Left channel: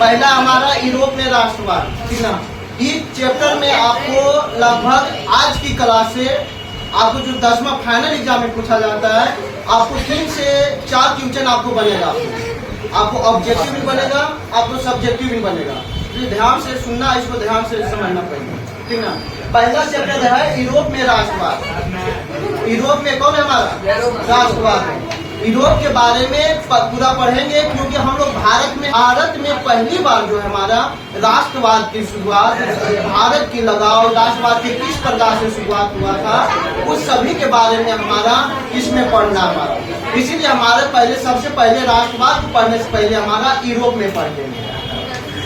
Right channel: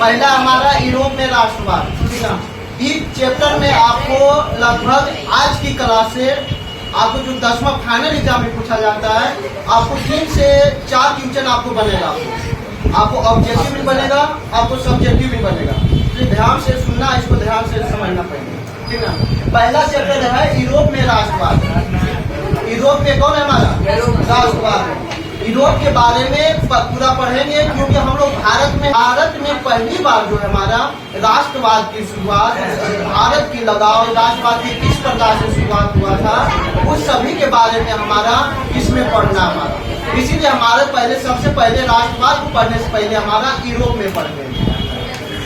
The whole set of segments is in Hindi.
पहला हमारा यूरोप में राष्ट्रवाद, ठीक ना। इस चैप्टर में आपको लगभग आज की क्लास से आपको जो 10वां फाइनल एग्जाम में पूछा जाता है, आपको 3 से 4 क्वेश्चन आपको बनेगा। आपको ऑब्जेक्टिव भी बनेगा, आपको सब्जेक्टिव भी बनेगा। तो ध्यान से सुनना, इसको ध्यान से समझना पड़ेगा, ठीक ना। पहला चैप्टर है यूरोप में राष्ट्रवाद। यूरोप में कौन है हमारा? राष्ट्रवाद। यूरोप के बारे में पूरा पढ़ेंगे, क्योंकि हम लोग भारत में पहली बार जो है हमारा राष्ट्रवाद की शुरुआत, भारत की लगाव राष्ट्रवाद की किस प्रकार से शुरुआत हुआ था, उस सभी के बारे में हमारा इसमें पढ़ना हमारा। इसीलिए हमारे पहले सबसे पहले राष्ट्रवाद को पढ़ने से पहले हमारा यूरोप में पढ़ेंगे,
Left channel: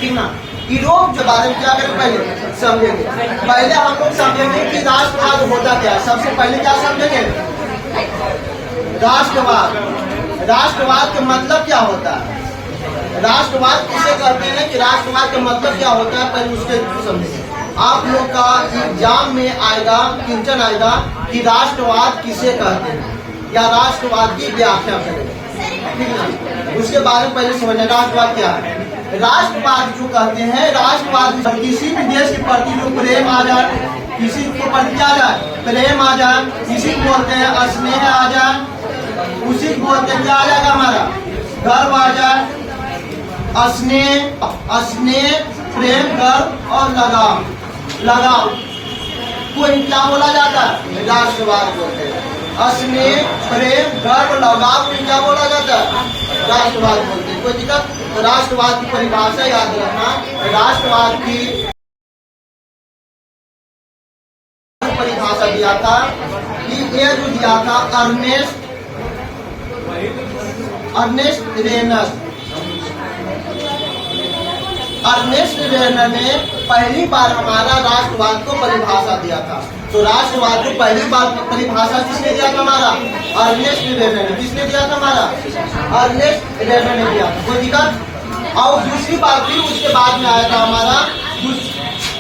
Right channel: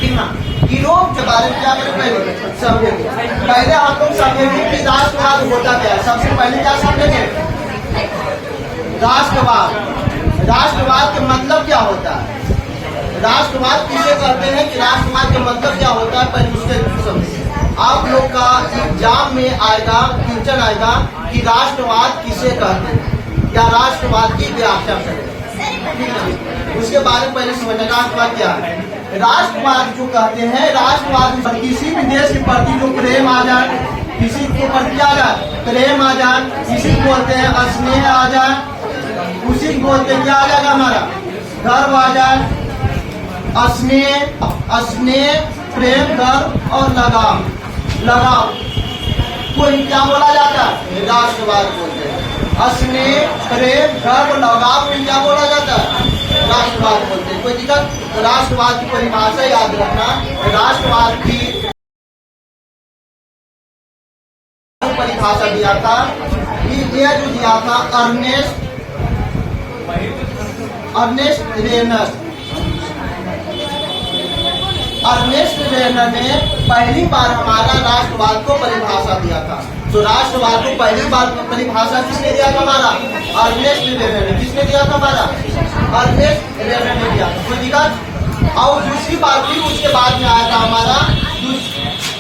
ठीक ना। यूरोप के बारे में क्या करें, पहले समझेंगे। पहले हम लोग समझेंगे कि राष्ट्रवाद होता क्या है। सबसे पहले क्या समझेंगे? राष्ट्रवाद। राष्ट्रवाद का मतलब क्या होता है? राष्ट्रवाद किसे कहते हैं कि राष्ट्रवाद का मतलब क्या होता है, पहले उसके समझें। आप लोग का एग्जाम में आएगा, क्वेश्चन आएगा कि राष्ट्रवाद किसे कहते हैं या राष्ट्रवाद की व्याख्या करें, ठीक ना। उसके बारे में पहले समझना राष्ट्रवाद क्या है। राष्ट्रवाद जो कहते हैं, राष्ट्रवाद किसी भी देश के प्रति जो प्रेम आ जाए, किसी के प्रति क्या आ जाए, प्रेम आ जाए, किसी को बोलते हैं स्नेह आ जाए, उसी को बोलते हैं क्या आ जाएगा हमारा, गर्व आ जाए। स्नेह, प्रेम, गर्व और लगाव कोई क्या बोला जाता है, राष्ट्रवाद बोलते हैं। स्नेह, प्रेम, गर्व, लगाव को क्या बोला जाता है, राष्ट्रवाद बोलते हैं। कोई दिक्कत? राष्ट्रवाद की परिभाषा याद रखना। राष्ट्रवाद की परिभाषा दिया था, ये जो दिया था अर्नेस्ट रेनर ने पहली बार हमारा राष्ट्रवाद को परिभाषा दिया था। तो राष्ट्रवाद को पहली बार परिभाषा किसने दिया था हमारा? अर्नेस्ट रेनर ने। किसने दिया था हमारा? अर्नेस्ट रेनर ने दिया था। कोई दिक्कत? और दूसरी बात फिर उसके बाद में आया था हमारा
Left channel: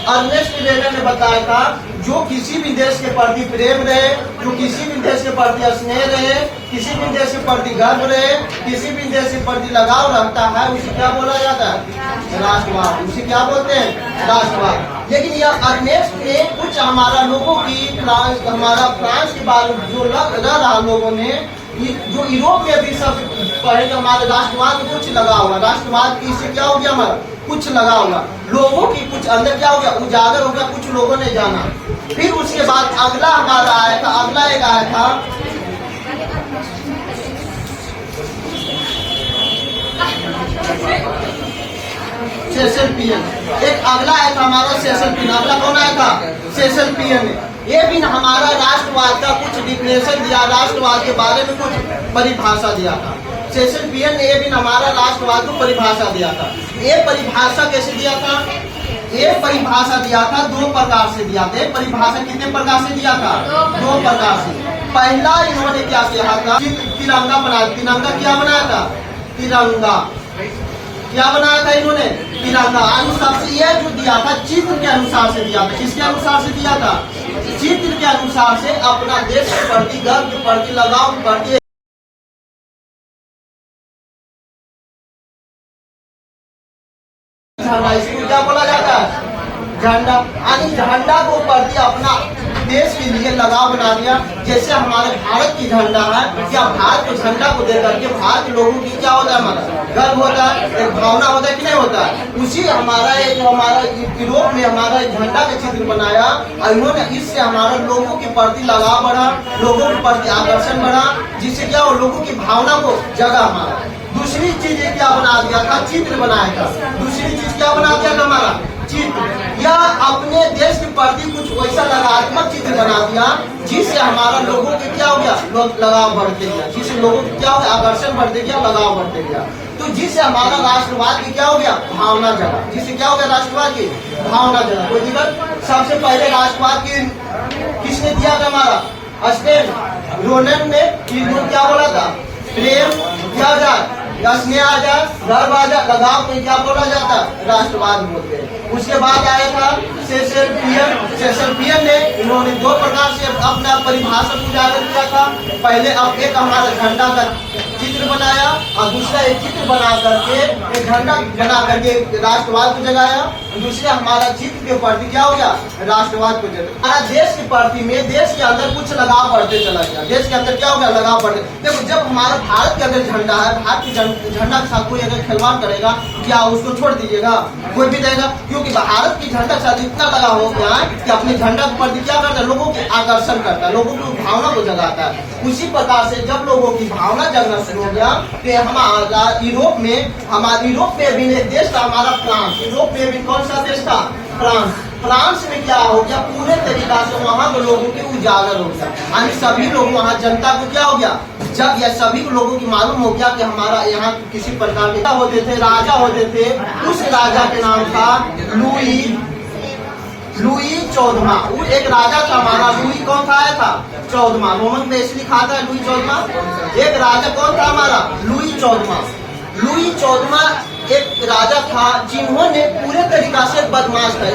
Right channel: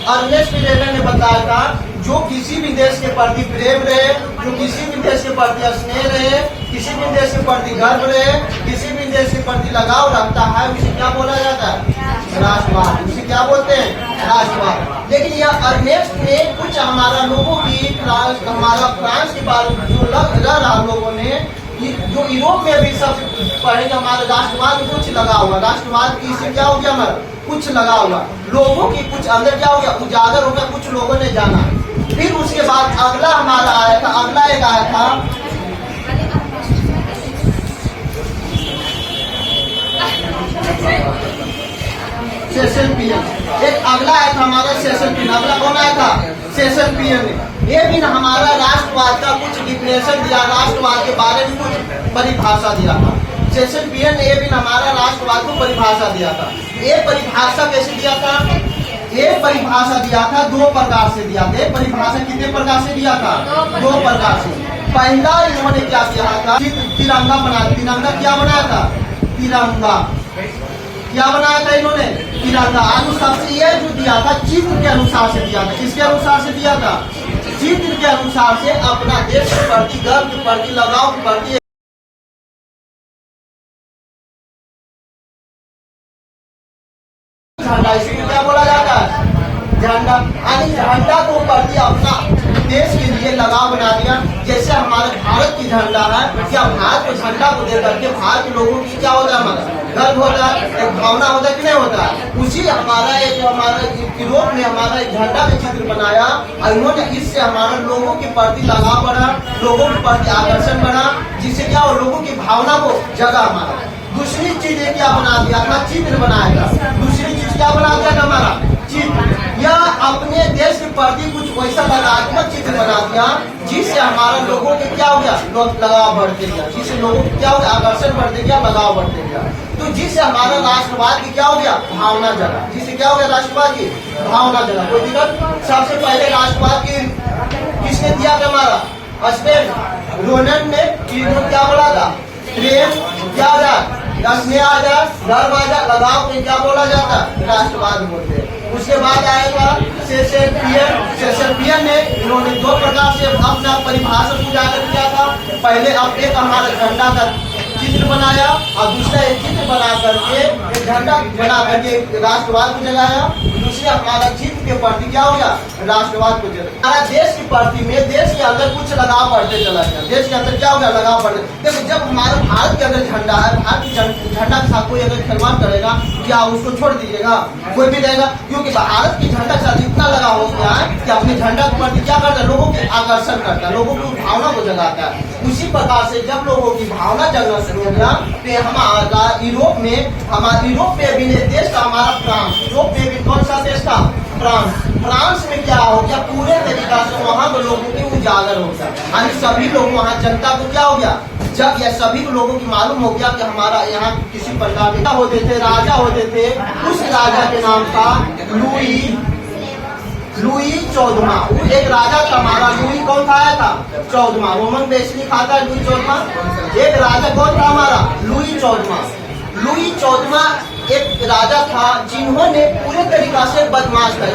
अर्नेस्ट रेनर ने बताया था, जो किसी भी देश के प्रति प्रेम रहे, जो किसी भी देश के प्रति स्नेह रहे, किसी भी देश के प्रति गर्व रहे, किसी भी देश के प्रति लगाव रखता है, उसे क्या बोला जाता है? राष्ट्रवाद। उसे क्या बोलते हैं? राष्ट्रवाद। लेकिन यह अर्नेस्ट ने कुछ हमारा लोगों की हमारा फ्रांस के बारे में जो रह रहा लोगों ने, जो यूरोप में भी सब पढ़ेंगे, हमारे राष्ट्रवाद में कुछ लगा हुआ, राष्ट्रवाद की इसे क्या हो गया हमारा, कुछ लगा हुआ, लोगों की कुछ अंदर क्या हो गया, उजागर हो गया, कुछ लोगों ने जाना। फिर उसके बाद अगला हमारा आया था, अगला एक आया था सेसल पियन। एक अगला आया था हमारा सेसल पियन। अगला कौन आया था? सेसल पियन ने। ये भी हमारा राष्ट्रवाद का कुछ डिफिनेशन दिया, राष्ट्रवाद के बारे में कुछ परिभाषा दिया था। सेसल पियन ने ये भी हमारा राष्ट्रवाद को परिभाषा दिया था। ये परिभाषा कैसे दिया था? ये परिभाषा दिया था 2 प्रकार से दिया था। परिभाषा कितने प्रकार से दिया था? 2 प्रकार से। पहला इन्होंने क्या किया था? तिरंगा बनाया। तिरंगा क्या बनाया था? तिरंगा क्या बनाया था इन्होंने? तिरंगा। सबसे ये जो दिया था चित्र के अनुसार से दिया था। किसके अनुसार से दिया था? चित्र के अनुसार से, अपना देश के प्रति गर्व के प्रति, लगाव के प्रति। झंडा, इसको क्या बोला जाता है? झंडा। यानी झंडा को प्रति अपना देश के लिए लगाव बना दिया। जैसे हमारे भारत की झंडा है, क्या भारत के झंडा को देख करके भारत के लोगों की क्या होता है, हमारा गर्व होता है, एक भावना होता है कि नहीं होता है? उसी हमारा जो हमारा यूरोप में हमारा झंडा का चित्र बनाया, और इन्होंने इससे हमारा लोगों के प्रति लगाव बढ़ा, लोगों के प्रति आकर्षण बढ़ा, जिससे क्या हो, लोगों की भावना को जगा हमारा। दूसरी चीज क्या बना दिया था? चित्र बनाया था। दूसरी चीज क्या बना दिया था हमारा? चित्र। या अपने देश के प्रति कुछ वैसा लगात्मक चित्र बना दिया, जिससे हमारा लोगों के क्या हो गया, लगाव बढ़ते गया, जिससे लोगों की क्या हो गया, आकर्षण बढ़ते गया, लगाव बढ़ते गया। तो जिससे हमारा राष्ट्रवाद की क्या हो गया, भावना जगा। जिससे क्या हो गया, राष्ट्रवाद की भावना जगा। कोई दिक्कत? सबसे पहले राष्ट्रवाद की किसने दिया था? हमारा स्टेन रोनन ने। इन्होंने क्या बोला था? प्रेम क्या आ जाए, स्नेह आ जाए, गर्व आ जाए, लगाव को क्या बोला जाता है? राष्ट्रवाद बोलते हैं। उसके बाद आया था शेक्सपियर ने, इन्होंने दो प्रकार से अपना परिभाषा उजागर किया था। पहले अब एक हमारा झंडा का चित्र बनाया और दूसरा एक चित्र बना करके एक झंडा बना करके राष्ट्रवाद को जगाया। दूसरा हमारा चित्र के प्रति क्या हो गया, राष्ट्रवाद को जगाया। हमारा देश की प्रति में देश के अंदर कुछ लगाव बढ़ते चला गया। देश के अंदर क्या हो गया, लगाव बढ़े। देखो जब हमारा भारत के अंदर झंडा है, भारत के झंडा के साथ कोई अगर खिलवाड़ करेगा, क्या उसको छोड़ दीजिएगा? कोई भी देगा, क्योंकि भारत की झंडा के साथ इतना लगाव हो गया है कि अपने झंडा के प्रति क्या करता है, लोगों के आकर्षण करता है, लोगों की भावना को जगाता है। उसी प्रकार से जब लोगों की भावना जगना शुरू हो गया तो हमारा यूरोप में भी देश था हमारा फ्रांस। यूरोप में भी कौन सा देश था, फ्रांस। फ्रांस में क्या हो गया, पूरे तरीका से वहाँ के लोगों के उजागर हो गया, यानी सभी लोग वहाँ जनता को क्या हो गया, जब यह सभी लोगों की मालूम हो गया कि हमारा यहाँ किसी प्रकार के होते थे, राजा होते थे। उस राजा के नाम था लुई 14वां। एक राजा था हमारा, लुई कौन था, आया था 14वां। रोमन में इसलिए खाता है लुई 14वां। एक राजा कौन था हमारा, लुई 14वां। लुई 14वां एक राजा था जिन्होंने पूरे तरीका से बदमाश था।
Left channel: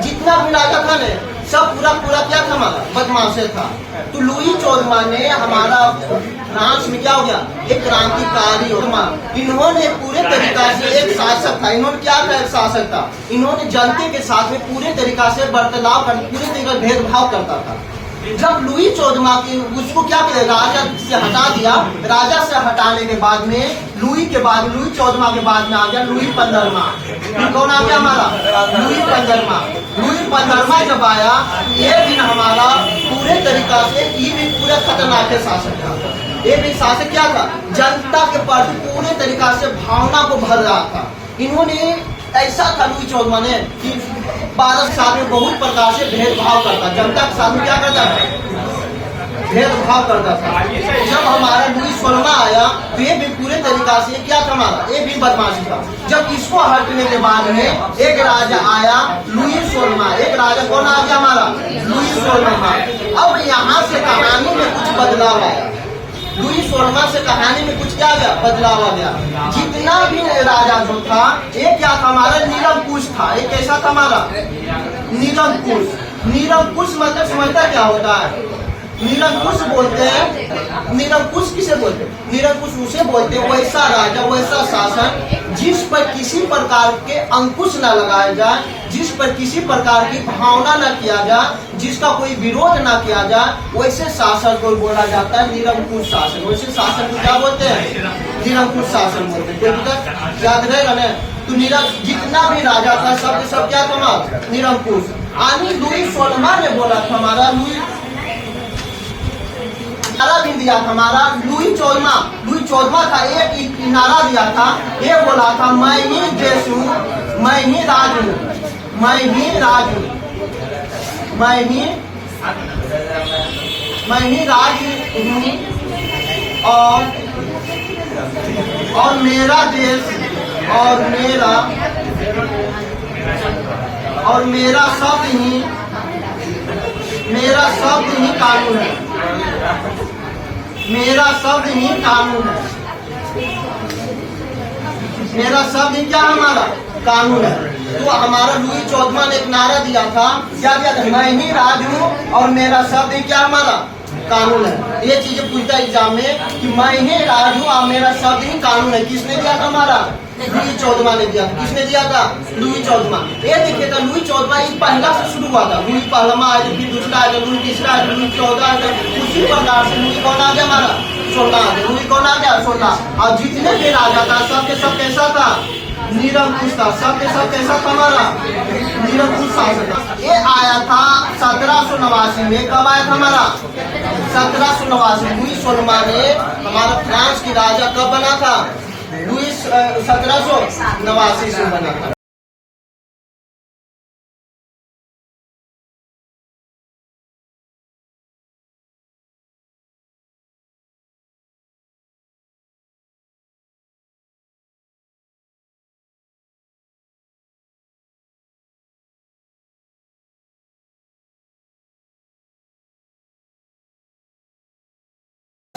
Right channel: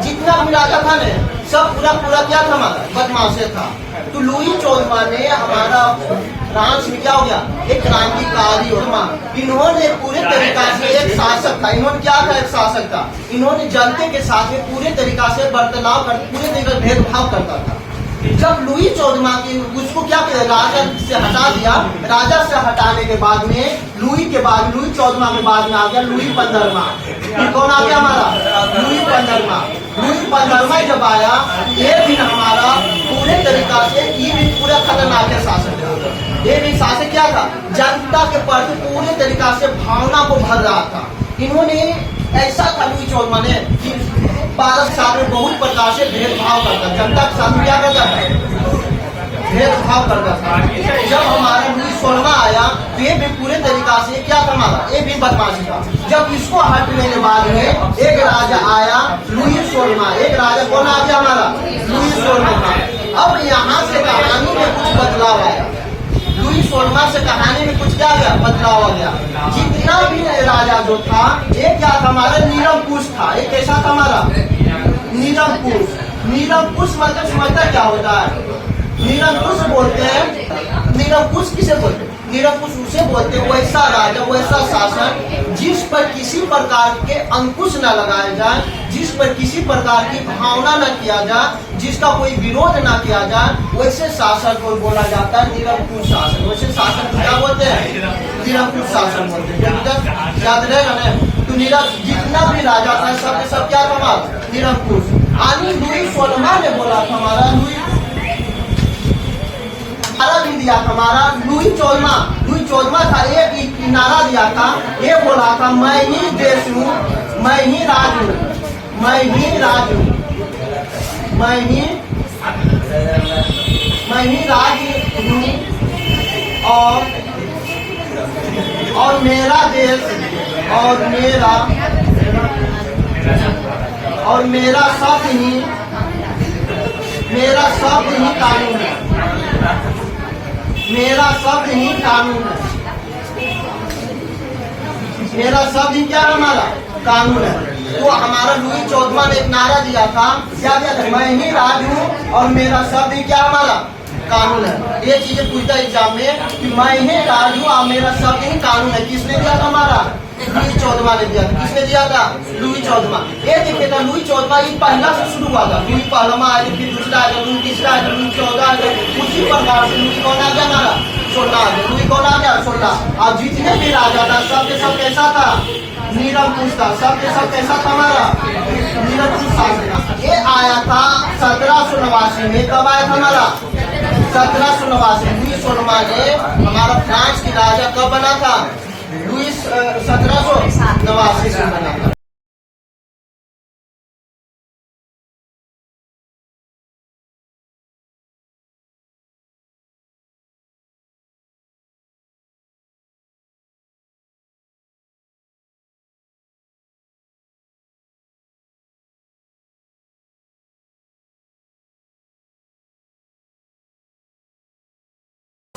जितना भी राजा था ने सब पूरा क्या था, हमारा बदमाश था। तो लुई 14वां ने हमारा फ्रांस में क्या हो गया, एक क्रांतिकारी होगा। इन्होंने पूरे तरीका से एक शासक था, इन्होंने क्या था, एक शासक था। इन्होंने जनता के साथ में पूरे तरीका से बर्ताव कर, पूरे तरीका भेदभाव करता था। जब लुई 14वां की उसको क्या किया, राजा से हटा दिया। राजा से हटाने के बाद में लुई 14वां के बाद में आ गया लुई 15वां। कौन आ गया हमारा, लुई 15वां। लुई 15वां जब आया, ये भी हमारा पूरे तरीका से ये भी पूरा खतरनाक शासक था। ये भी शासक क्या था, जनता के प्रति पूरे तरीका से भावना को भर रहा था। इन्होंने ऐसा था लुई 14वां ने कि भारत के साथ में बहुत प्रकार से भेदभाव करता, जनता के साथ में क्या करता था, भेदभाव करता था। जब हमारा लुई 16वां आया तो ये भी पूरे तरीका से क्या था, हमारा ये भी बदमाशी था। जब इसको हटने के बाद में एक राजा आया लुई 16वां। एक राजा कौन आ गया हमारा, लुई 16वां। अब यहाँ से कहानी में कुछ बदलाव आया। लुई 16वां से कहानी में कुछ क्या गया, बदलाव आ गया। जितना भी राजा जो था, एक क्या था हमारा, निरंकुश था। एक कैसा था हमारा, निरंकुश। निरंकुश मतलब समझता क्या होता है, निरंकुश बोलते हैं। निरंकुश किसे बोलते हैं, निरंकुश उसे बोलते हैं वैसा राजा, वैसा शासन जिस पर किसी प्रकार के अंकुश न लगाया जाए, जिस पर किसी प्रकार की भावना न किया जाए, जिसका कोई विरोध न किया जाए, वैसे शासन को बोला जाता है निरंकुश शासन। वैसे शासन को क्या बोलते हैं, निरंकुश शासन बोलते हैं। कोई याद रहेगा ना। तो जितना भी राजा था सब क्या था हमारा, निरंकुश। यानी लुई 16वां ने बोला था हमारा, लुई भी दिया था हमारा लुई 14वां था। एक नारा दिया था, ये बोला था, मैं ही देश हूँ, मैं ही राज हूँ, मैं ही राज हूँ, मैं ही राज हूँ, और मेरा देश और मेरा शब्द ही कानून है, मेरा शब्द ही कानून है, मेरा शब्द ही क्या हमारा कानून है। तो हमारा लुई 14वां ने एक नारा दिया था, क्या दिया था, मैं ही राज हूँ और मेरा शब्द ही क्या हमारा कानून है। ये चीजें पूछता एग्जाम में कि मैं ही राज हूँ और मेरा शब्द ही कानून है। किसने दिया था हमारा, लुई 14वां ने दिया था। किसने दिया था, लुई 14वां। ये देखिए था लुई 14वां ये पहला से शुरू हुआ था। लुई 1वां आया, फिर दूसरा आया, लुई तीसरा आया, लुई 14 आया। उसी प्रकार से लुई कौन आ गया हमारा, 16 आ गया। लुई कौन आ गया, 16। और जितने भी राजा था सबके सब कैसा था, निरंकुश था। सबके सब कैसा था हमारा, निरंकुश शासक। ये आया था 1789 में। कब आया था हमारा, 1789। लुई 16वां ने हमारा फ्रांस की राजा कब बना था, लुई 1789 से बना था।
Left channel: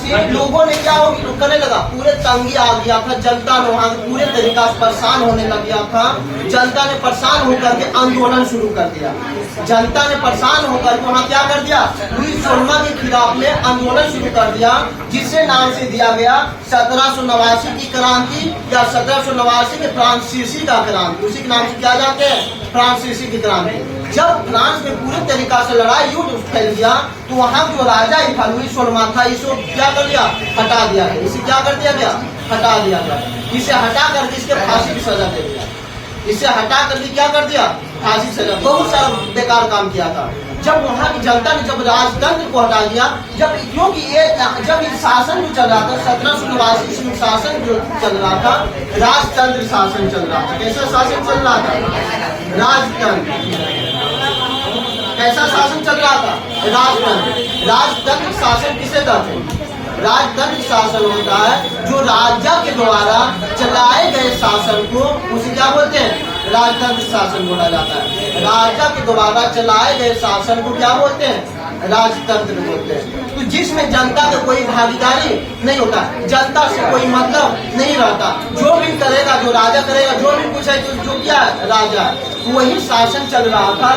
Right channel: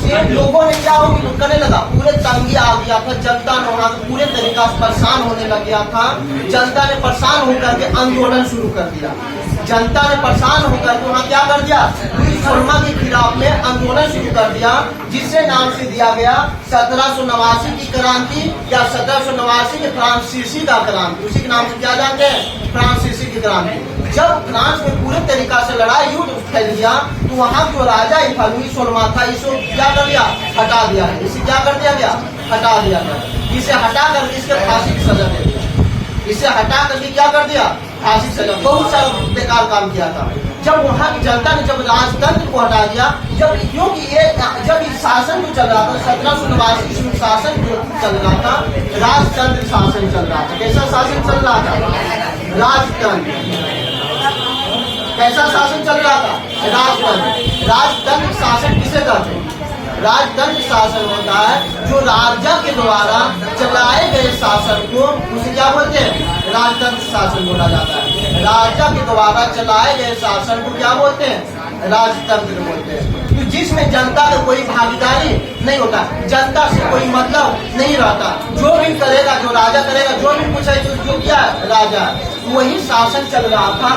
से लोगों ने क्या करने लगा, पूरे तंगी आ गया था, जनता ने वहाँ पूरे तरीका से परेशान होने लग गया था। जनता ने परेशान होकर के आंदोलन शुरू कर दिया। जनता ने परेशान होकर के वहाँ क्या कर दिया, लुईस सोलमा के खिलाफ में आंदोलन शुरू कर दिया, जिससे नाम से दिया गया 1789 की क्रांति या 1789 के फ्रांसीसी का क्रांति। उसी के नाम से क्या जाते हैं, फ्रांसीसी की क्रांति। जब फ्रांस में पूरे तरीका से लड़ाई युद्ध फैल गया तो वहाँ जो राजा था लुईस सोलमा था, इसको क्या कर दिया, हटा दिया है। इसे क्या कर दिया गया, हटा दिया गया। इसे हटा करके इसके फांसी की सजा दे दिया। इसे हटा करके क्या कर दिया, फांसी की सजा। बहुत सारा बेकार काम किया था। जब वहाँ की जनता ने जब राजतंत्र को हटा दिया, क्योंकि जब शासन जो चल रहा था 1789 में शासन जो चल रहा था, राजतंत्र शासन चल रहा था। कैसा शासन चल रहा था, राजतंत्र। कैसा शासन चल रहा था, राजतंत्र। राजतंत्र शासन किसे कहते हैं, राजतंत्र शासन होता है जो राजा के द्वारा चलाए गए शासन को, उसे क्या बोलते हैं, राजतंत्र शासन बोला जाता है। राजा के द्वारा चलाए गए शासन को क्या बोलते हैं, राजतंत्र बोलते हैं। तो जिसमें जनता का कोई भागीदारी नहीं होता, जनता से कोई मतलब नहीं रहता, जो भी करेगा, जो राजा करेगा, जो भी कुछ है जो क्या है, राजा, वही शासन चल रहा था।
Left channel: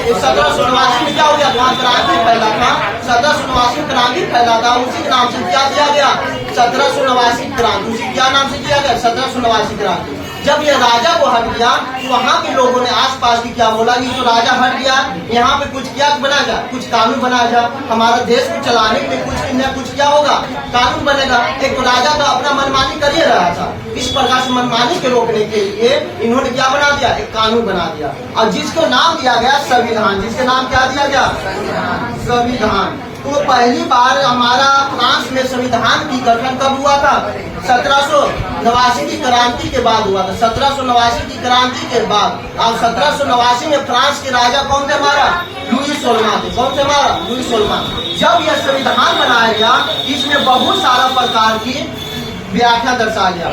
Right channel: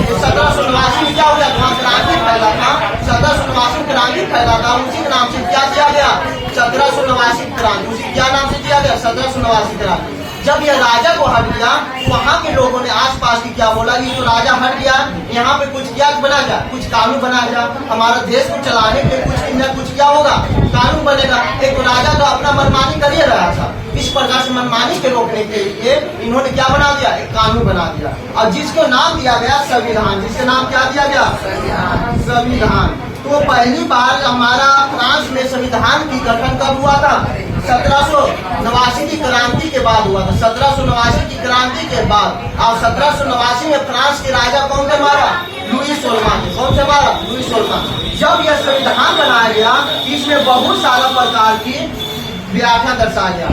1789 में क्या हो गया, वहाँ क्रांति फैला था, 1789 क्रांति फैला था, उसी के नाम से क्या दिया गया, 1789 क्रांति। उसी क्या नाम से दिया गया, 1789 क्रांति। जब यह राजा को हट गया, वहाँ के लोगों ने आसपास की क्या बोला, ये जो राजा हट गया, यहाँ पे कुछ क्या बनाया जाए, कुछ कानून बनाया जाए, हमारे देश को चलाने के लिए कुछ न कुछ क्या होगा, कानून बनेगा। एक तो राजा तो अपना मनमानी कर ही रहा था, इस प्रकार से मनमानी के रोकने के लिए इन्होंने क्या बना दिया, एक कानून बना दिया, और जिसको नाम दिया गया संविधान। जिसका नाम क्या दिया गया, संविधान। तो पहली बार हमारा फ्रांस में संविधान की गठन कब हुआ था, 1789 की क्रांति के बाद हुआ था। 1789 की क्रांति के बाद, और 1789 में फ्रांस के राजा कौन से मारा, लुईस सोलमा थे। कौन से मारा, लुईस सोलमा। जब यह संविधान बनाया गया, इसमें बहुत सारा प्रकार की व्याख्या दर्शाया गया।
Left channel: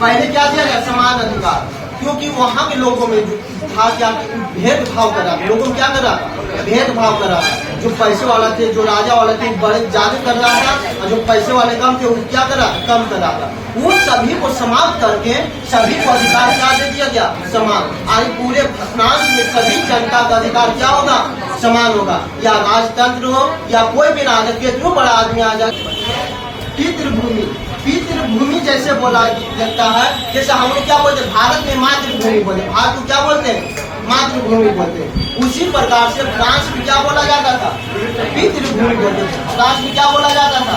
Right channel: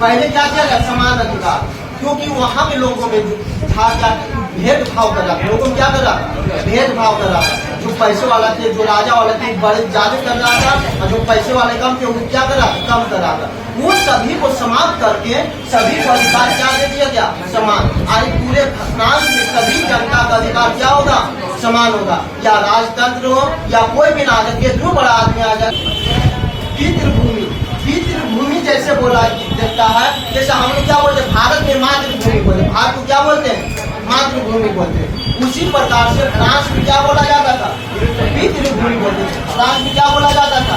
पहले क्या दिया गया, समान अधिकार, क्योंकि वहाँ के लोगों में जो था क्या, भेदभाव कर रहा था। लोगों में क्या कर रहा था, भेदभाव कर रहा था। जो पैसे वाला थे, जो राजा वाले थे, बड़े ज्यादा कर रहा था, और जो पैसे वाले कम थे, वो क्या कर रहा था, कम कर रहा था। वो सभी को समाप्त करके सभी को अधिकार क्या दे दिया गया, समान। आज पूरे फ्रांस में सभी जनता का अधिकार क्या होगा, समान होगा। या राजतंत्र हो या कोई भी ना, कितना बड़ा आदमी आ जाए। पितृभूमि, पितृभूमि जैसे बोला जाता है, जैसे हम लोग क्या बोलते हैं, भारत में मातृभूमि बोलते हैं, भारत को क्या बोलते हैं, मातृभूमि बोलते हैं। उसी प्रकार से फ्रांस में क्या बोला जाता था, पितृभूमि बोलते थे। फ्रांस में क्या बोला जाता था,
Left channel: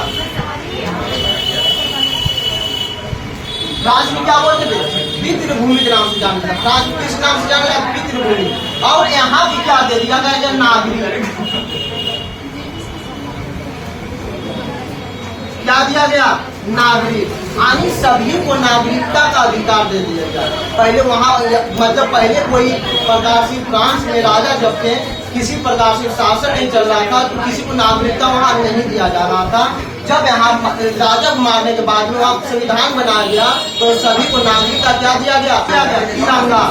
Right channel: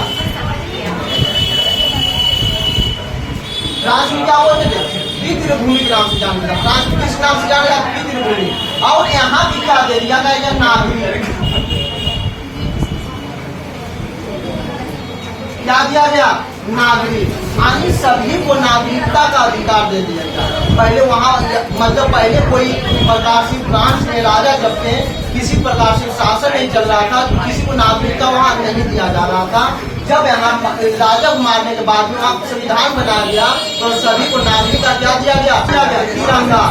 फ्रांस में क्या बोलते थे, पितृभूमि के नाम से जाना जाता। फ्रांस में किस नाम से जाना जाता, पितृभूमि। और यहाँ भी क्या दे दिया गया, नागरिक। क्या दिया गया, नागरिक, यानी सभी को नागरिकता का अधिकार दे दिया गया। पहले वहाँ मतलब पहले कोई प्रकार से फ्रांस में राजा जब थे, किसी प्रकार से शासन नहीं चल रहा था, तो किसी को नागरिकता वहाँ नहीं दिया जा रहा था। जब यहाँ राजा को मारने के बाद में वहाँ संविधान बनाया गया, तो सभी को नागरिकता क्या दिया गया, तिरंगा।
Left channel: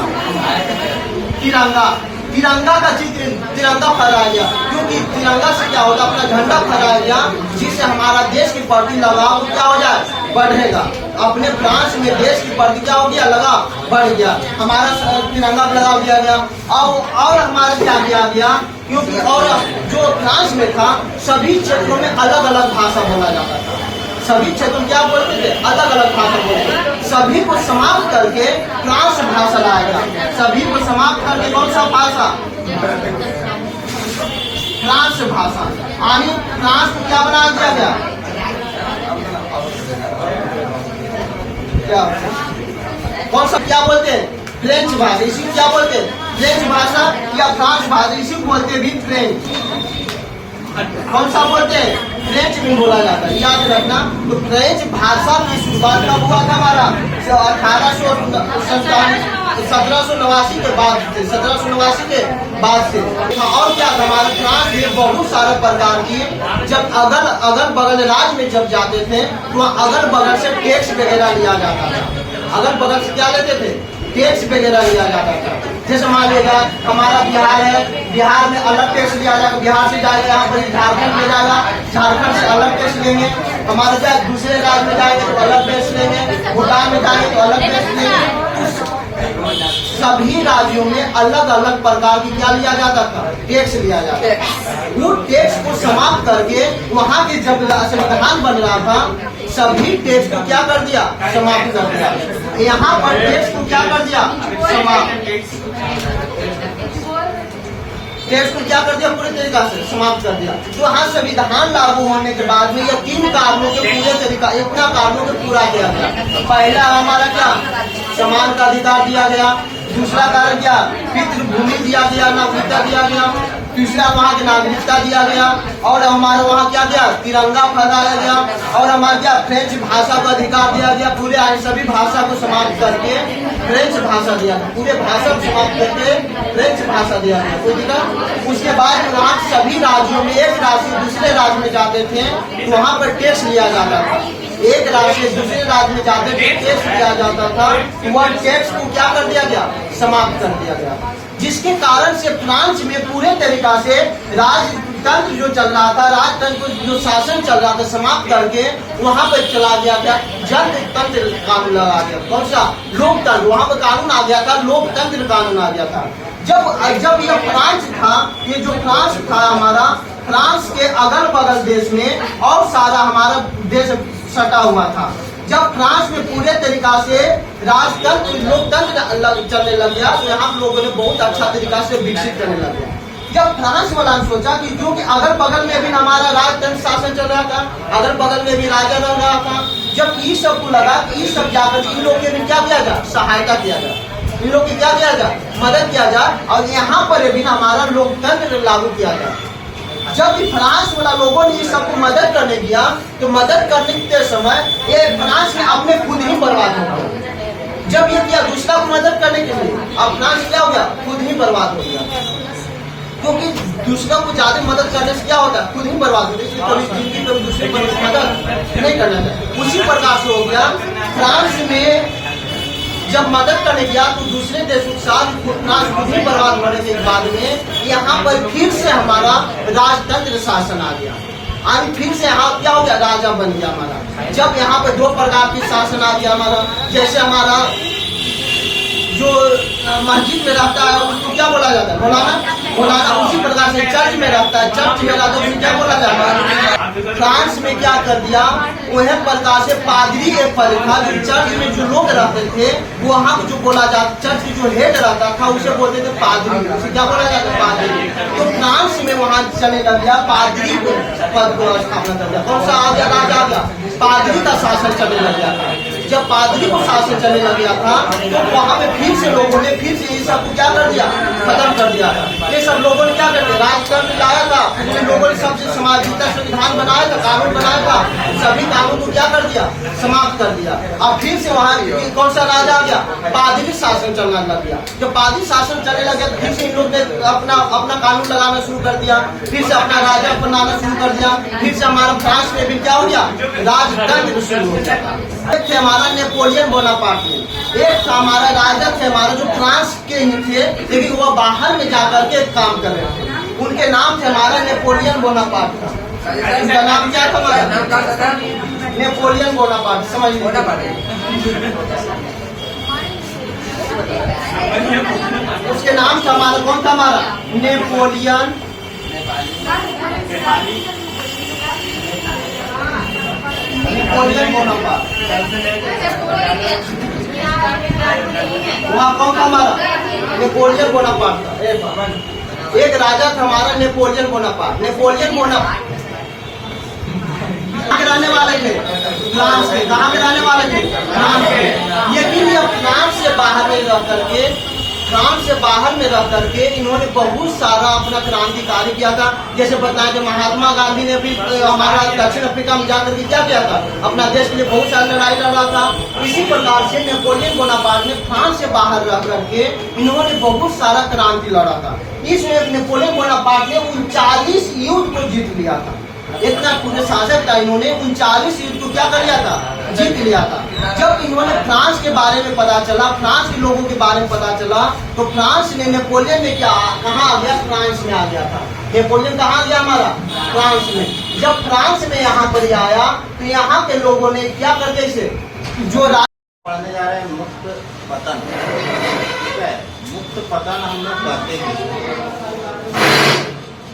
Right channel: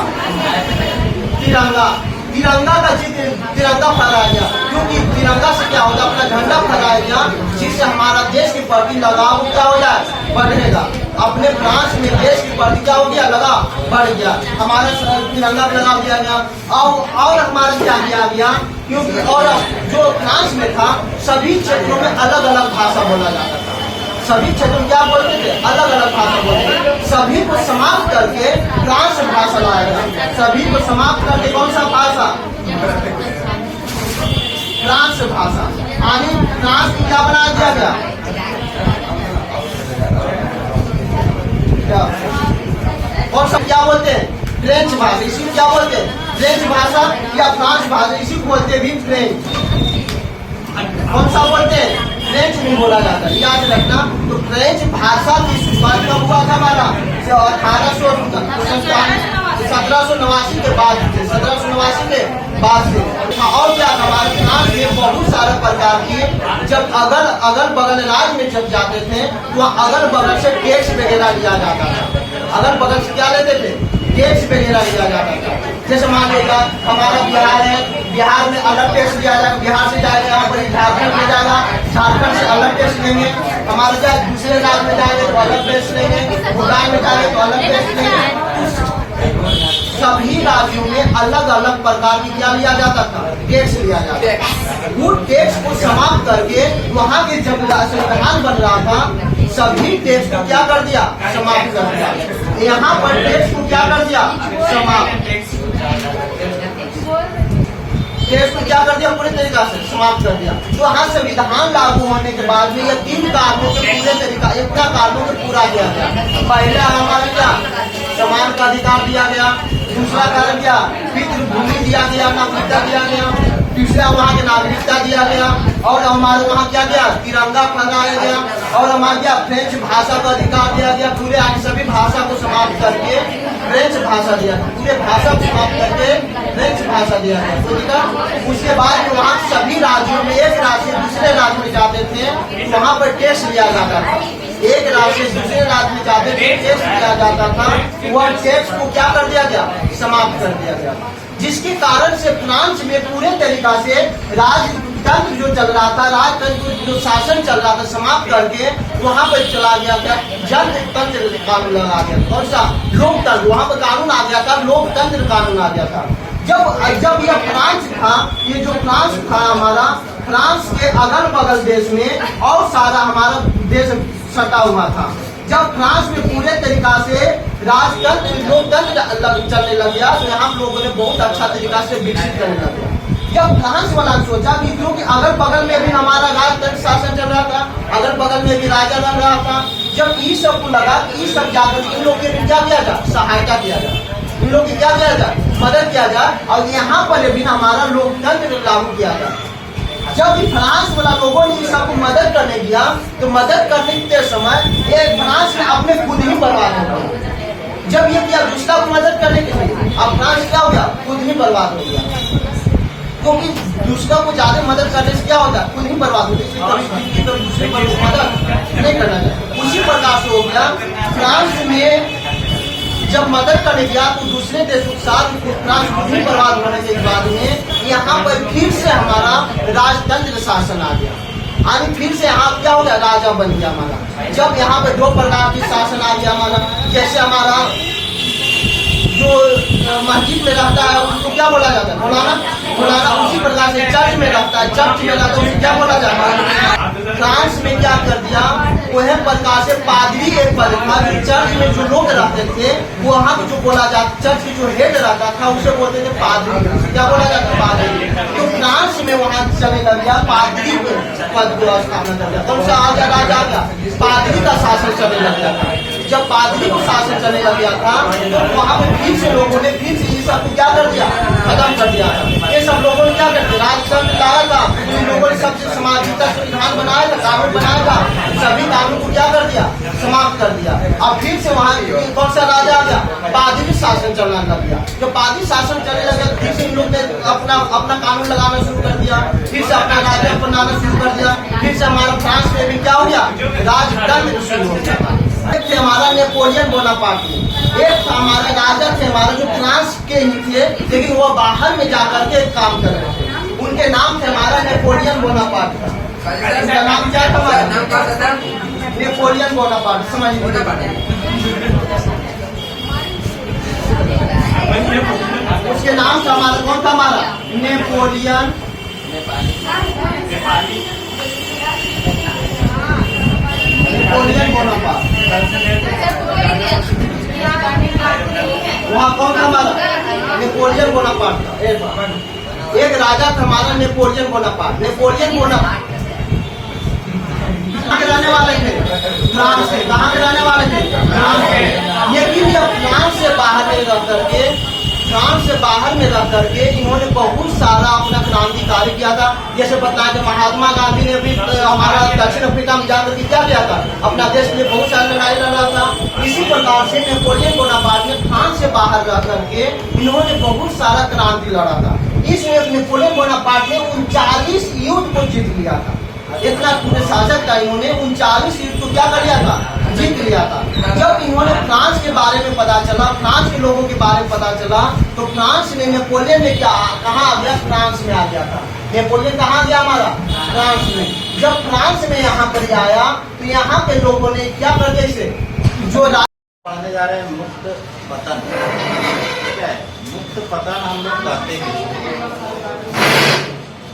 तिरंगा, तिरंगा का चित्र, तिरंगा फहराया गया, क्योंकि तिरंगा से क्या होता, अपना झंडा फहराया गया, जिससे हमारा देश के प्रति लगाव क्या हो जाए, बढ़ेगा। अपने फ्रांस में देश के प्रति क्या हो गया, लगाव बढ़ गया, हमारा तिरंगा लगाव दिया गया। और हमारा क्या किया गया, क्योंकि और जो फ्रांस में था, सभी क्षेत्रों में अलग अलग भाषा बोला जाता था। सभी क्षेत्रों में क्या बोलते थे, अलग अलग भाषा बोलते। सभी को समाप्त करके फ्रांस भाषा लाएगा। सभी को समाप्त करके कौन सा भाषा, फ्रांस भाषा। यानी फ्रांस को क्या बना दिया गया, क्या कौन सा क्या बोलते हैं, फ्रेंच भाषा। इसी को क्या बोलते हैं, फ्रेंच भाषा या फ्रांस भाषा, इसी को बोलते हैं भी फ्रेंच। कौन सा बोलते हैं, फ्रेंच में बोला जाता है, याद रखना। तो फ्रेंच भाषा की शुरुआत कब हुआ था, हमारा 1789 के बाद से, 1789 के बाद से। और क्या था, हमारे फ्रांस में बहुत सारे प्रकार की, जब अगल बगल राज्य में जब जाते थे, तो अगल बगल से टैक्स वगैरह लिया जाता था। अगल बगल से क्या लेते थे, टैक्स वगैरह लिया जाता था। जैसे मान लीजिए हमारा बिहार है, बिहार में अलग टैक्स लिया जाएगा, बिहार से जाएगा यहाँ पर झारखंड में जाएगा, झारखंड से अलग टैक्स लेंगे। हमारे क्या दूसरे राज्य में जाएंगे तो अलग टैक्स लेंगे, भूटान में जाएंगे तो अलग टैक्स लेंगे। सभी राज्यों में अलग अलग प्रकार की क्या लिया जाता था, टैक्स लिया जाता था। वो टैक्स को समाप्त करके वहाँ के जब संविधान बन रहा था सभी टैक्स को क्या कर दिया, समाप्त कर दिया। यहाँ पर टैक्स को क्या कर दिया, समाप्त, टैक्स को क्या कर दिया, पूरे तरीका से समाप्त कर दिया। तो यहाँ संविधान लागू होने के बाद में यह 3 कारणों के पूरे तरीका, इतना कारणों के पूरा किया गया। पहला हमारा क्या, समान का अधिकार दिया गया। दूसरा कारण क्या, पितृभूमि दिया गया, नागरिकता दिया गया। तीसरा वहाँ की नागरिकता दिया गया। और हमारे वहाँ क्या दिया, तिरंगा फहराया गया। और हमारे क्या, फ्रेंच भाषा का अधिकार दिया गया। पूरे सभी भाषा को समाप्त करके फ्रेंच भाषा दिया गया, पूरे भाषा को समाप्त करके फ्रेंच भाषा दिया गया। कोई दिक्कत। उसके बाद वहाँ सभी राज्यों में एक राज्य से दूसरे राज्य में जाते थे तो वहाँ पर टैक्स लिया जाता था। एक राज्य से दूसरे राज्य में जाते थे टैक्स लिया जाता था, वह टैक्स को क्या कर दिया गया, समाप्त कर दिया गया। जिसके कारण से फ्रांस में पूरे तरीका से राजतंत्र जो चल रहा था, राजतंत्र जो शासन चल रहा था समाप्त करके वहाँ पर चला गया क्या, जनतंत्र कानून लगा गया। कौन सा, लोकतंत्र। वहाँ पर कानून आ गया था, लोकतंत्र कानून आ गया था। जब यह फ्रांस था, ये जो फ्रांस था हमारा, फ्रांस के अगल बगल देश में और सारा हमारा देश सटा हुआ था। जब फ्रांस में पूरे तरीका से राजतंत्र लोकतंत्र चलने लग गया तो यहाँ लोगों ने बहुत अच्छा तरीका से विकसित करने लग गया। जब फ्रांस वाला सोचा कि जो कि अगल बगल में भी हमारा राजतंत्र शासन चल रहा था, अगल बगल में भी राजा रह रहा था, जब इस सब को लगा कि इस सब जाकर इन लोग के भी क्या किया जाए, सहायता किया जाए, इन लोग की क्या किया जाए, मदद किया जाए और यहाँ पर भी हमारा लोकतंत्र लागू किया जाए। जब फ्रांस वाला लोगों ने इस सबको मदद करने दिया तो मदद करने के समय ये फ्रांस ने अपने खुद ही बर्बाद हो गया। जब ये किया दूसरा को मदद करने के लिए, अब फ्रांस क्या हो गया, खुद ही बर्बाद हो गया। क्योंकि दूसरा को ज्यादा मदद करने से क्या होता है, खुद ही बर्बाद होता है। कभी दूसरे पर मदद नहीं करना चाहिए। उसी प्रकार से हो गया फ्रांस में जब मदद करने गया तो दूसरे देशों के साथ फ्रांस खुद ही बर्बाद होने के बाद में यहाँ पर फिर से हमारा राजतंत्र शासन आ गया। और फिर से यहाँ क्या हो गया, राजा बन गया हमारा। जब यहाँ पर 2 प्रकार के शासन आ गया हमारा, जैसे हमारा जो मस्जिद में रहता है उसको क्या बोला जाता है, मौलाना। उसी प्रकार से चर्च में रहता है, चर्च में रहता है उसको क्या बोला जाता है। फ्रांस में क्या कर दिया, वह प्रकार से पादरी एक पद था जो चर्च में जो लोग रहते थे वो वहाँ को जो बोला जाता, चर्च की जो हेड रहता था उसे बोलते थे पादरी। उसे क्या बोला जाता है, पादरी। तो फ्रांस में वहाँ चलने लग गया, पादरी पद को स्थापना कर दिया। कौन सा आ गया, राजा आ गया, पादरी का शासन चलने लग गया था। जब पादरी को शासन चलने लग गया था तो वहाँ पे फिर से लोगों ने फिर से ये सब को क्या कर दिया, खत्म कर दिया था। ये सब लोगों ने क्या कर दिया, राजतंत्र लाया था, इन लोगों ने सबसे सामाजिकता संविधान बनाया था, कानून बनाया था, सभी कानून को क्या कर दिया, समाप्त कर दिया। अब फिर से वहाँ कौन सा राजा आ गया, पादरी शासन चलने लग गया। जब पादरी शासन चलने लग गया फिर से इन लोग ने अपना कानून लगाना शुरू कर दिया, फिर से अपना राजा बनाना शुरू कर दिया। फिर से हमारा फ्रांस में भी क्या हो गया, राजतंत्र शुरू हो गया। एक थे हमारा नेपोलियन बोनापार्ट, एक था हमारा राजा थे हमारा जो फ्रांस के ही थे लेकिन वह बाहर में जाकर के काम कर रहे थे। उनके नाम थे हमारा नेपोलियन बोनापार्ट था। उनका नाम क्या था हमारा, नेपोलियन बोनापार्ट। समझ उसके नाम था हमारा, कौन था हमारा, नेपोलियन बोनापार्ट। वहाँ कौन था हमारा, नेपोलियन बोनापार्ट था। एक राजा था हमारा नेपोलियन बोनापार्ट। नेपोलियन बोनापार्ट कहाँ के रहने वाले थे, फ्रांस से। कहाँ के रहने वाले थे, फ्रांस से। लेकिन जब फ्रांस से बाहर में रह करके इन्होंने बहुत सारा अपना क्रांतिकारी किया था। जैसे बताया कि महात्मा गांधी ने भी हमारा दक्षिण अफ्रीका में जाकर के क्या किया था, अपना देश के लिए बहुत सारी लड़ाई लड़ा था। इसी प्रकार से नेपोलियन बोनापार्ट ने फ्रांस से बाहर रह करके इन्होंने बहुत सारा क्रांति लड़ा था। इस नेपोलियन बोनापार्ट ने 39 युद्ध को जीत लिया था। इतना पूरे शासक था, इन्होंने 39 युद्ध को क्या कर लिया था, जीत लिया था। जब इन्होंने फ्रांस के बारे में पता चला, फ्रांस के लोगों के बारे में पता चला, तो फ्रांस ने, नेपोलियन ने कहाँ आ गया? फ्रांस में आ गया था। नेपोलियन कहाँ गया हमारा? फ्रांस में। जब फ्रांस में यहाँ पर आया तो यहाँ के लोगों ने क्या करके इसे जो पढ़ने जा रहे हैं मुक्त पतन, ठीक है। मुक्त पतन हम लोग कहते हैं।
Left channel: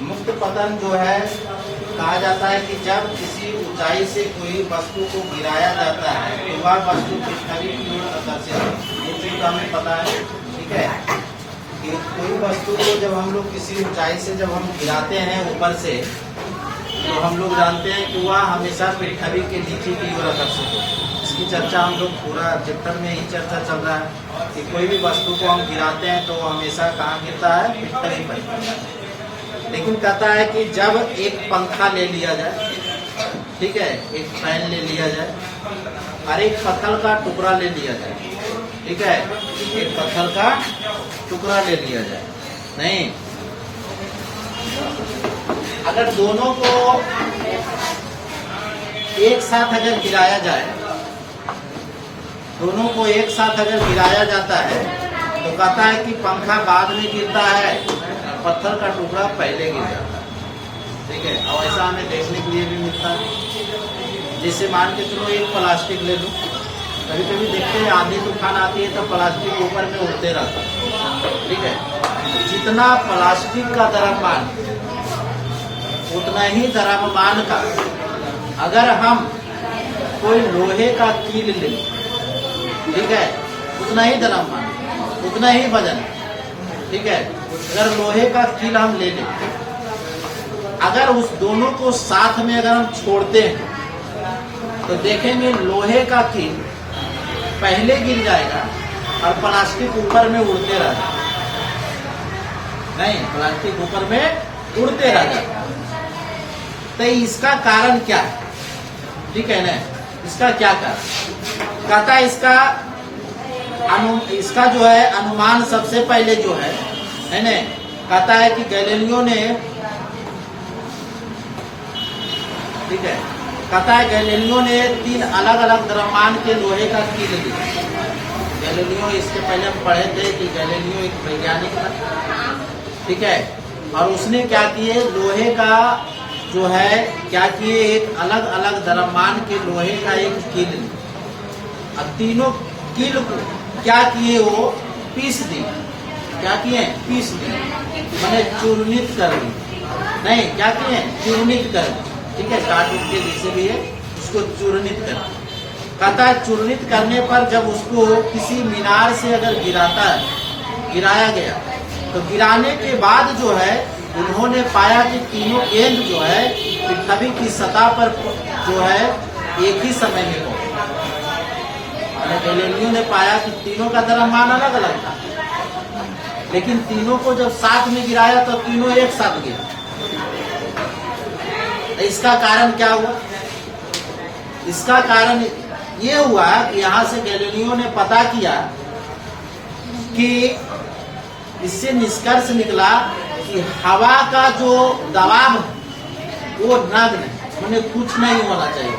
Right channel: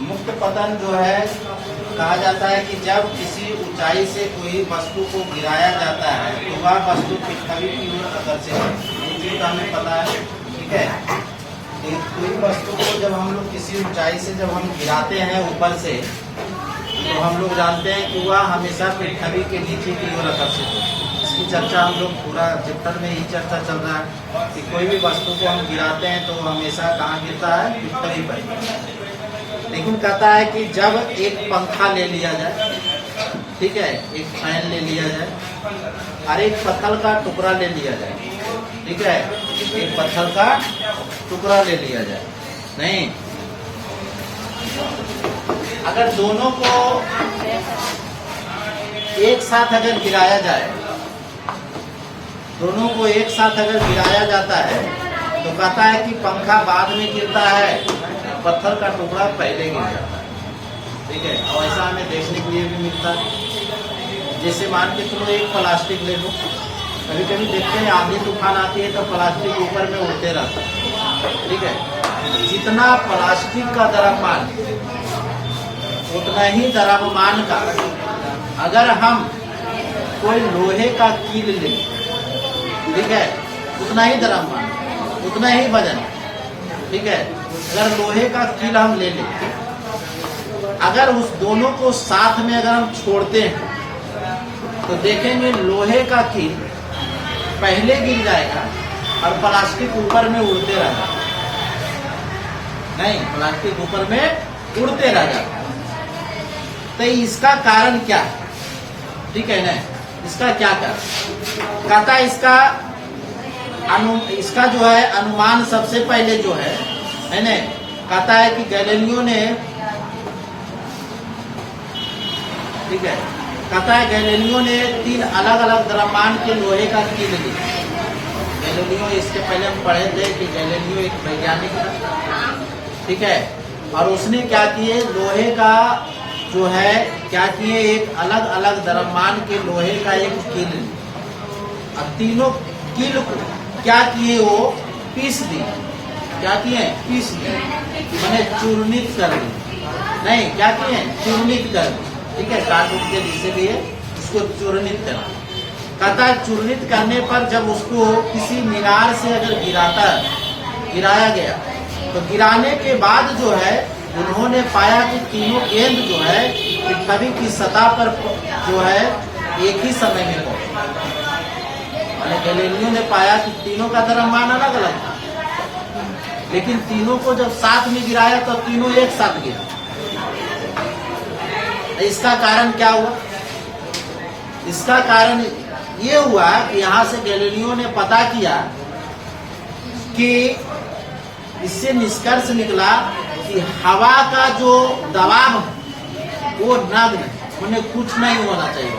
मुक्त पतन जो है कहा जाता है कि जब किसी ऊंचाई से कोई वस्तु को गिराया जाता है तो वह वस्तु पृथ्वी की ओर आकर्षित है। ये चीज हमें पता है, ठीक है। कि कोई वस्तु को जब हम लोग किसी ऊंचाई से जब हम गिराते हैं ऊपर से, तो हम लोग जानते हैं कि वह हमेशा पृथ्वी के नीचे की ओर आकर्षित होती है। इसकी चर्चा हम लोग पूरा चैप्टर में ही चर्चा चल रहा है कि कोई भी वस्तु को हम गिराते हैं तो हमेशा कहाँ गिरता है? पृथ्वी पर। लेकिन कहता है कि जब एक पंखा ले लिया जाए, ठीक है, एक फैन ले लिया जाए और एक पत्थर का टुकड़ा ले लिया जाए, ठीक है, एक पत्थर का टुकड़ा ले लिया जाए, नहीं, अगर दोनों को एक साथ अगर गिराया जाए, दोनों को एक साथ अगर गिराया जाता है तो कहता है कि पंखा बाद में गिरता है, पत्थर का टुकड़ा पहले गिर जाता है, ठीक है। और ऐसा हमें देखने के लिए भी मिलता है। जैसे मान के चलो एक प्लास्टिक ले लो, कभी कभी देखते हैं आंधी तूफान आती है तो प्लास्टिक ऊपर में उड़ते रहता है, ठीक है। जितना प्लास्टिक का द्रव्यमान उतना ही द्रव्यमान का अगर हम कोई लोहे का कील ले, ठीक है, उतना ही द्रव्यमान, उतना ही वजन, ठीक है। अगर लोहे का कील हम ले लें, अगर उस दोनों को साथ में अगर हम छोड़ते हैं तो देखेंगे लोहे का कील पहले गिर जाएगा और प्लास्टिक ऊपर में उड़ते रहेगा, नहीं, प्लास्टिक ऊपर में उड़ते रहेगा। तो इसका कारण क्या है? ठीक है ना, इसका क्या कारण? कहता है इसका जो है अनुमान सबसे पहले जो है ना, कहता है कि गैलीलियो ने, ठीक है, कहता है गैलीलियो ने 3 अलग अलग द्रव्यमान के लोहे का कील लिया। गैलीलियो, इसके पहले हम पढ़े थे कि गैलीलियो एक वैज्ञानिक था, ठीक है, और उसने क्या किए, लोहे का जो है क्या किए, एक अलग अलग द्रव्यमान के लोहे का एक कील लिया और तीनों कील को क्या किए, वो पीस दिए। क्या किए? पीस दिए, मैंने चूर्णित कर दिए, नहीं, क्या किए? चूर्णित कर दिए, ठीक है, काट उठ के जिसे भी है उसको चूर्णित कर। कहता है चूर्णित करने पर जब उसको किसी मीनार से अगर गिराया गया तो गिराने के बाद जो है उन्होंने पाया कि तीनों गेंद जो है पृथ्वी की सतह पर जो है एक ही समय में पहुंचे। गैलीलियो ने पाया कि तीनों का द्रव्यमान अलग अलग था, लेकिन तीनों को जब साथ में गिराया तो तीनों एक साथ गिरा। इसका कारण क्या हुआ? इसका कारण ये हुआ कि यहाँ से गैलीलियो ने पता किया कि इससे निष्कर्ष निकला कि हवा का जो दबाव है वो नग्न है, उन्हें कुछ नहीं होना चाहिए।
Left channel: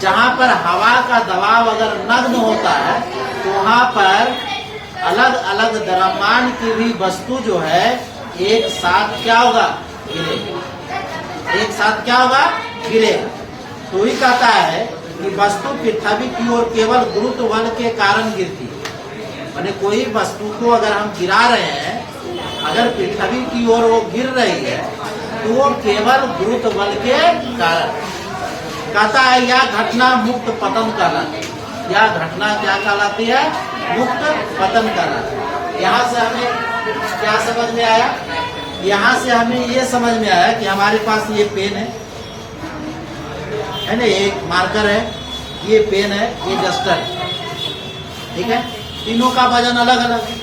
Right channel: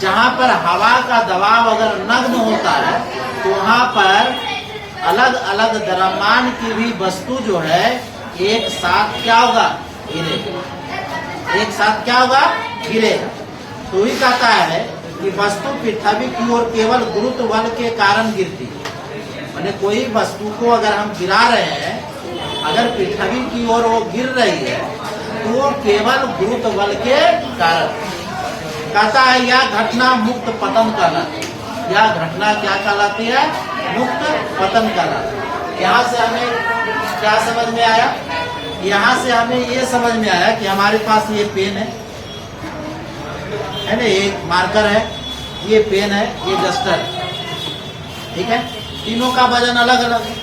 जहाँ पर हवा का दबाव अगर नग्न होता है तो वहाँ पर अलग अलग द्रव्यमान की भी वस्तु जो है एक साथ क्या होगा? गिरेगा। एक साथ क्या होगा? गिरेगा। तो ही कहता है कि वस्तु पृथ्वी की ओर केवल गुरुत्व बल के कारण गिरती है। माने कोई वस्तु को अगर हम गिरा रहे हैं, अगर पृथ्वी की ओर वो गिर रही है तो वो केवल गुरुत्व बल के कारण। कहता है यह घटना मुक्त पतन कहलाती है। यह घटना क्या कहलाती है? मुक्त पतन कहलाती है। यहाँ से हमें क्या समझ में आया? यहाँ से हमें ये समझ में आया कि हमारे पास ये पेन है ना, ये मार्कर है, ये पेन है, ये डस्टर है, ठीक है। तीनों का वजन अलग अलग है,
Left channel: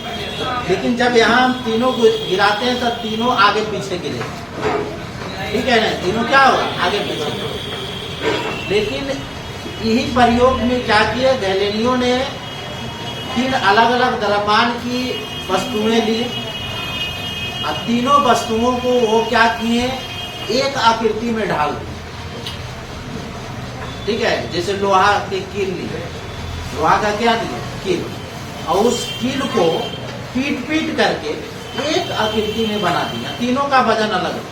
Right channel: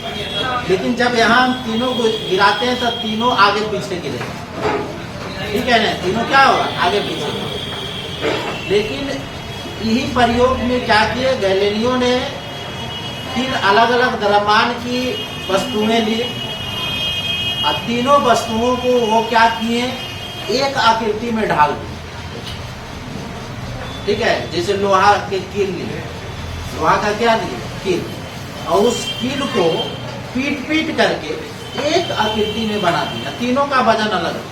लेकिन जब यहाँ हम तीनों को गिराते हैं तो तीनों आगे पीछे गिरेगा, ठीक है ना। तीनों क्या होगा? आगे पीछे। लेकिन यही प्रयोग में क्या किए? गैलीलियो ने 3 अलग अलग द्रव्यमान की वस्तुएं ली और तीनों वस्तुओं को वो क्या किए? एक आकृति में ढाल दिए। ठीक है, जैसे लोहा के कील लिए, लोहा का क्या लिए, कील, और उस कील को पीट पीट करके एक आकृति में बना दिया। तीनों का वजन अलग है,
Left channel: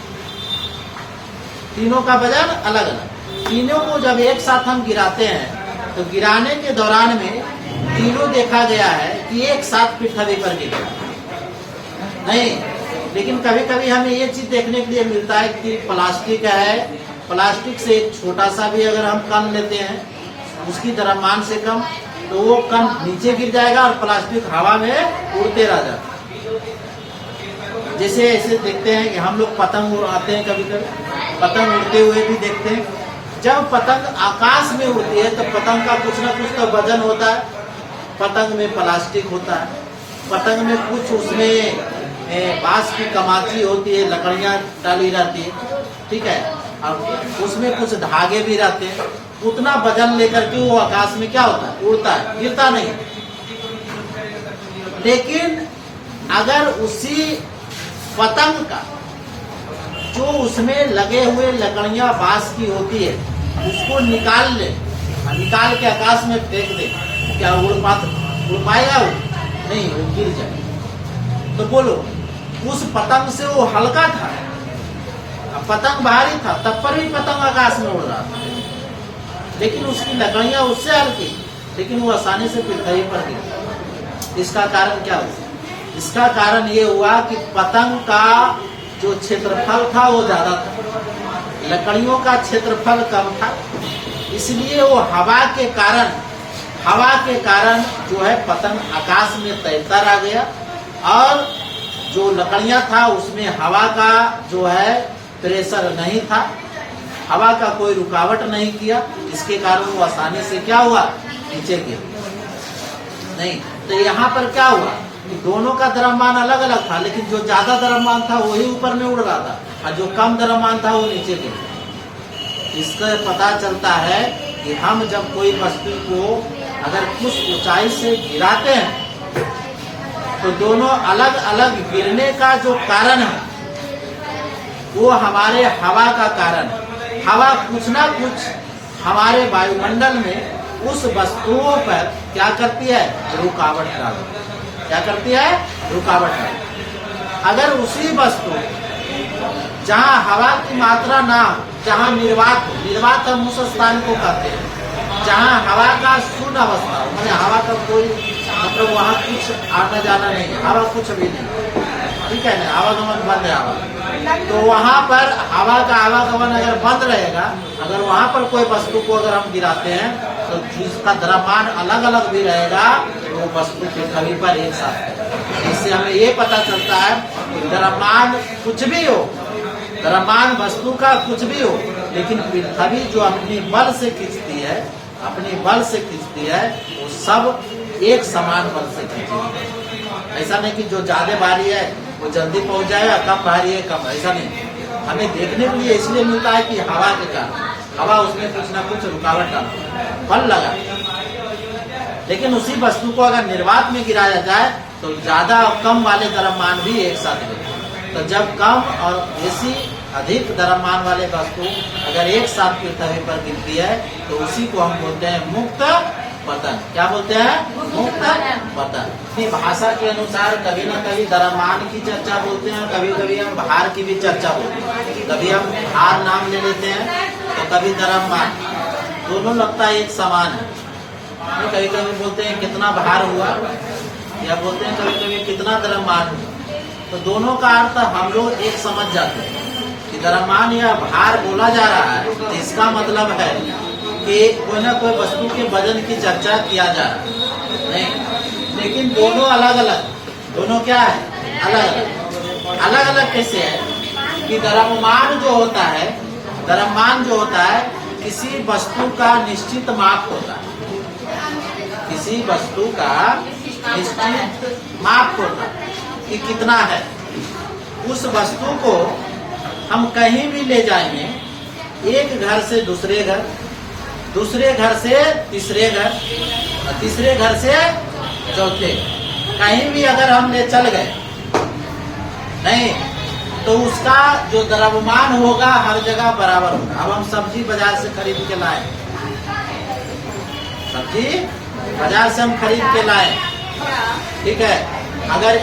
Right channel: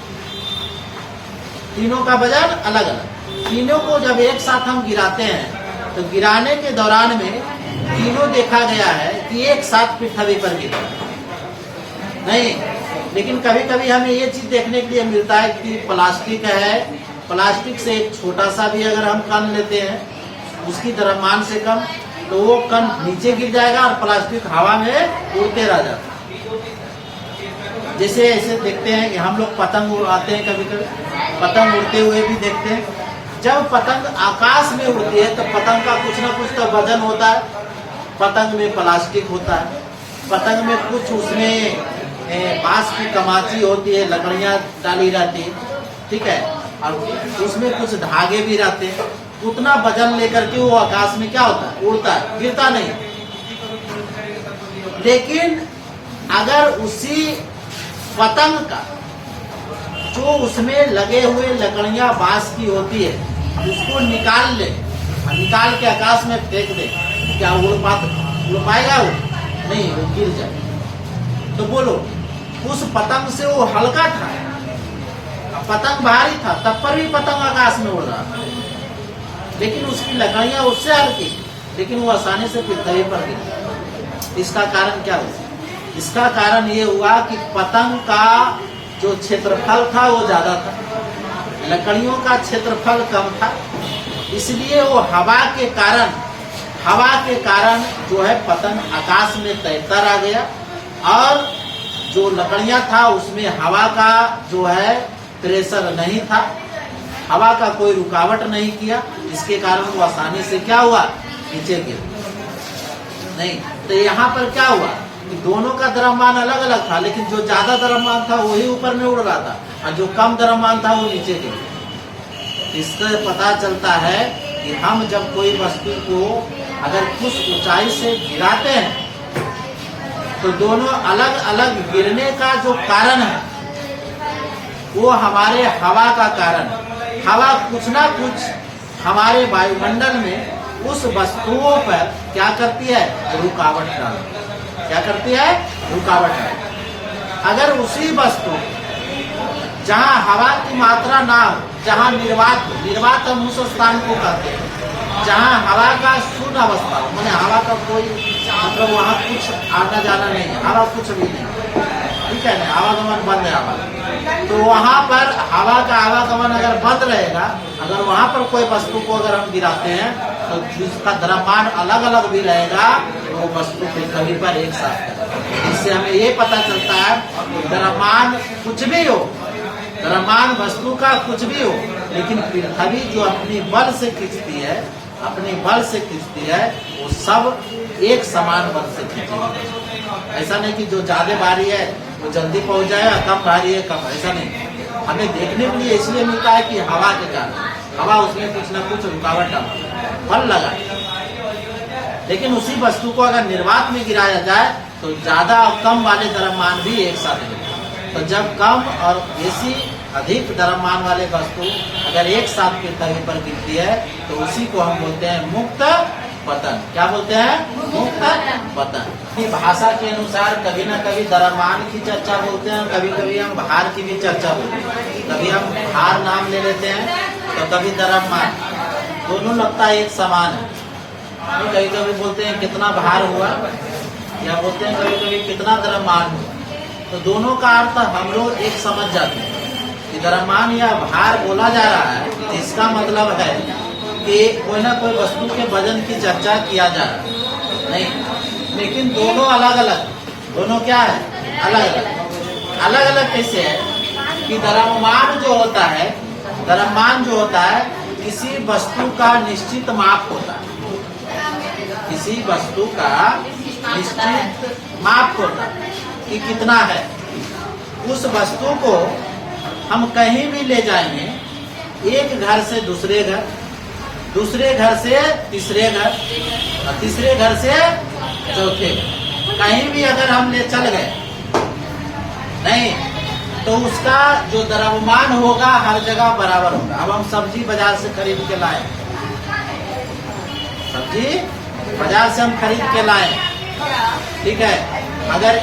तीनों का वजन अलग अलग। तीनों को जब एक साथ हम गिराते हैं तो गिराने के दौरान में तीनों देखा गया है कि एक साथ पृथ्वी पर गिरा नहीं। लेकिन कभी कभी हमें ये चीज देखने के लिए मिलता है कि प्लास्टिक है, प्लास्टिक से एक छोटा सा भी अगर हम कण लेते हैं उसकी द्रव्यमान से कम, तो वो कण नीचे गिर जाएगा और प्लास्टिक हवा में उड़ते रह जाता है। जैसे ऐसे देखते हैं कि हम लोग पतंग उड़ाते हैं, कभी कभी पतंग उड़ते हुए भी देखते हैं। जब पतंग आकाश में उड़ती है तो पतंग का कुछ ना कुछ तो वजन होता है, पतंग में प्लास्टिक होता है, पतंग में कुछ उसमें बांस की कमाची होती है, लकड़ियां डाली जाती है, ठीक है, और उसमें कुछ धागे भी रहते हैं। उतना वजन लेकर के वो आकाश में क्या होता है, उड़ता है, गिरता नहीं। लेकिन अगर उसी पतंग का जो उसमें लगे हुए लकड़ियां बांस की होती है उसको निकाल ले, निकाल के आकाश में फेंक दे, क्या उड़ पाएगा वो? नहीं, वो गिर जाए। तो बोलो, उस पतंग से वो हल्का था, पतंग भारी था, तब पर भी पतंग आकाश में उड़ रहा था, लेकिन उसकी लकड़ियां उससे हल्की, लेकिन वो आसानी से पृथ्वी पर गिर। इसका कारण क्या हुआ? इसका कारण ये हुआ कि पतंग का जो क्षेत्रफल था वो ज्यादा था, लकड़ियों का क्षेत्रफल कम था, इसलिए वो हवा के कारण जो है पतंग आकाश में तैरता रह गया, और जो लकड़ियां था उसमें हवा का जो है प्रेशर नहीं था, हवा का कोई रुकावट नहीं किया, इसके कारण वो आसानी से क्या हुआ, नीचे गिर नहीं। तो यहाँ पर क्या हुआ कि दोनों का द्रव्यमान अलग अलग था, लेकिन जो ज्यादा द्रव्यमान था वही ऊपर में उड़ रहा था, और जो कम द्रव्यमान था वो नीचे गिर। इससे पता चलता है कि हम जब कोई वस्तु को अगर कुछ ऊंचाई से गिराते हैं तो दोनों अलग अलग गिरने का जो कारण है वो हमारे हवा का कारण है। हवा कुछ ना कुछ हमारे वायुमंडल में उस वस्तुओं पर क्या करती है, रुकावट डालती है। क्या करती है, रुकावट डालती है। अगर उसी वस्तु जहाँ हवा की मात्रा ना हो, जहाँ निर्वात हम उस स्थान को कहते हैं जहाँ हवा का शून्य अवस्था हो, मैंने हवा का कोई मतलब वहाँ कुछ आना जाना नहीं है, हवा कुछ भी नहीं, ठीक है ना, आवागमन बंद है हवा, तो वहाँ पर हवा का आवागमन अगर बंद रहेगा, अगर वहाँ पर कोई वस्तु को अगर हम गिराते हैं तो जिसका द्रव्यमान अलग अलग भी रहेगा वो वस्तु पृथ्वी पर एक साथ। इससे हमें ये पता चलता है द्रव्यमान कुछ भी हो, द्रव्यमान वस्तु का कुछ भी हो, लेकिन पृथ्वी जो अपनी बल से खींचती है, अपनी बल से खींचती है, वो सब एक समान बल से खींचती है। ऐसा नहीं कि जो ज्यादा भारी है वो जल्दी पहुंच जाएगा, कम भारी है कम, ऐसा नहीं। हमें देखने के लिए इसलिए मिलता है कि हवा के कारण, हवा उसमें कुछ न कुछ रुकावट डालती है, बल लगा। लेकिन उसी वस्तु को अगर निर्वात में गिराया जाए तो ज्यादा और कम वाले द्रव्यमान भी एक साथ गिरते। तो जब कम और बेसी अधिक द्रव्यमान वाले वस्तु अगर एक साथ पृथ्वी पर गिरती है तो उसी को हम बोलते हैं मुक्त पतन। क्या बोलते हैं? मुक्त पतन। भाषा के अनुसार कभी न कभी द्रव्यमान की चर्चा बोलते हैं, कभी कभी हम भार की भी चर्चा बोलते हैं। कभी हम भार नाम ले लेते हैं तो कभी द्रव्यमान, दोनों लगता है एक समान है। कभी कभी बोलते हैं कितना भार हुआ, या बोलते हैं कभी कभी कितना द्रव्यमान हुआ, तो दोनों का अर्थ हम लोग एक समझ जाते हैं कि द्रव्यमान या भार बोला जा रहा है तो इसका मतलब है कि कोई ना कोई वस्तु के वजन की चर्चा किया जा रहा है, नहीं। लेकिन दोनों अलग अलग, दोनों क्या है, अलग अलग। अलग अलग कैसे है कि द्रव्यमान जो होता है, द्रव्यमान जो होता है किसी वस्तु का निश्चित माप होता है, किसी वस्तु का निश्चित माप होता है कि कितना है। उस वस्तु को हम कहीं भी ले जाएंगे, एक घर से दूसरे घर, दूसरे घर से तीसरे घर, और तीसरे घर से चौथे घर, कहीं भी अगर हम ले चल गए नहीं तो उसका जो द्रव्यमान होगा हर जगह बराबर होगा। अब हम सब्जी बाजार से खरीद के लाए, जी बाजार से हम खरीद के लाए, ठीक है, अगर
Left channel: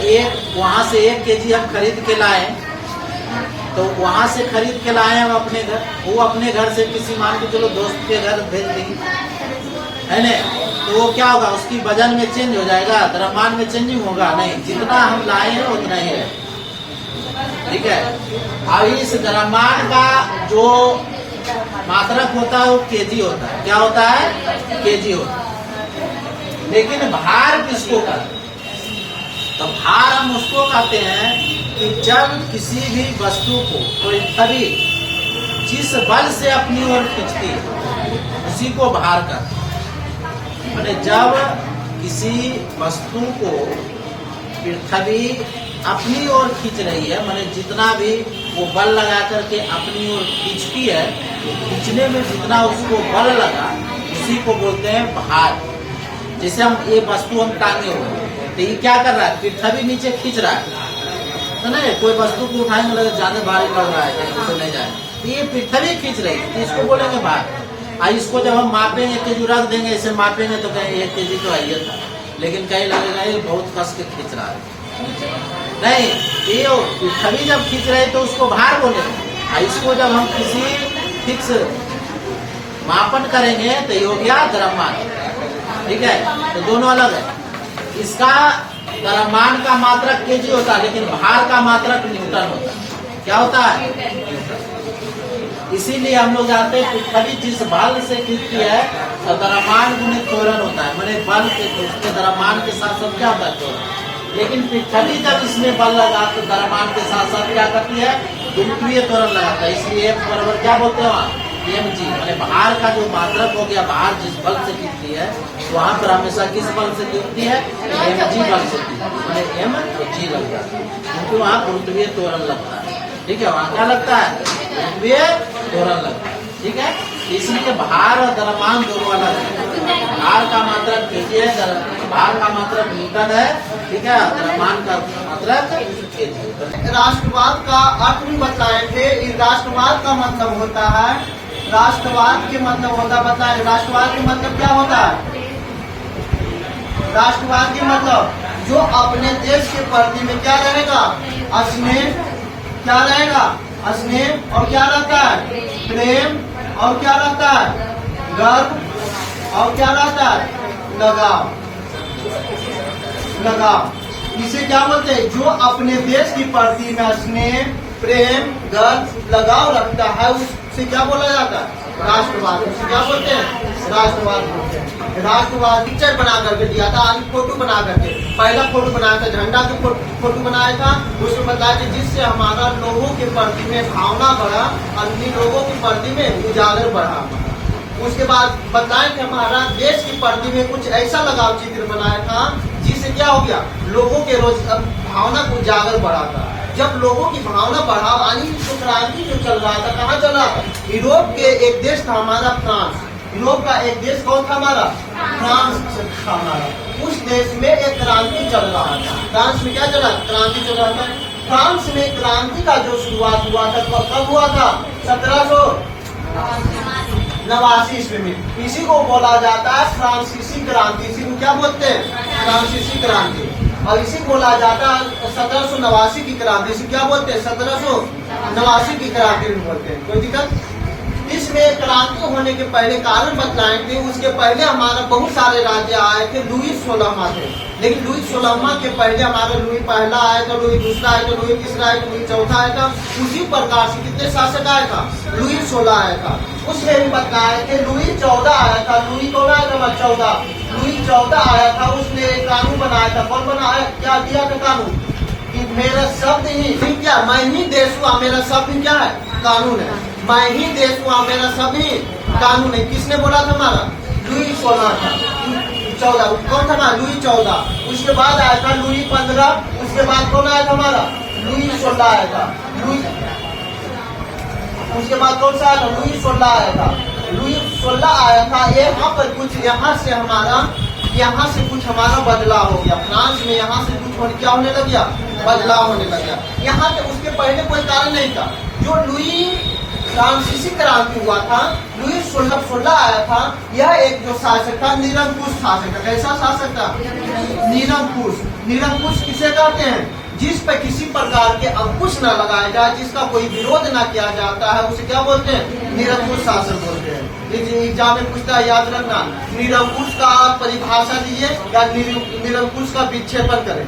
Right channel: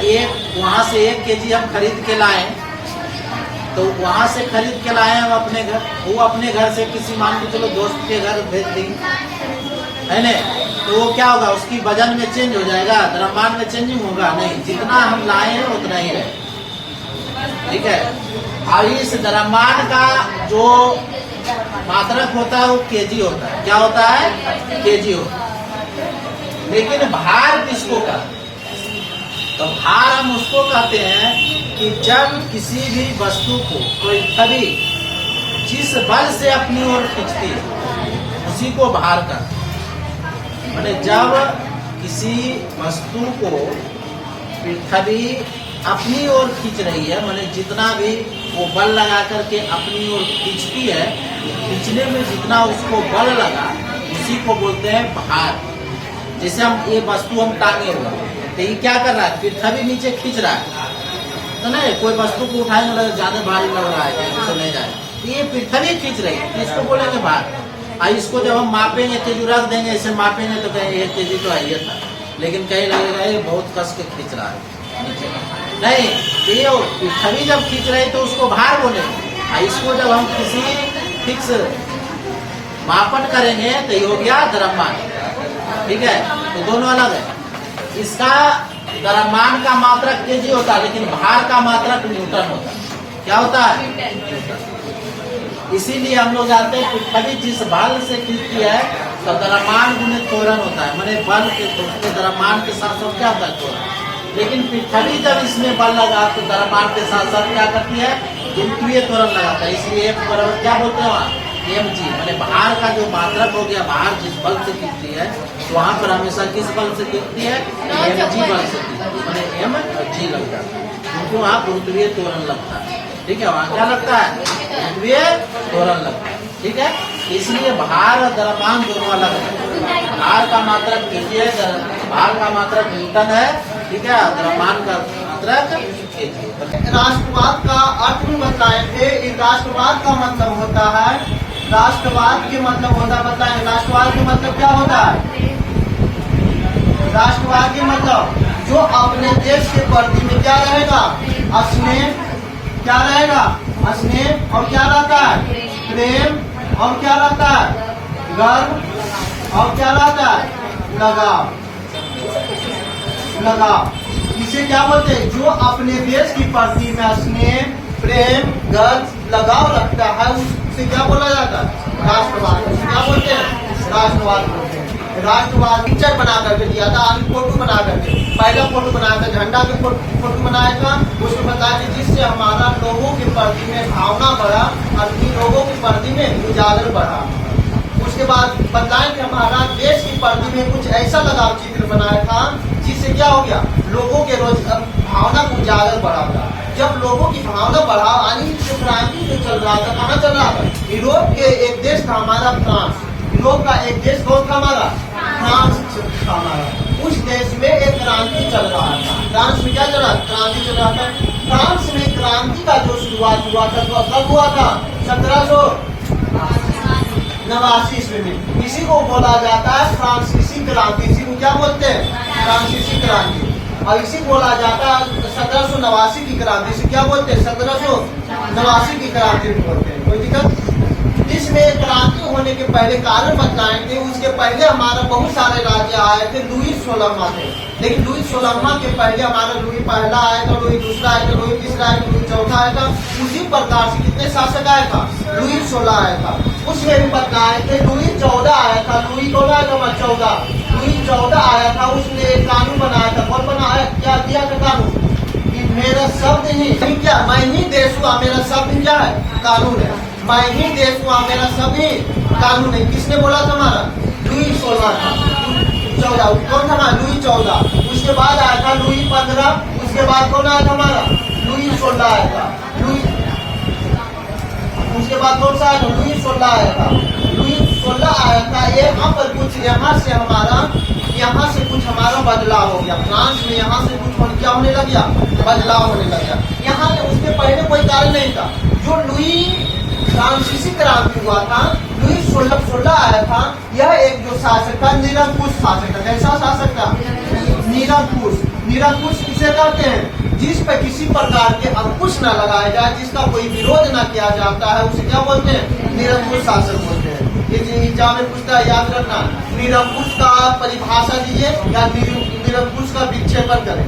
वहां से 1 केजी हम खरीद के लाए, तो वहां से खरीद के लाए हम अपने घर, वो अपने घर से किसी मान के चलो दोस्त के घर भेज देंगे, है ना, तो वो क्या होगा, उसकी वजन में चेंज हो जाएगा, द्रव्यमान में चेंजिंग होगा नहीं, जितना हम लाए हैं उतना ही है, ठीक है। और इस द्रव्यमान का जो मात्रक होता है वो केजी होता है, क्या होता है, केजी होता है। लेकिन भार किसको कहते हैं, तो भार हम उसको कहते हैं कि जब किसी भी वस्तु को कोई छवि जिस बल से अपनी ओर खींचती है उसी को भार कहते हैं। माने जब किसी वस्तु को पृथ्वी अपनी ओर खींच रही है, माने जितना भी वो बल लगा करके अपनी ओर खींचती है, तो खींचने में जितना उसको बल लगा उसी को बोलते हैं भार। जैसे हम ये वस्तु हम टांगे हुए, तो ये क्या कर रहा है, पृथ्वी नीचे खींच रहा है, तो नहीं कोई वस्तु को उठाएंगे लगे ज्यादा भारी लग रहा है तो नहीं जाए, तो ये पृथ्वी खींच रही है, तो इसको बोलेंगे भार। और इसको जब हम मापेंगे, केजी रख देंगे, इसे मापेंगे तो कहेंगे 1 केजी तो है था, लेकिन कहीं लगेगा ये बहुत कस के खींच रहा है, नहीं, ये पृथ्वी जब खींच रहे तो उसको भार बोलेंगे। और इसको जब हम किसी फिक्स मापन करेंगे तो ये हो गया द्रव्यमान, ठीक है, तो दोनों अलग है। इसका द्रव्यमान का मात्रक केजी होता है, लेकिन भार का मात्रक न्यूटन होता है, क्या होता है, न्यूटन। इसीलिए हम लोग जानते हैं पृथ्वी जिस बल से खींचती है तो द्रव्यमान गुणित त्वरण होता है, मैंने बल के उसके द्रव्यमान के साथ साथ क्या होता है, त्वरण। लेकिन पृथ्वी जब इसमें बल लगा तो द्रव्यमान के साथ साथ क्या करती है, गुरुत्वीय त्वरण लगाता है, इसलिए F बराबर क्या बोलते हैं वहाँ, mg, मैंने भार का जो मात्रक हो गया, भार जिस बल से खींचती है वहाँ पर हमेशा किस बल से खींचती है, mg बल से खींचती है, मैंने m और g लग जाता है, क्योंकि वहाँ गुरुत्वीय त्वरण लगता है, ठीक है, वहाँ क्या लगता है, गुरुत्वीय त्वरण लगता है, ठीक है। इसलिए भार और द्रव्यमान दोनों अलग है, भार का मात्रक केजी है, भार का मात्रक न्यूटन है, ठीक है, द्रव्यमान का मात्रक केजी। राष्ट्रवाद का अर्थ भी बताए थे। इस राष्ट्रवाद का मतलब होता है, राष्ट्रवाद के मतलब होता है, बताएं राष्ट्रवाद के मतलब क्या होता है। राष्ट्रवाद के मतलब जो अपने देश के प्रति में क्या रहेगा, स्नेह, क्या रहेगा, स्नेह, और क्या रहता है, प्रेम, और क्या रहता है, गर्व, और क्या रहता है, लगाव, लगाव। इसे क्या बोलते हैं, जो अपने देश की प्रति में स्नेह, प्रेम, गर्व, लगाव रखता है उससे क्या बोला जाता है, राष्ट्रवाद। उसे क्या बोलते हैं, राष्ट्रवाद बोलते हैं। राष्ट्रवाद पिक्चर बना करके दिया था, फोटो बना करके, पहला फोटो बनाया था, झंडा के फोटो बनाया था, उसमें बताया कि जिससे हमारा लोगों के प्रति में भावना बढ़ा, अपनी लोगों के प्रति में उजागर बढ़ा। उसके बाद बताएं कि हमारा देश की प्रति में कुछ ऐसा लगाव चित्र बनाया था जिससे क्या हो गया, लोगों के रोज भावना को उजागर बढ़ा था। जब लोगों की भावना बढ़ा, यानी क्रांति जो चल रहा था, कहाँ चल रहा था, यूरोप के एक देश था हमारा फ्रांस, यूरोप का एक देश कौन था हमारा, फ्रांस था हमारा। उस देश में एक क्रांति चल रहा था, फ्रांस में क्या चल रहा, क्रांति चल रहा था। फ्रांस में क्रांति का जो शुरुआत हुआ था तो कब हुआ था, 1789 ईस्वी में। इसी को बोला जाता है फ्रांसीसी क्रांति, इसी को क्या बोलते हैं, फ्रांसीसी क्रांति। और इसी बोला जाता है 1789 की क्रांति, इसे क्या बोलते हैं, 1789 की क्रांति बोलते हैं। कोई दिक्कत, इसमें क्रांति होने के पहले कारण बतलाए थे। उसके पहले हमारा बहुत सारे राज्य आए थे, लुई 16वां थे, लेकिन लुई 16वां के पहले हमारा लुई पहला आया था, लुई दूसरा आया था, लुई तीसरा आया था, लुई चौथा आया था। उसी प्रकार से कितने शासक आया था, लुई 16 आया था। उसमें भी बताए थे लुई 14 आया था, लुई कौन आया था, 14, लुई 14 आया था। उसने एक कानून बनाया था, कौन बनाया, क्या दिया था कानून, कि मेरा शब्द ही क्या, मैं ही देश हुआ, मेरा शब्द क्या है, कानून है, मैं ही देश हुआ, मेरा शब्द ही कानून है। किसने बोला था, हमारा लुई 16 था, 14 कौन था हमारा, लुई 14। उसके बाद आया था लुई 15, उसके बाद कौन आया था हमारा, लुई 16 आया था, लुई, उसके बाद कौन सा आया था, लुई 16 आया था, लुई 16 आया था। यहाँ पर कुछ यहाँ से कुछ हमारा बदलाव हो गया, फ्रांस में यहाँ से कुछ क्या होने लग गया, बदलाव होने लग गया। यहाँ से उसके पहले कोई कारण नहीं था। जो लुई फ्रांसीसी क्रांति हुआ था, लुई 1616 आया था। यह एक जो शासक था निरंकुश शासक था। कैसा शासक था? निरंकुश। निरंकुश किसे कहते हैं? जिस पे किसी प्रकार के अंकुश न लगाया जाए, जिसका कोई विरोध न किया जाता है, उसे क्या बोलते हैं? निरंकुश शासक बोलते हैं। लेकिन एग्जाम में पूछता है, याद रखना, निरंकुश का परिभाषा दीजिए या निरंकुश का विक्षेपण करें।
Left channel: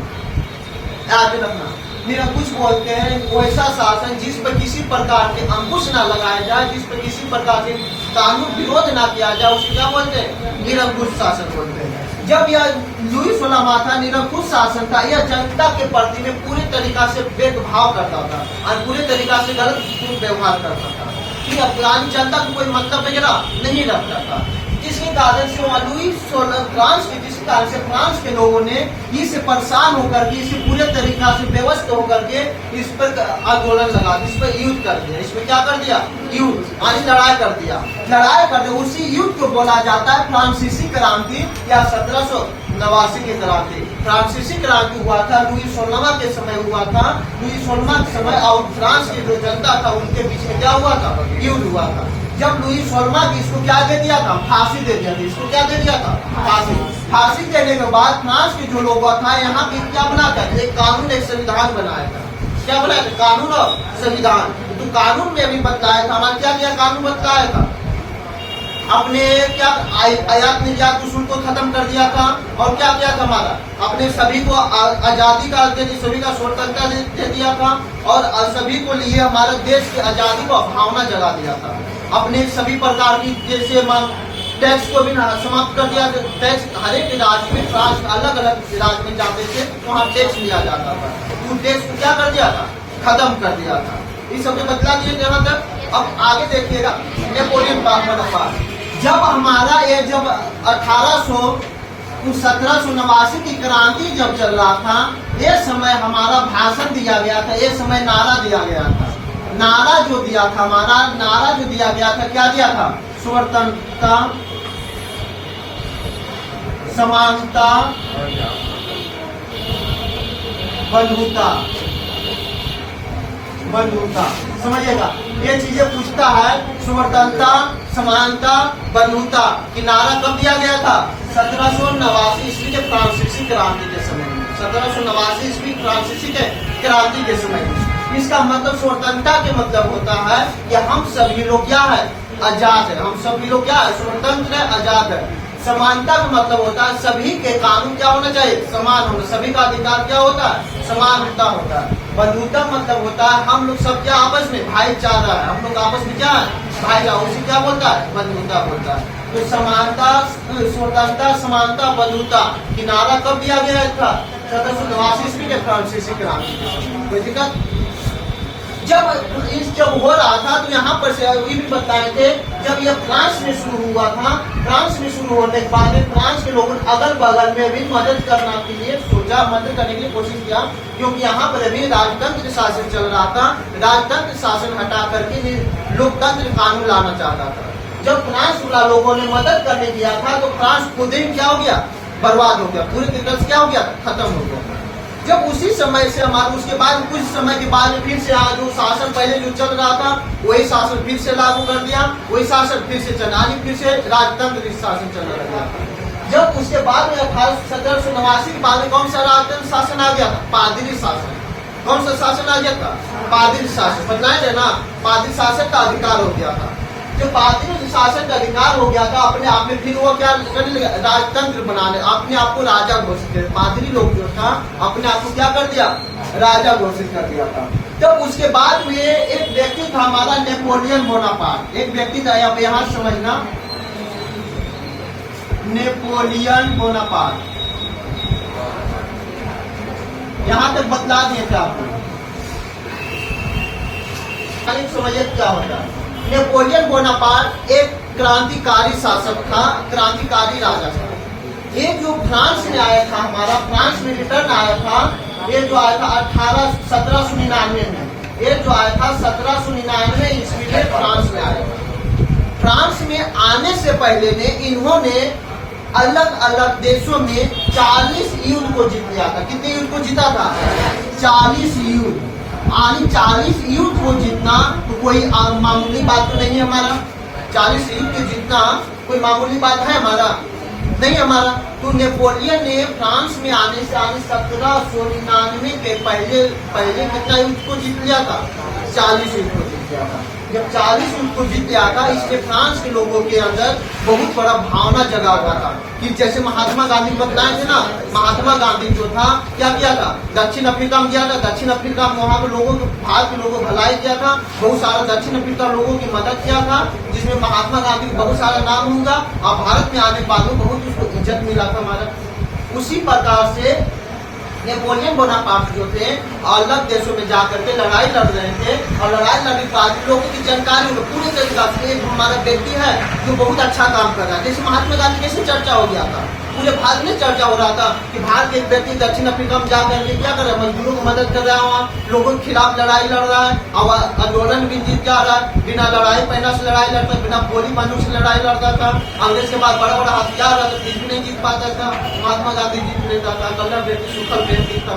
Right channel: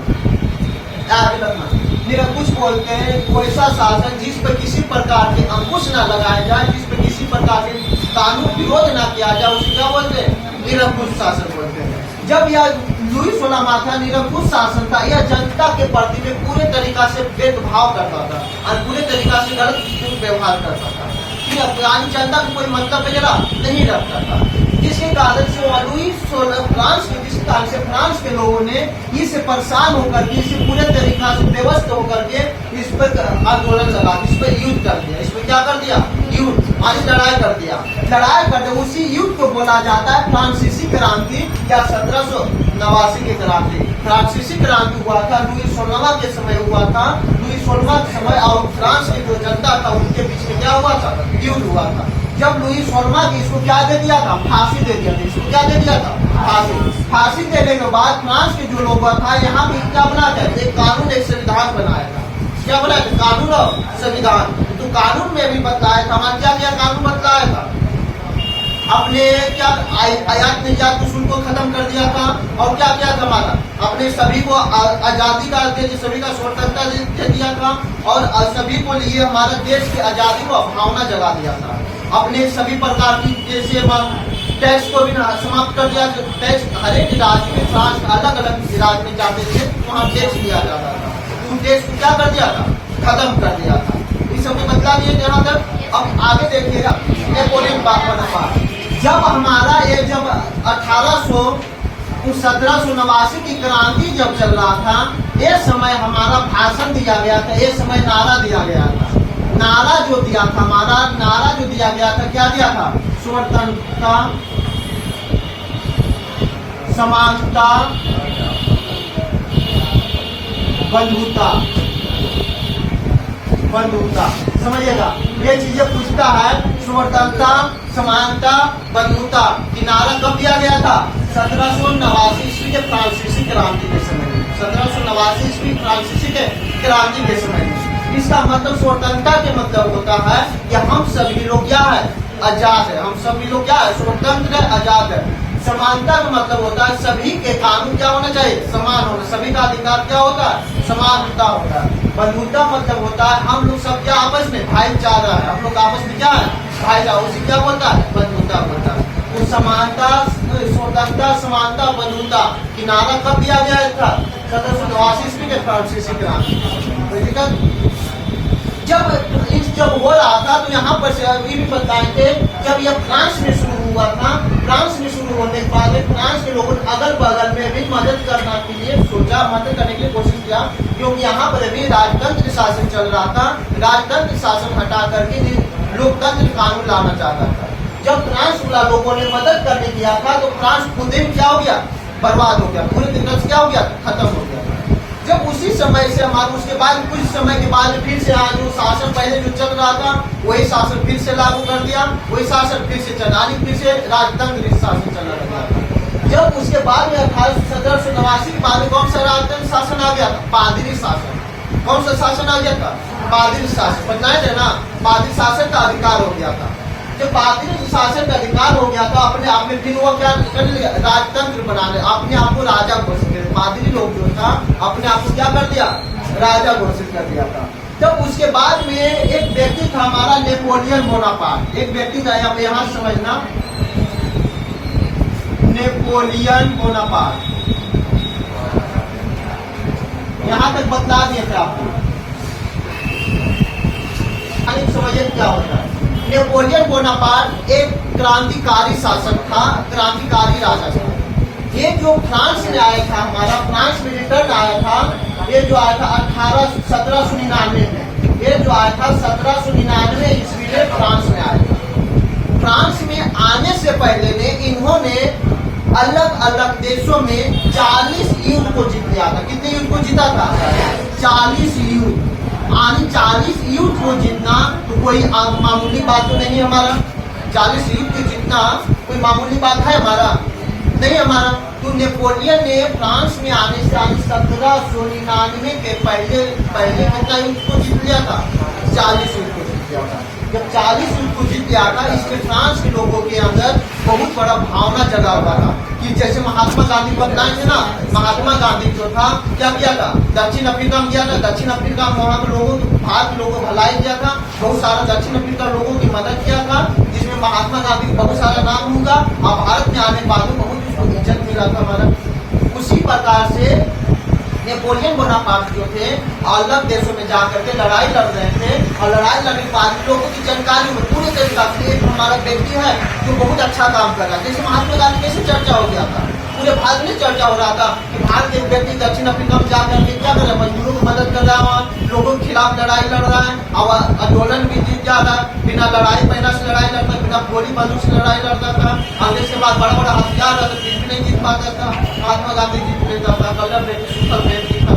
याद रखना, निरंकुश बोलते हैं वो ऐसा शासन जिस पर किसी प्रकार के अंकुश न लगाया जाए, जिस पर किसी प्रकार के कानून विरोध न किया जाए, उसे क्या बोलते हैं? निरंकुश शासन बोलते हैं। जब यह लुई 16वां था, निरंकुश शासन था, यह जनता के प्रति में पूरे तरीका से भेदभाव करता था और पूरे तरीका से गलत व्यवहार करता था। यानी जनता को कोई मतलब वगैरह नहीं रखता था, जिसके कारण से लुई 16 फ्रांस के जिस कारण से फ्रांस के लोगों ने इससे परेशान होकर के, इसे पूरे तरीका से व्यवस्थित होकर के इस पर आंदोलन लगा, इस पर युद्ध कर दिया। इसमें क्या कर दिया? युद्ध, यानी लड़ाई कर दिया। लड़ाई कर दिया, उसी युद्ध को बोला जाता है फ्रांसीसी क्रांति या 1789 की क्रांति। फ्रांसीसी क्रांति हुआ था लुई 16वां के समय हुआ था। लुई 16वां के समय और फ्रांस की जो जनता था उनके बीच में क्या हुआ था? युद्ध हुआ था। जब लुई 16वां की इसको क्या दे दिया था? फांसी दे दिया था। इसको क्या दे दिया था? फांसी। फांसी देने के बाद फ्रांस के जो लोग था यहाँ पे क्या बनाया था? एक कानून, एक संविधान बनाया था। क्या बनाया था? कानून और संविधान। तो कानून में भी बतलाया था, हमारा क्या क्या कानून बतलाया था? अपने क्या आयात निर्यात शुल्क को खत्म कर दिया था। और क्या क्या था हमारा? अपने सभी को आजादी का, सभी का स्वतंत्रता दे दिया था और सभी को लिए हमारे देश की आजादी को भावना जगा दिया था। अपने सभी प्रकार की जैसे टैक्स को भी समाप्त कर दिया। टैक्स हर एक राज्य में, फ्रांस अलग अलग राज्य में जाते थे वहाँ टैक्स लिया जाता था, तो टैक्स को क्या कर दिया था? खत्म कर दिया था। इस सब बदला दिए जहाँ तक। अब आगे देखिएगा नेपोलियन बोनापार्ट। जब हमारा ये जब 1789 की क्रांति जब चल रहा था, ये समय हमारा भाषण दिया गया था, ये समय नारा दिया गया था। नारा जो दिया था, हमारा नारा जो दिया गया था, क्या दिया था? स्वतंत्रता, समानता, बंधुता। बंधुता समझिएगा, ये चीजें पूछता है। स्वतंत्रता, समानता, बंधुता की नारा कब दिया गया था? 1789 ईस्वी के फ्रांसीसी क्रांति के समय में। 1789 ईस्वी फ्रांसीसी के क्रांति के समय में। इसका मतलब स्वतंत्रता के मतलब होता है कि हम सभी लोग क्या है? आजाद है। हम सभी लोग क्या है? स्वतंत्र है, आजाद है। समानता का मतलब होता है सभी के कानून क्या होना चाहिए? समान होना। सभी का अधिकार क्या होता है? समानता होता है। बंधुता मतलब होता है हम लोग सब क्या आपस में भाईचारा है, हम लोग आपस में क्या है? भाईचारा। उसी क्या बोलता है? बंधुता बोलता है। तो समानता, स्वतंत्रता, समानता, बंधुता की नारा कब दिया गया था? 1789 ईस्वी के फ्रांसीसी क्रांति। कोई दिक्कत? जब हो रहा था तो यहाँ पर से ये भी बताए थे, जब यह फ्रांस में शुरू हुआ था, फ्रांस में शुरू होने के बाद फ्रांस के लोगों ने अगल बगल में भी मदद करने के लिए सोचा, मदद करने की कोशिश किया, क्योंकि यहाँ पर अभी राजतंत्र शासन चल रहा था। राजतंत्र शासन हटा करके लोकतंत्र कानून लाना चाहता था। जब फ्रांस वाला लोगों ने मदद करने किया था तो फ्रांस खुद ही क्या हो गया? बर्बाद हो गया, पूरी तरीके से क्या हो गया? खत्म हो गया था। जब उसी समय से हमारे उसके बाद कुछ समय के बाद फिर से आज जो शासन पहले जो चल रहा था वही शासन फिर से लागू कर दिया, वही शासन फिर से चला, फिर से राजतंत्र शासन चलने लगा था। जब उसके बाद में 1789 के बाद में कौन सा राजतंत्र शासन आ गया था? पादरी शासन। कौन सा शासन आ गया था? पादरी शासन। बताया जाए ना, पादरी शासन का अधिकार हो गया था। जब पादरी शासन का अधिकार हो गया था, अपने आप में फिर वो क्या कर लिया? राजतंत्र बना ले, अपने आप को राजा घोषित कर। पादरी लोग जो था अपने आप को क्या कर दिया? राजा घोषित कर दिया था। तब उसके बाद में एक व्यक्ति था हमारा नेपोलियन बोनापार्ट। एक व्यक्ति था, यहाँ समझना, नेपोलियन बोनापार्ट। यहाँ तक बतला दिए थे आपको, समझिए क्या होता है। नेपोलियन बोनापार्ट एक क्रांतिकारी शासक था, क्रांतिकारी राजा था। ये जो फ्रांस में आया था, हमारा फ्रांस में रिटर्न आया था, ये जो आया था 1799 में। ये जो आया था 1799 ईस्वी में फ्रांस में आया था। फ्रांस में आने से पहले ने इन्होंने अलग अलग देशों में 40 युद्ध को जीत लिया था। कितने युद्ध को जीता था? 40 युद्ध। आनी 40 युद्ध को जीतना तो कोई मामूली बात तो नहीं हमारा। 40 युद्ध को जीतना कोई मामूली बात है हमारा, नहीं हमारा। तो नेपोलियन ने फ्रांस में आने से 1799 के पहले कितना युद्ध को जीत लिया था? 40 युद्ध को जीत लिया था। जब 40 युद्ध को जीत लिया था, इसलिए फ्रांस के लोगों के अंदर बहुत बड़ा भावना जगा हुआ था कि जैसे महात्मा गांधी बदलाए थे ना, महात्मा गांधी जो था क्या किया था? दक्षिण अफ्रीका में गया था। दक्षिण अफ्रीका में वहाँ के लोगों को, भारत के लोगों को भलाई किया था, बहुत सारा दक्षिण अफ्रीका लोगों की मदद किया था, जिसमें महात्मा गांधी को बहुत सारा नाम होगा और भारत में आने के बाद बहुत उसको इज्जत मिला था हमारा। उसी प्रकार से नेपोलियन बोनापार्ट जो थे अलग देशों में जाकर के लड़ाई लड़ रहे थे और लड़ाई लड़ने के बाद लोगों की जानकारी में पूरी तरीका से एक हमारा व्यक्ति है जो बहुत अच्छा काम कर रहा है। जैसे महात्मा गांधी कैसे चर्चा हो गया था, पूरे भारत में चर्चा हो रहा था कि भारत के एक व्यक्ति दक्षिण अफ्रीका में जाकर के क्या कर रहा है? मजदूरों को मदद कर रहा है, वहाँ लोगों के खिलाफ लड़ाई लड़ रहा है और आंदोलन भी जीत जा रहा है। बिना लड़ाई पैना से लड़ाई लड़ता, बिना गोली बंदूक से लड़ाई लड़ता था। अंग्रेज के बाद बड़ा बड़ा हथियार रहता, फिर भी नहीं जीत पाता था। महात्मा गांधी जीत लेता था, कलर बेटी सुखल बेटी था,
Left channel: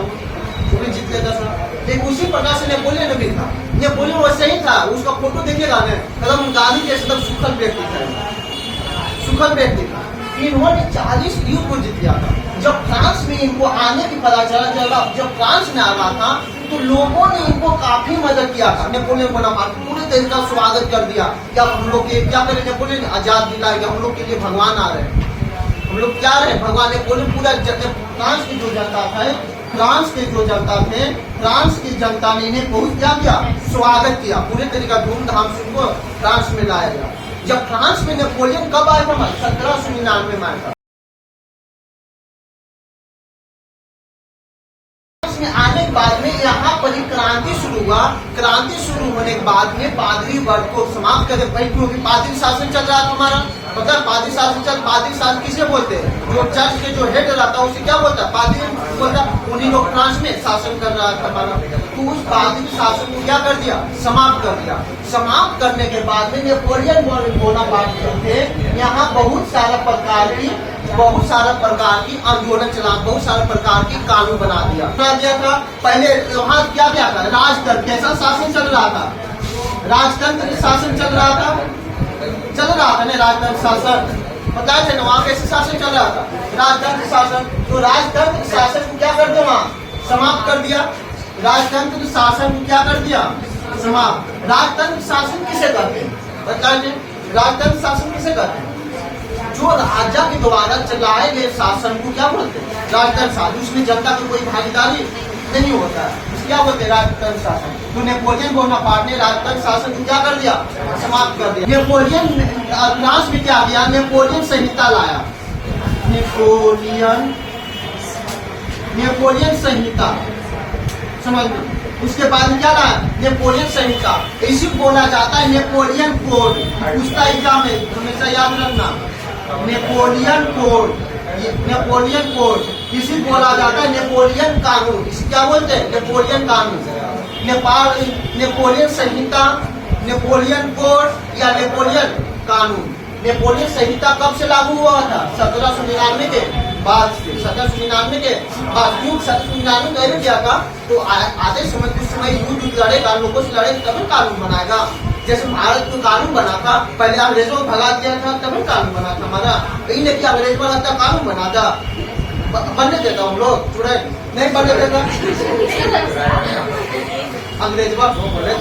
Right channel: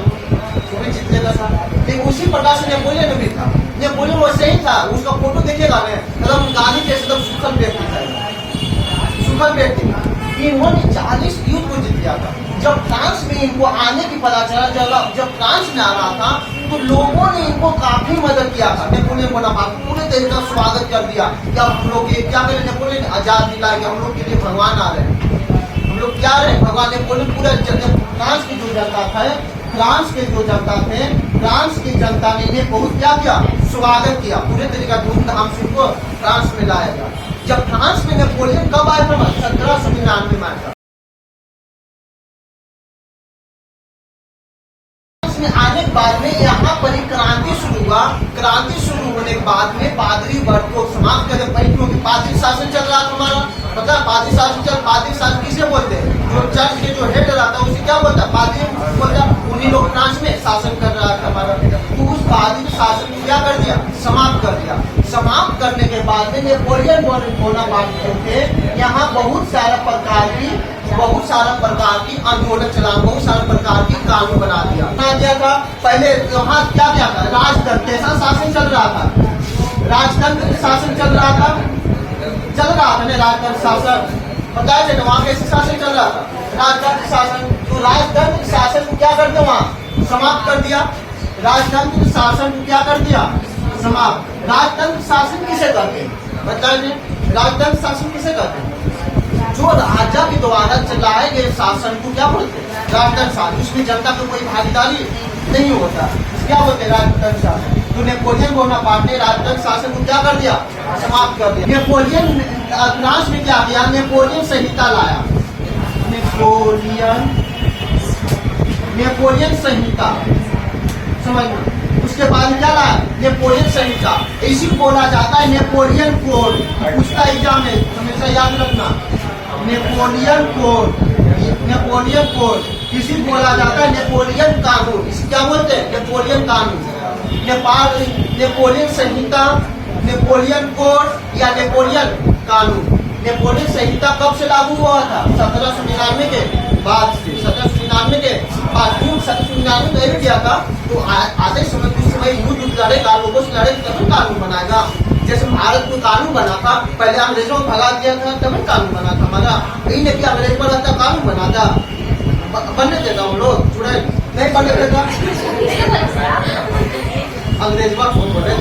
वो भी जीत लेता था। लेकिन उसी प्रकार से नेपोलियन भी था। नेपोलियन वैसे ही था, उसका फोटो देखिएगा ना, एकदम गांधी के एकदम सुखल व्यक्ति था, सुखल व्यक्ति था। इन्होंने 40 युद्ध को जीत लिया था। जब फ्रांस में इनको आने की पता चला, जब फ्रांस में आ रहा था तो लोगों ने इनको काफी मदद किया था। नेपोलियन बोनापार्ट पूरे देश का स्वागत कर दिया कि अब हम लोग क्या करें, नेपोलियन आजाद दिलाएंगे, हम लोग के लिए भगवान आ रहे हैं, हम लोग क्या रहे भगवान। नेपोलियन पूरा फ्रांस की जो जनता था, फ्रांस के जो जनता थे, फ्रांस की जनता ने इन्हें बहुत क्या किया? स्वागत किया, पूरे तरीका धूमधाम से इनको फ्रांस में लाया गया। जब फ्रांस में नेपोलियन कब आया था? 1799 में आया था। में आने के बाद में यहाँ पर ही क्रांति शुरू हुआ। क्रांति शुरू होने के बाद में पादरी वर्ग को समाप्त कर दिया, क्योंकि पादरी शासन चल रहा था हमारा। पता है पादरी शासन किसे बोलते हैं? जो चर्च के जो हेड रहता है उसे क्या बोलता है? पादरी बोलता है। उन्हीं लोग फ्रांस में शासन कर रहा था हमारा। तो उस पादरी शासन को क्या कर दिया? समाप्त कर दिया। समाप्त करने के बाद में नेपोलियन बोनापार्ट जो थे, यहाँ बहुत सारा प्रकार की आंदोलन चला, बहुत सारे प्रकार की कानून बना दिया। क्या था पहले वहाँ क्या था? राजतंत्र जैसा शासन चल रहा था, राजतंत्र शासन चल रहा था ना, राजतंत्र शासन। पता है ना वहाँ कैसे शासन चल रहा था? राजतंत्र शासन। तो राजतंत्र शासन को क्या कर दिया? वहाँ समाप्त कर दिया। राजतंत्र शासन को क्या कर दिया? समाप्त। राजतंत्र शासन किसे कहते हैं? बताइए, राजतंत्र शासन किसे कहते हैं? जो राजा के द्वारा चलाए गए शासन को क्या बोलते हैं? राजतंत्र शासन। उसमें जनता की कोई भागीदारी नहीं होता, क्या बोलते हैं? राजतंत्र शासन। तो नेपोलियन बोनापार्ट ने राजतंत्र शासन को क्या कर दिया? समाप्त कर दिया। नेपोलियन फ्रांस में क्या किया? नेपोलियन संहिता लाया। नेपोलियन संहिता समझना। उसके बाद क्या लाया? नेपोलियन संहिता। इसी बोला जाता है नेपोलियन कोड। उसका एग्जाम है, हमेशा याद रखना। नेपोलियन कोड इसी बोला जाता है नेपोलियन कानून। इसे क्या बोलते हैं? नेपोलियन कानून। नेपोलियन संहिता, नेपोलियन कोड या नेपोलियन कानून। नेपोलियन संहिता कब से लागू हुआ था? 1799 के बाद से। 1799 के बाद। क्यों 1799 में किया था? तो आधे समय कुछ समय युद्ध लड़ेगा, लोगों से लड़े तभी कानून बनाएगा। जैसे भारत में कानून बना था, पहले अंग्रेजों को भगा दिया था तभी कानून बना था हमारा। यही नहीं कि अंग्रेज बना था कानून बना था, बनने देता हम लोग जुड़े नहीं बनने देता। अंग्रेज बोले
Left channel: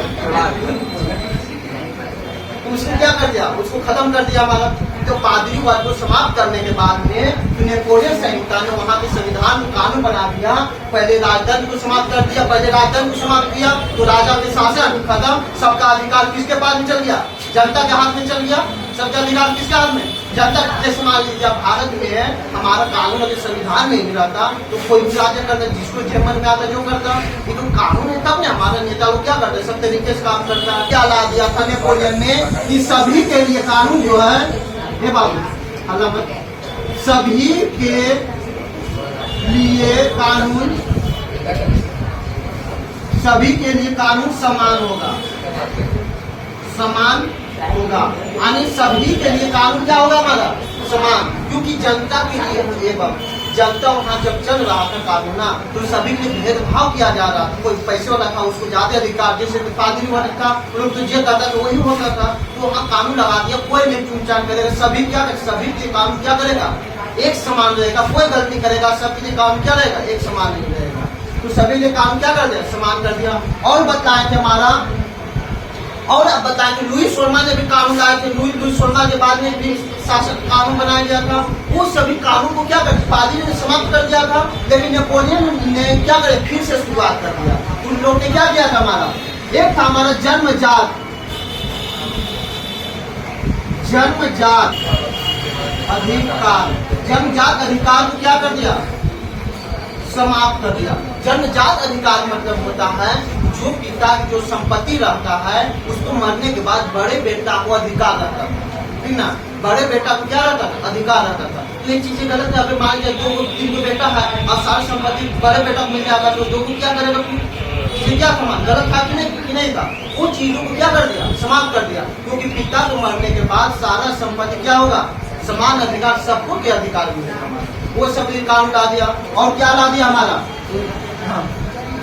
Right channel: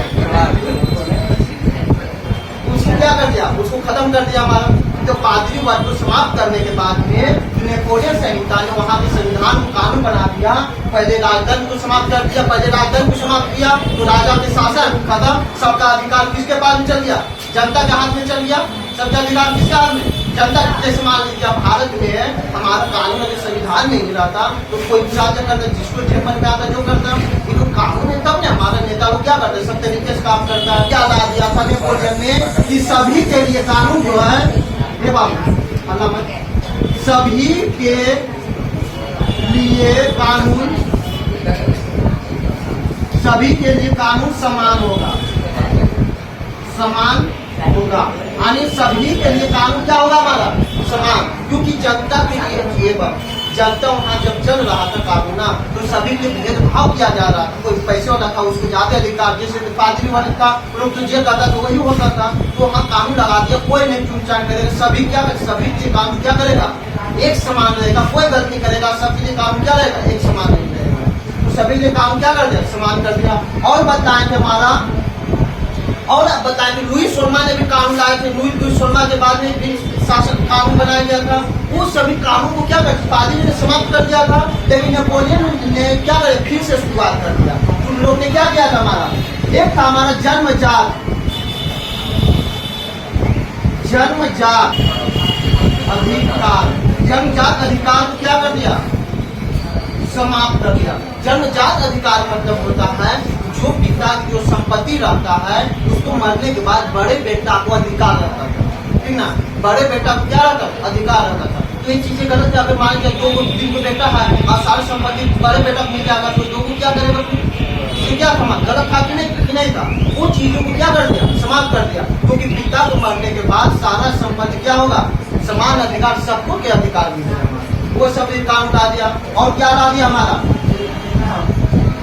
उसने क्या कर दिया? उसको खत्म कर दिया हमारा। तो पादरी वर्ग को समाप्त करने के बाद में नेपोलियन संहिता ने वहाँ के संविधान कानून बना दिया। पहले राजतंत्र को समाप्त कर दिया, पहले राजतंत्र को समाप्त किया तो राजा के शासन खत्म। सबका अधिकार किसके पास में चल गया? जनता के हाथ में चल गया। सबका अधिकार किसके हाथ में? जनता। जैसे मान लीजिए भारत में हमारा कानून अगर संविधान नहीं मिला था तो कोई भी राज्य करता, जिसको मन में आता जो करता। लेकिन कानून है तब ना हमारे नेता लोग क्या करते? सब तरीके से काम करता है। क्या ला दिया था नेपोलियन ने कि सभी के लिए कानून जो है, सभी के लिए कानून समान होगा। यानी सभी के लिए कानून क्या होगा हमारा? समान। क्योंकि जनता के लिए जनता वहाँ जब चल रहा था कानून ना, तो सभी के भेदभाव किया जा रहा था। कोई पैसे वाला था उसको ज्यादा अधिकार, जैसे पादरी वाला था लोग तो ये करता तो वही होता था। तो वहाँ कानून लगा दिया, कोई नहीं चुनचान करेगा, सभी क्या सभी के कानून क्या करेगा, एक समान रहेगा, कोई गलती करेगा सबके लिए कानून क्या रहेगा, एक समान नहीं रहेगा। तो सभी ने कानून क्या कर दिया, समान कर दिया। और बताए थे हमारा, और बताएं कि लुईस सोलमा ने भी कानून लाए थे। लुईस सोलमा के बाद में भी शासन कानून बनाया गया था। उस सभी कानून को क्या कर पादरी ने समाप्त कर दिया था, लेकिन नेपोलियन ने क्या करे, फिर से शुरुआत कर दिया। उन लोग ने क्या किया था, हमारा एक था हमारा जन्मजात अधिकार, जन्मजात अधिकार को क्या कर दिया, समाप्त कर दिया। जन्मजात अधिकार मतलब होता है जो पिता की जो संपत्ति रहता है उसको मरने के बाद बड़े बेटा को अधिकार रहता था, ठीक ना, बड़े बेटा को क्या रहता था, अधिकार रहता था। ये चीजें गलत है। अगर मान लीजिए दो को बेटा है और सारी संपत्ति बड़े बेटा को मिल जाएगा तो दो को क्या करेगा, ये क्या समान गलत था कि नहीं था। उन चीजों को क्या कर दिया, समाप्त कर दिया। क्योंकि पिता को मरने के बाद सारा संपत्ति क्या होगा, समान अधिकार, सबको के अधिकार मिलेगा। वो सब कानून ला दिया। और क्या ला दिया हमारा,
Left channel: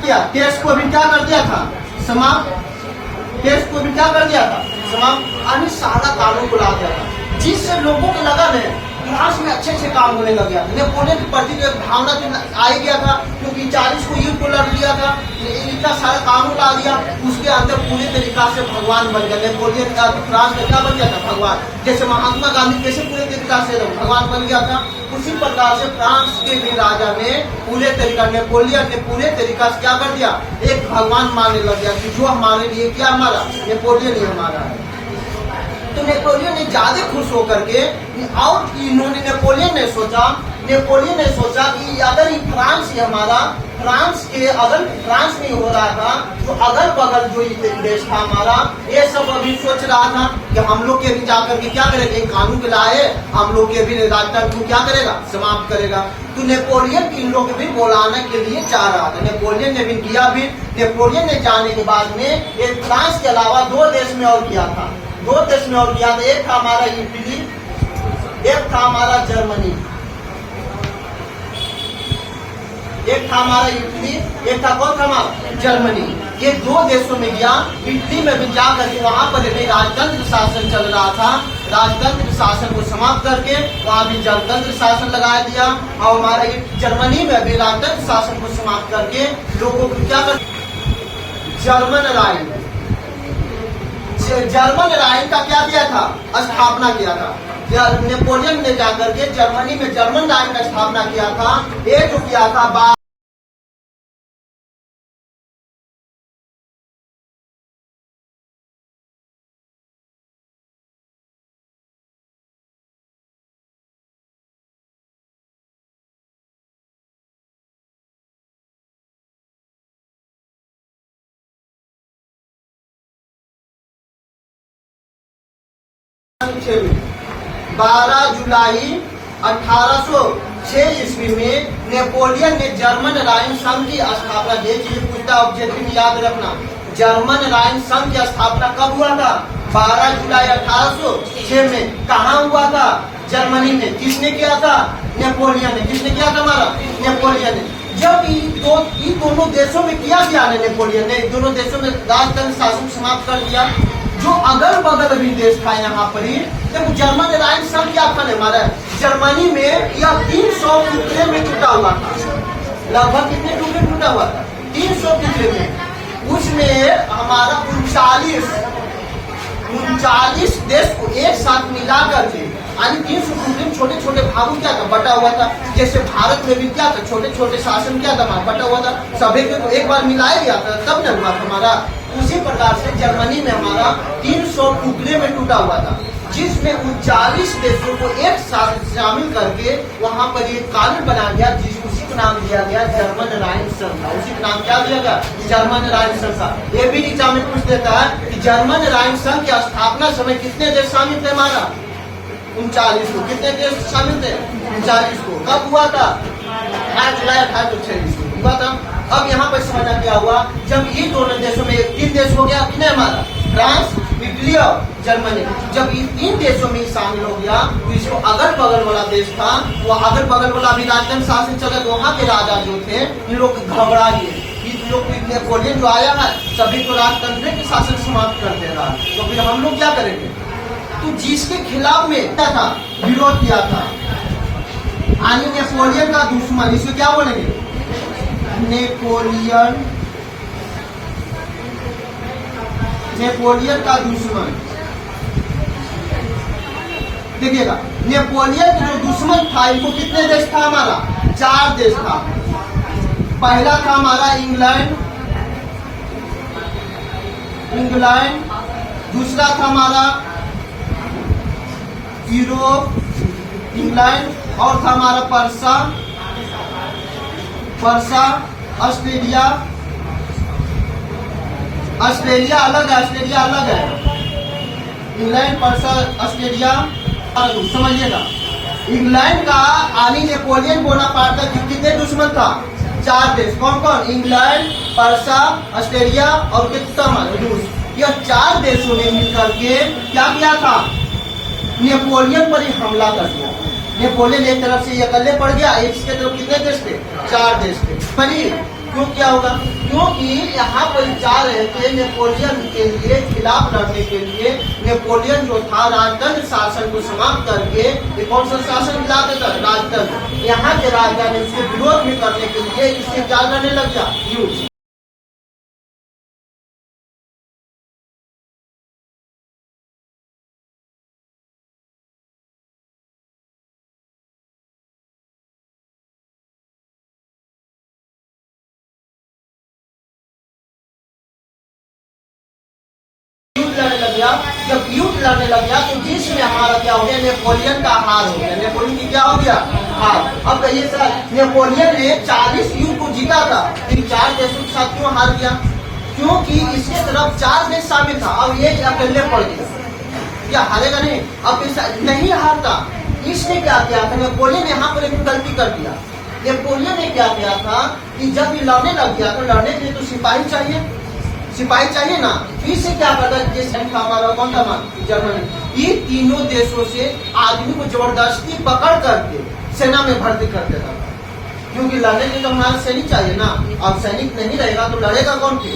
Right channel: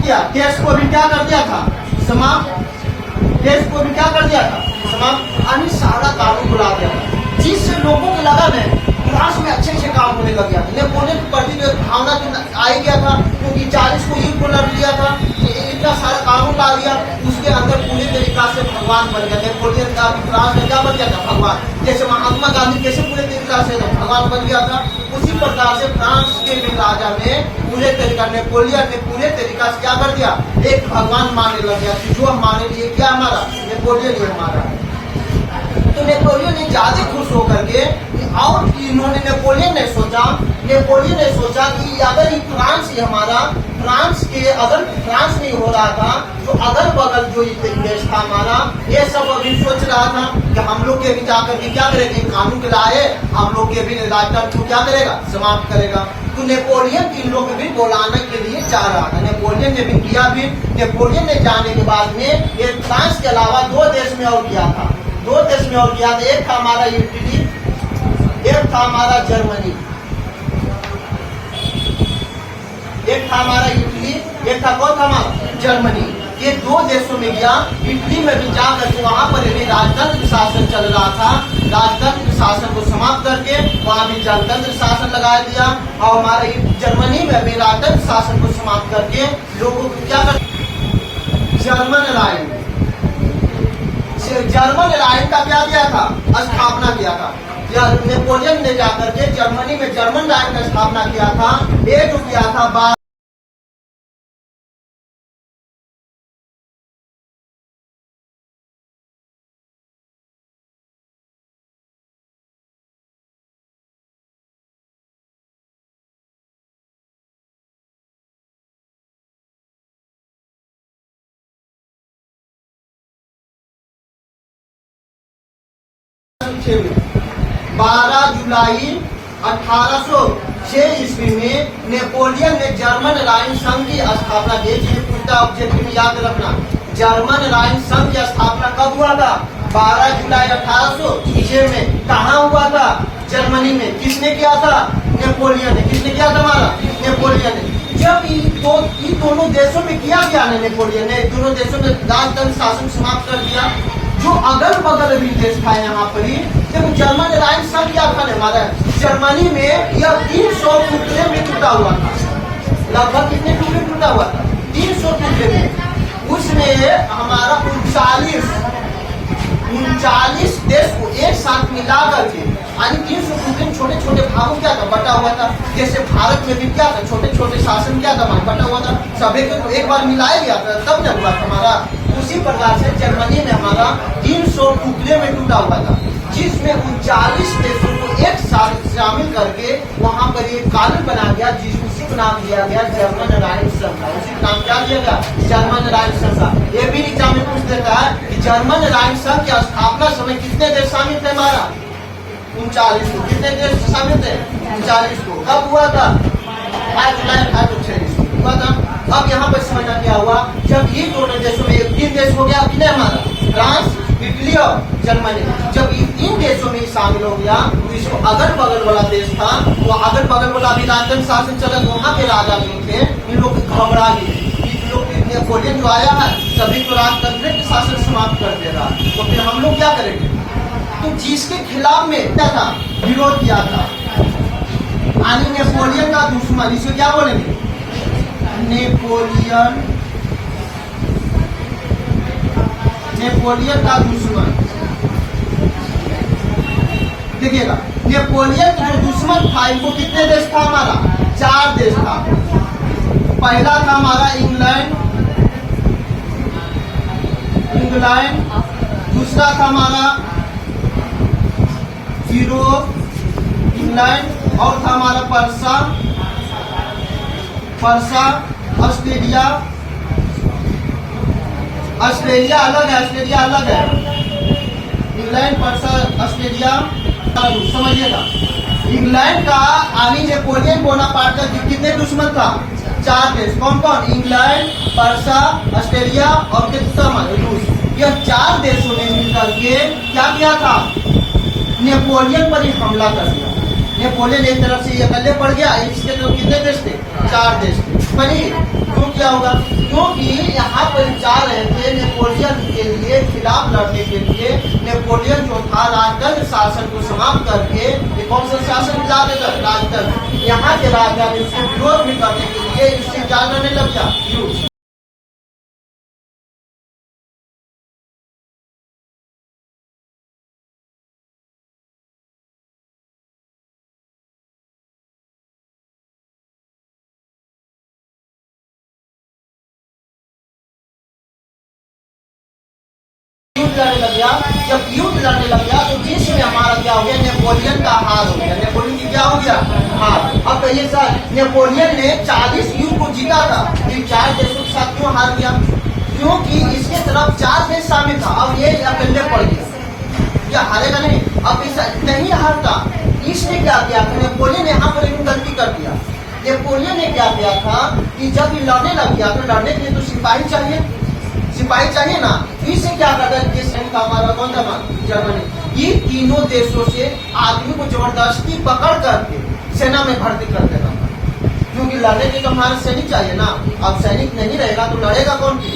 क्या केस को भी क्या कर दिया था, समाप्त, केस को भी क्या कर दिया था, समाप्त। अन्य सारा कानून को ला दिया था, जिससे लोगों को लगा नहीं फ्रांस में अच्छे अच्छे काम होने लग गया था। नेपोलियन के प्रति जो एक भावना आ गया था, क्योंकि 40 को युद्ध को लड़ लिया था, इतना सारा कानून ला दिया, उसके अंदर पूरे तरीका से भगवान बन गया। नेपोलियन का फ्रांस में क्या बन गया था, भगवान। जैसे महात्मा गांधी कैसे पूरे तरीका से भगवान बन गया था, उसी प्रकार से फ्रांस के भी राजा ने पूरे तरीका, नेपोलियन ने पूरे तरीका से क्या कर दिया, एक भगवान मानने लग गया कि जो हमारे लिए क्या हमारा नेपोलियन ही हमारा है। तो नेपोलियन ने ज्यादा खुश होकर के, और इन्होंने नेपोलियन ने सोचा कि अगर ये फ्रांस ही हमारा, फ्रांस के अगर फ्रांस नहीं हो रहा था तो अगल बगल जो देश था हमारा, ये सब अभी सोच रहा था कि हम लोग के भी जाकर के क्या करेंगे, कानून के लाए हम लोग के भी राजतंत्र को क्या करेगा, समाप्त करेगा। तो नेपोलियन इन लोग भी बुलाने के लिए जा रहा था। नेपोलियन ने भी किया भी। नेपोलियन ने जाने के बाद में एक फ्रांस के अलावा दो देश में और किया था, एक था हमारा इटली, एक था हमारा जर्मनी, एक था हमारा इटली, एक था कौन था हमारा जर्मनी। ये दो देशों में गया। इटली में भी जाकर के वहां पर भी राजतंत्र शासन चल रहा था, राजतंत्र शासन को समाप्त करके वहां भी जनतंत्र शासन लगा दिया। और हमारा जर्मनी में भी राजतंत्र शासन को समाप्त करके लोगों को क्या कर, जर्मन लाइन का क्या किया था, स्थापना किया था। नेपोलियन ने जाकर के जर्मनी में जर्मन लाइन का स्थापना किया था। ये जो किया था में 12 जुलाई 1806 ईस्वी में नेपोलियन ने जर्मन राइन संघ की स्थापना की। पूछता ऑब्जेक्टिव याद रखना, जर्मन राइन संघ की स्थापना कब हुआ था, 12 जुलाई 1806 में। कहाँ हुआ था, जर्मनी में। किसने किया था, नेपोलियन ने। किसने किया था, हमारा नेपोलियन ने। जब इन दोनों देशों में किया नेपोलियन ने, दोनों देशों में राजतंत्र शासन समाप्त कर दिया। जो अगल बगल भी देश था यहाँ पर ही, जब जर्मन राइन संघ क्या था हमारा, जर्मनी में यह 300 टुकड़े में टूटा हुआ था। लगभग कितने टुकड़े में टूटा हुआ था, 300 टुकड़े में। उसमें हमारा 39 देश को एक साथ मिला करके, यानी 300 टुकड़े छोटे छोटे भागों क्या था, बटा हुआ था। जैसे भारत में भी क्या था, छोटे छोटे शासन क्या था, बटा हुआ था। सभी को तो एक बार मिलाया गया था, तब न हुआ था हमारा। उसी प्रकार से जर्मनी में हमारा 300 टुकड़े में टूटा हुआ था, जिसमें 39 देशों को एक साथ शामिल करके वहां पर एक कानून बनाया गया, उसी को नाम दिया गया जर्मन राइन संघ। उसी का नाम क्या दिया गया, जर्मन राइन संघ। ये भी एग्जाम में पूछ देता है कि जर्मन राइन संघ की स्थापना समय कितने देश शामिल थे हमारा, 39 को। कितने देश शामिल थे, 39 को। कब हुआ था, 5 जुलाई 1806 को हुआ था। अब यहाँ पर समझना क्या हुआ, जब ये दोनों देशों में 3 देश हो गया, कितने हमारा, फ्रांस, इटली और जर्मनी। जब इन देशों में शामिल हो गया तो इसको अगल बगल वाला देश था, वो अगल बगल वाला भी राजतंत्र शासन चला, वहाँ के राजा जो थे इन लोग घबरा गए। इन लोग नेपोलियन जो आया है सभी को राजतंत्र के शासन समाप्त कर दे रहा है, तो फिर हम लोग क्या करेंगे? तो जिसके खिलाफ में क्या था, विरोध किया था, यानी नेपोलियन का दुश्मन, इसे क्या बोलेंगे? नेपोलियन का दुश्मन। देखिएगा, नेपोलियन का जो दुश्मन था, इनको कितने देश था? हमारा 4 देश था। पहला था हमारा इंग्लैंड, दूसरा था हमारा यूरोप, इंग्लैंड, और था हमारा पर्सा, ऑस्ट्रेलिया अलग है, इंग्लैंड, पर्सा, ऑस्ट्रेलिया। समझिएगा, इंग्लैंड का आनी नेपोलियन बोनापार्ट का कितने दुश्मन था? 4 देश। कौन कौन? इंग्लैंड, पर्सा, ऑस्ट्रेलिया और रूस। यह 4 देशों ने मिलकर के क्या किया था? नेपोलियन पर ही हमला कर दिया। नेपोलियन एक तरफ से अकेले पड़ गया, इसके तरफ कितने देश थे? 4 देश थे। पर क्यों क्या होगा? क्योंकि यहाँ पर जा रहे थे नेपोलियन के लिए, खिलाफ लड़ने के लिए। नेपोलियन जो था राजतंत्र शासन को समाप्त करके ये कौन सा शासन खिलाते थे? राजतंत्र। यहाँ के राजा ने उसके विरोध में करने के लिए इससे क्या लड़ने लग गया? युद्ध। लड़ने लग गया। जब युद्ध लड़ने लग गया तो जिसमें हमारा क्या हो गया? नेपोलियन का हार हो गया। नेपोलियन की क्या हो गया? हार। अब कहिए सर, नेपोलियन ने 40 युद्ध को जीता था, फिर 4 देशों के साथ क्यों हार गया? क्योंकि इसके तरफ 4 देश शामिल था, अब ये अकेले पड़ गया। या हारेगा नहीं? अब नहीं हारता। इसने क्या किया था? नेपोलियन ने यहाँ पर एक गलती कर दिया। नेपोलियन ने क्या किया था कि जब ये लड़ने लग गया तो लड़ने के लिए तो सिपाही चाहिए ना। इससे क्या करता है? जिस का हमारा कौन था? जर्मनी। ये तीनों देशों से आदमी को जबरदस्ती पकड़ करके सेना में भर्ती कर देता था, क्योंकि लड़ने के तो हमारा सैनिक चाहिए ना। अब सैनिक नहीं रहेगा तो लड़ेगा कौन? फिर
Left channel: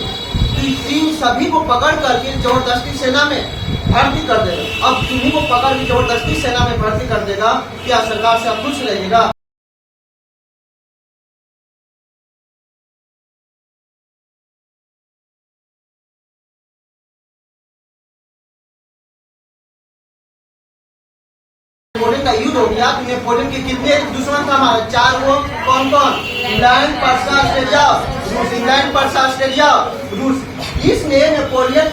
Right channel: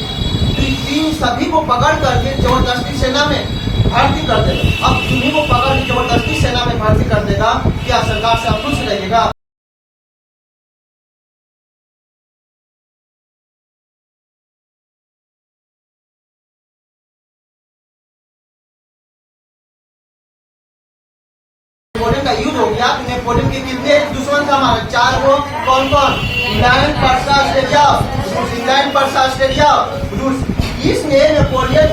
तो तीन सभी को पकड़ करके जबरदस्ती सेना में भर्ती कर देगा। अब तुम्ही को पकड़ के जबरदस्ती सेना में भर्ती कर देगा, क्या सरकार से आप खुश रहेगा? नेपोलियन का युद्ध हो गया तो नेपोलियन के कितने दुश्मन था? हमारे 4 को। कौन कौन? इंग्लैंड, पर्सा, ऑस्ट्रेलिया, रूस। इंग्लैंड, पर्सा, ऑस्ट्रेलिया, रूस। इसने नेपोलियन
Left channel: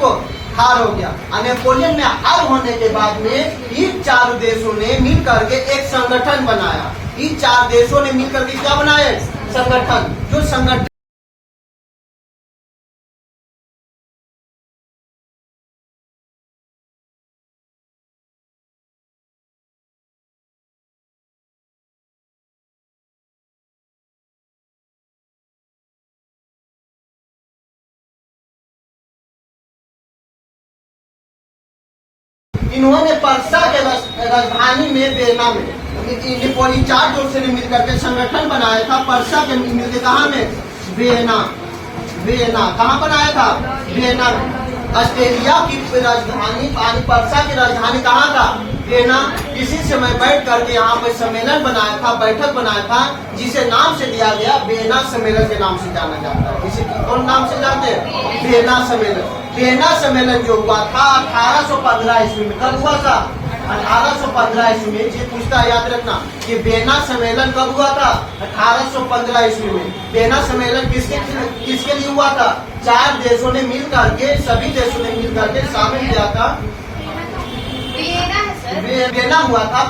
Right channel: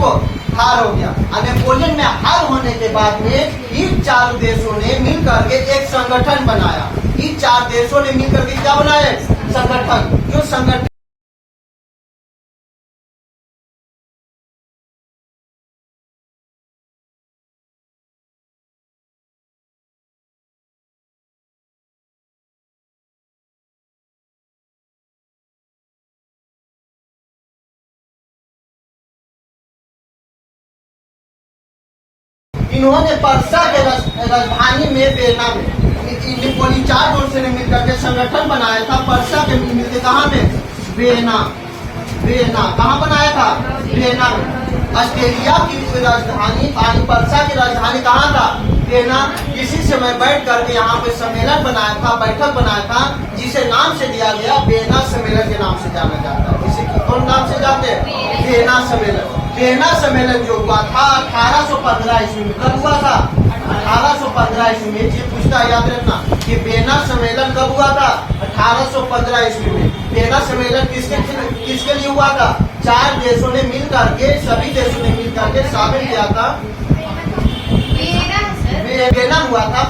को हार हो गया। और नेपोलियन में हार होने के बाद में इन 4 देशों ने मिलकर के एक संगठन बनाया। इन 4 देशों ने मिलकर के क्या बनाया? संगठन। जो संगठन इन्होंने पर्सा के राजधानी में वेना में नेपोलियन 4 देशों ने मिलकर के संगठन बनाया था। पर्सा के मिलते कहाँ में? वेना। कहाँ बनाया था? वेना में। ऑस्ट्रेलिया की राजधानी पर्सा की राजधानी कहाँ था? वेना। इसी समय बैठ करके यहाँ पे सम्मेलन बनाया था, बैठक बनाया था, जिसे नाम से दिया गया वेना सम्मेलन के नाम से जाना जाता है। इसे कौन नाम से जानते हैं? वेना सम्मेलन। वेना सम्मेलन जो हुआ था 1815 ईस्वी में। कब हुआ था? 1815 ईस्वी में। ये पूछता याद रखना, ये वेना सम्मेलन कब हुआ था? 1815 ईस्वी में। वेना सम्मेलन किसके लिए हुआ था? 4 देशों ने मिल करके, सभी देशों ने मिल करके शामिल किया था। वेना हुआ था,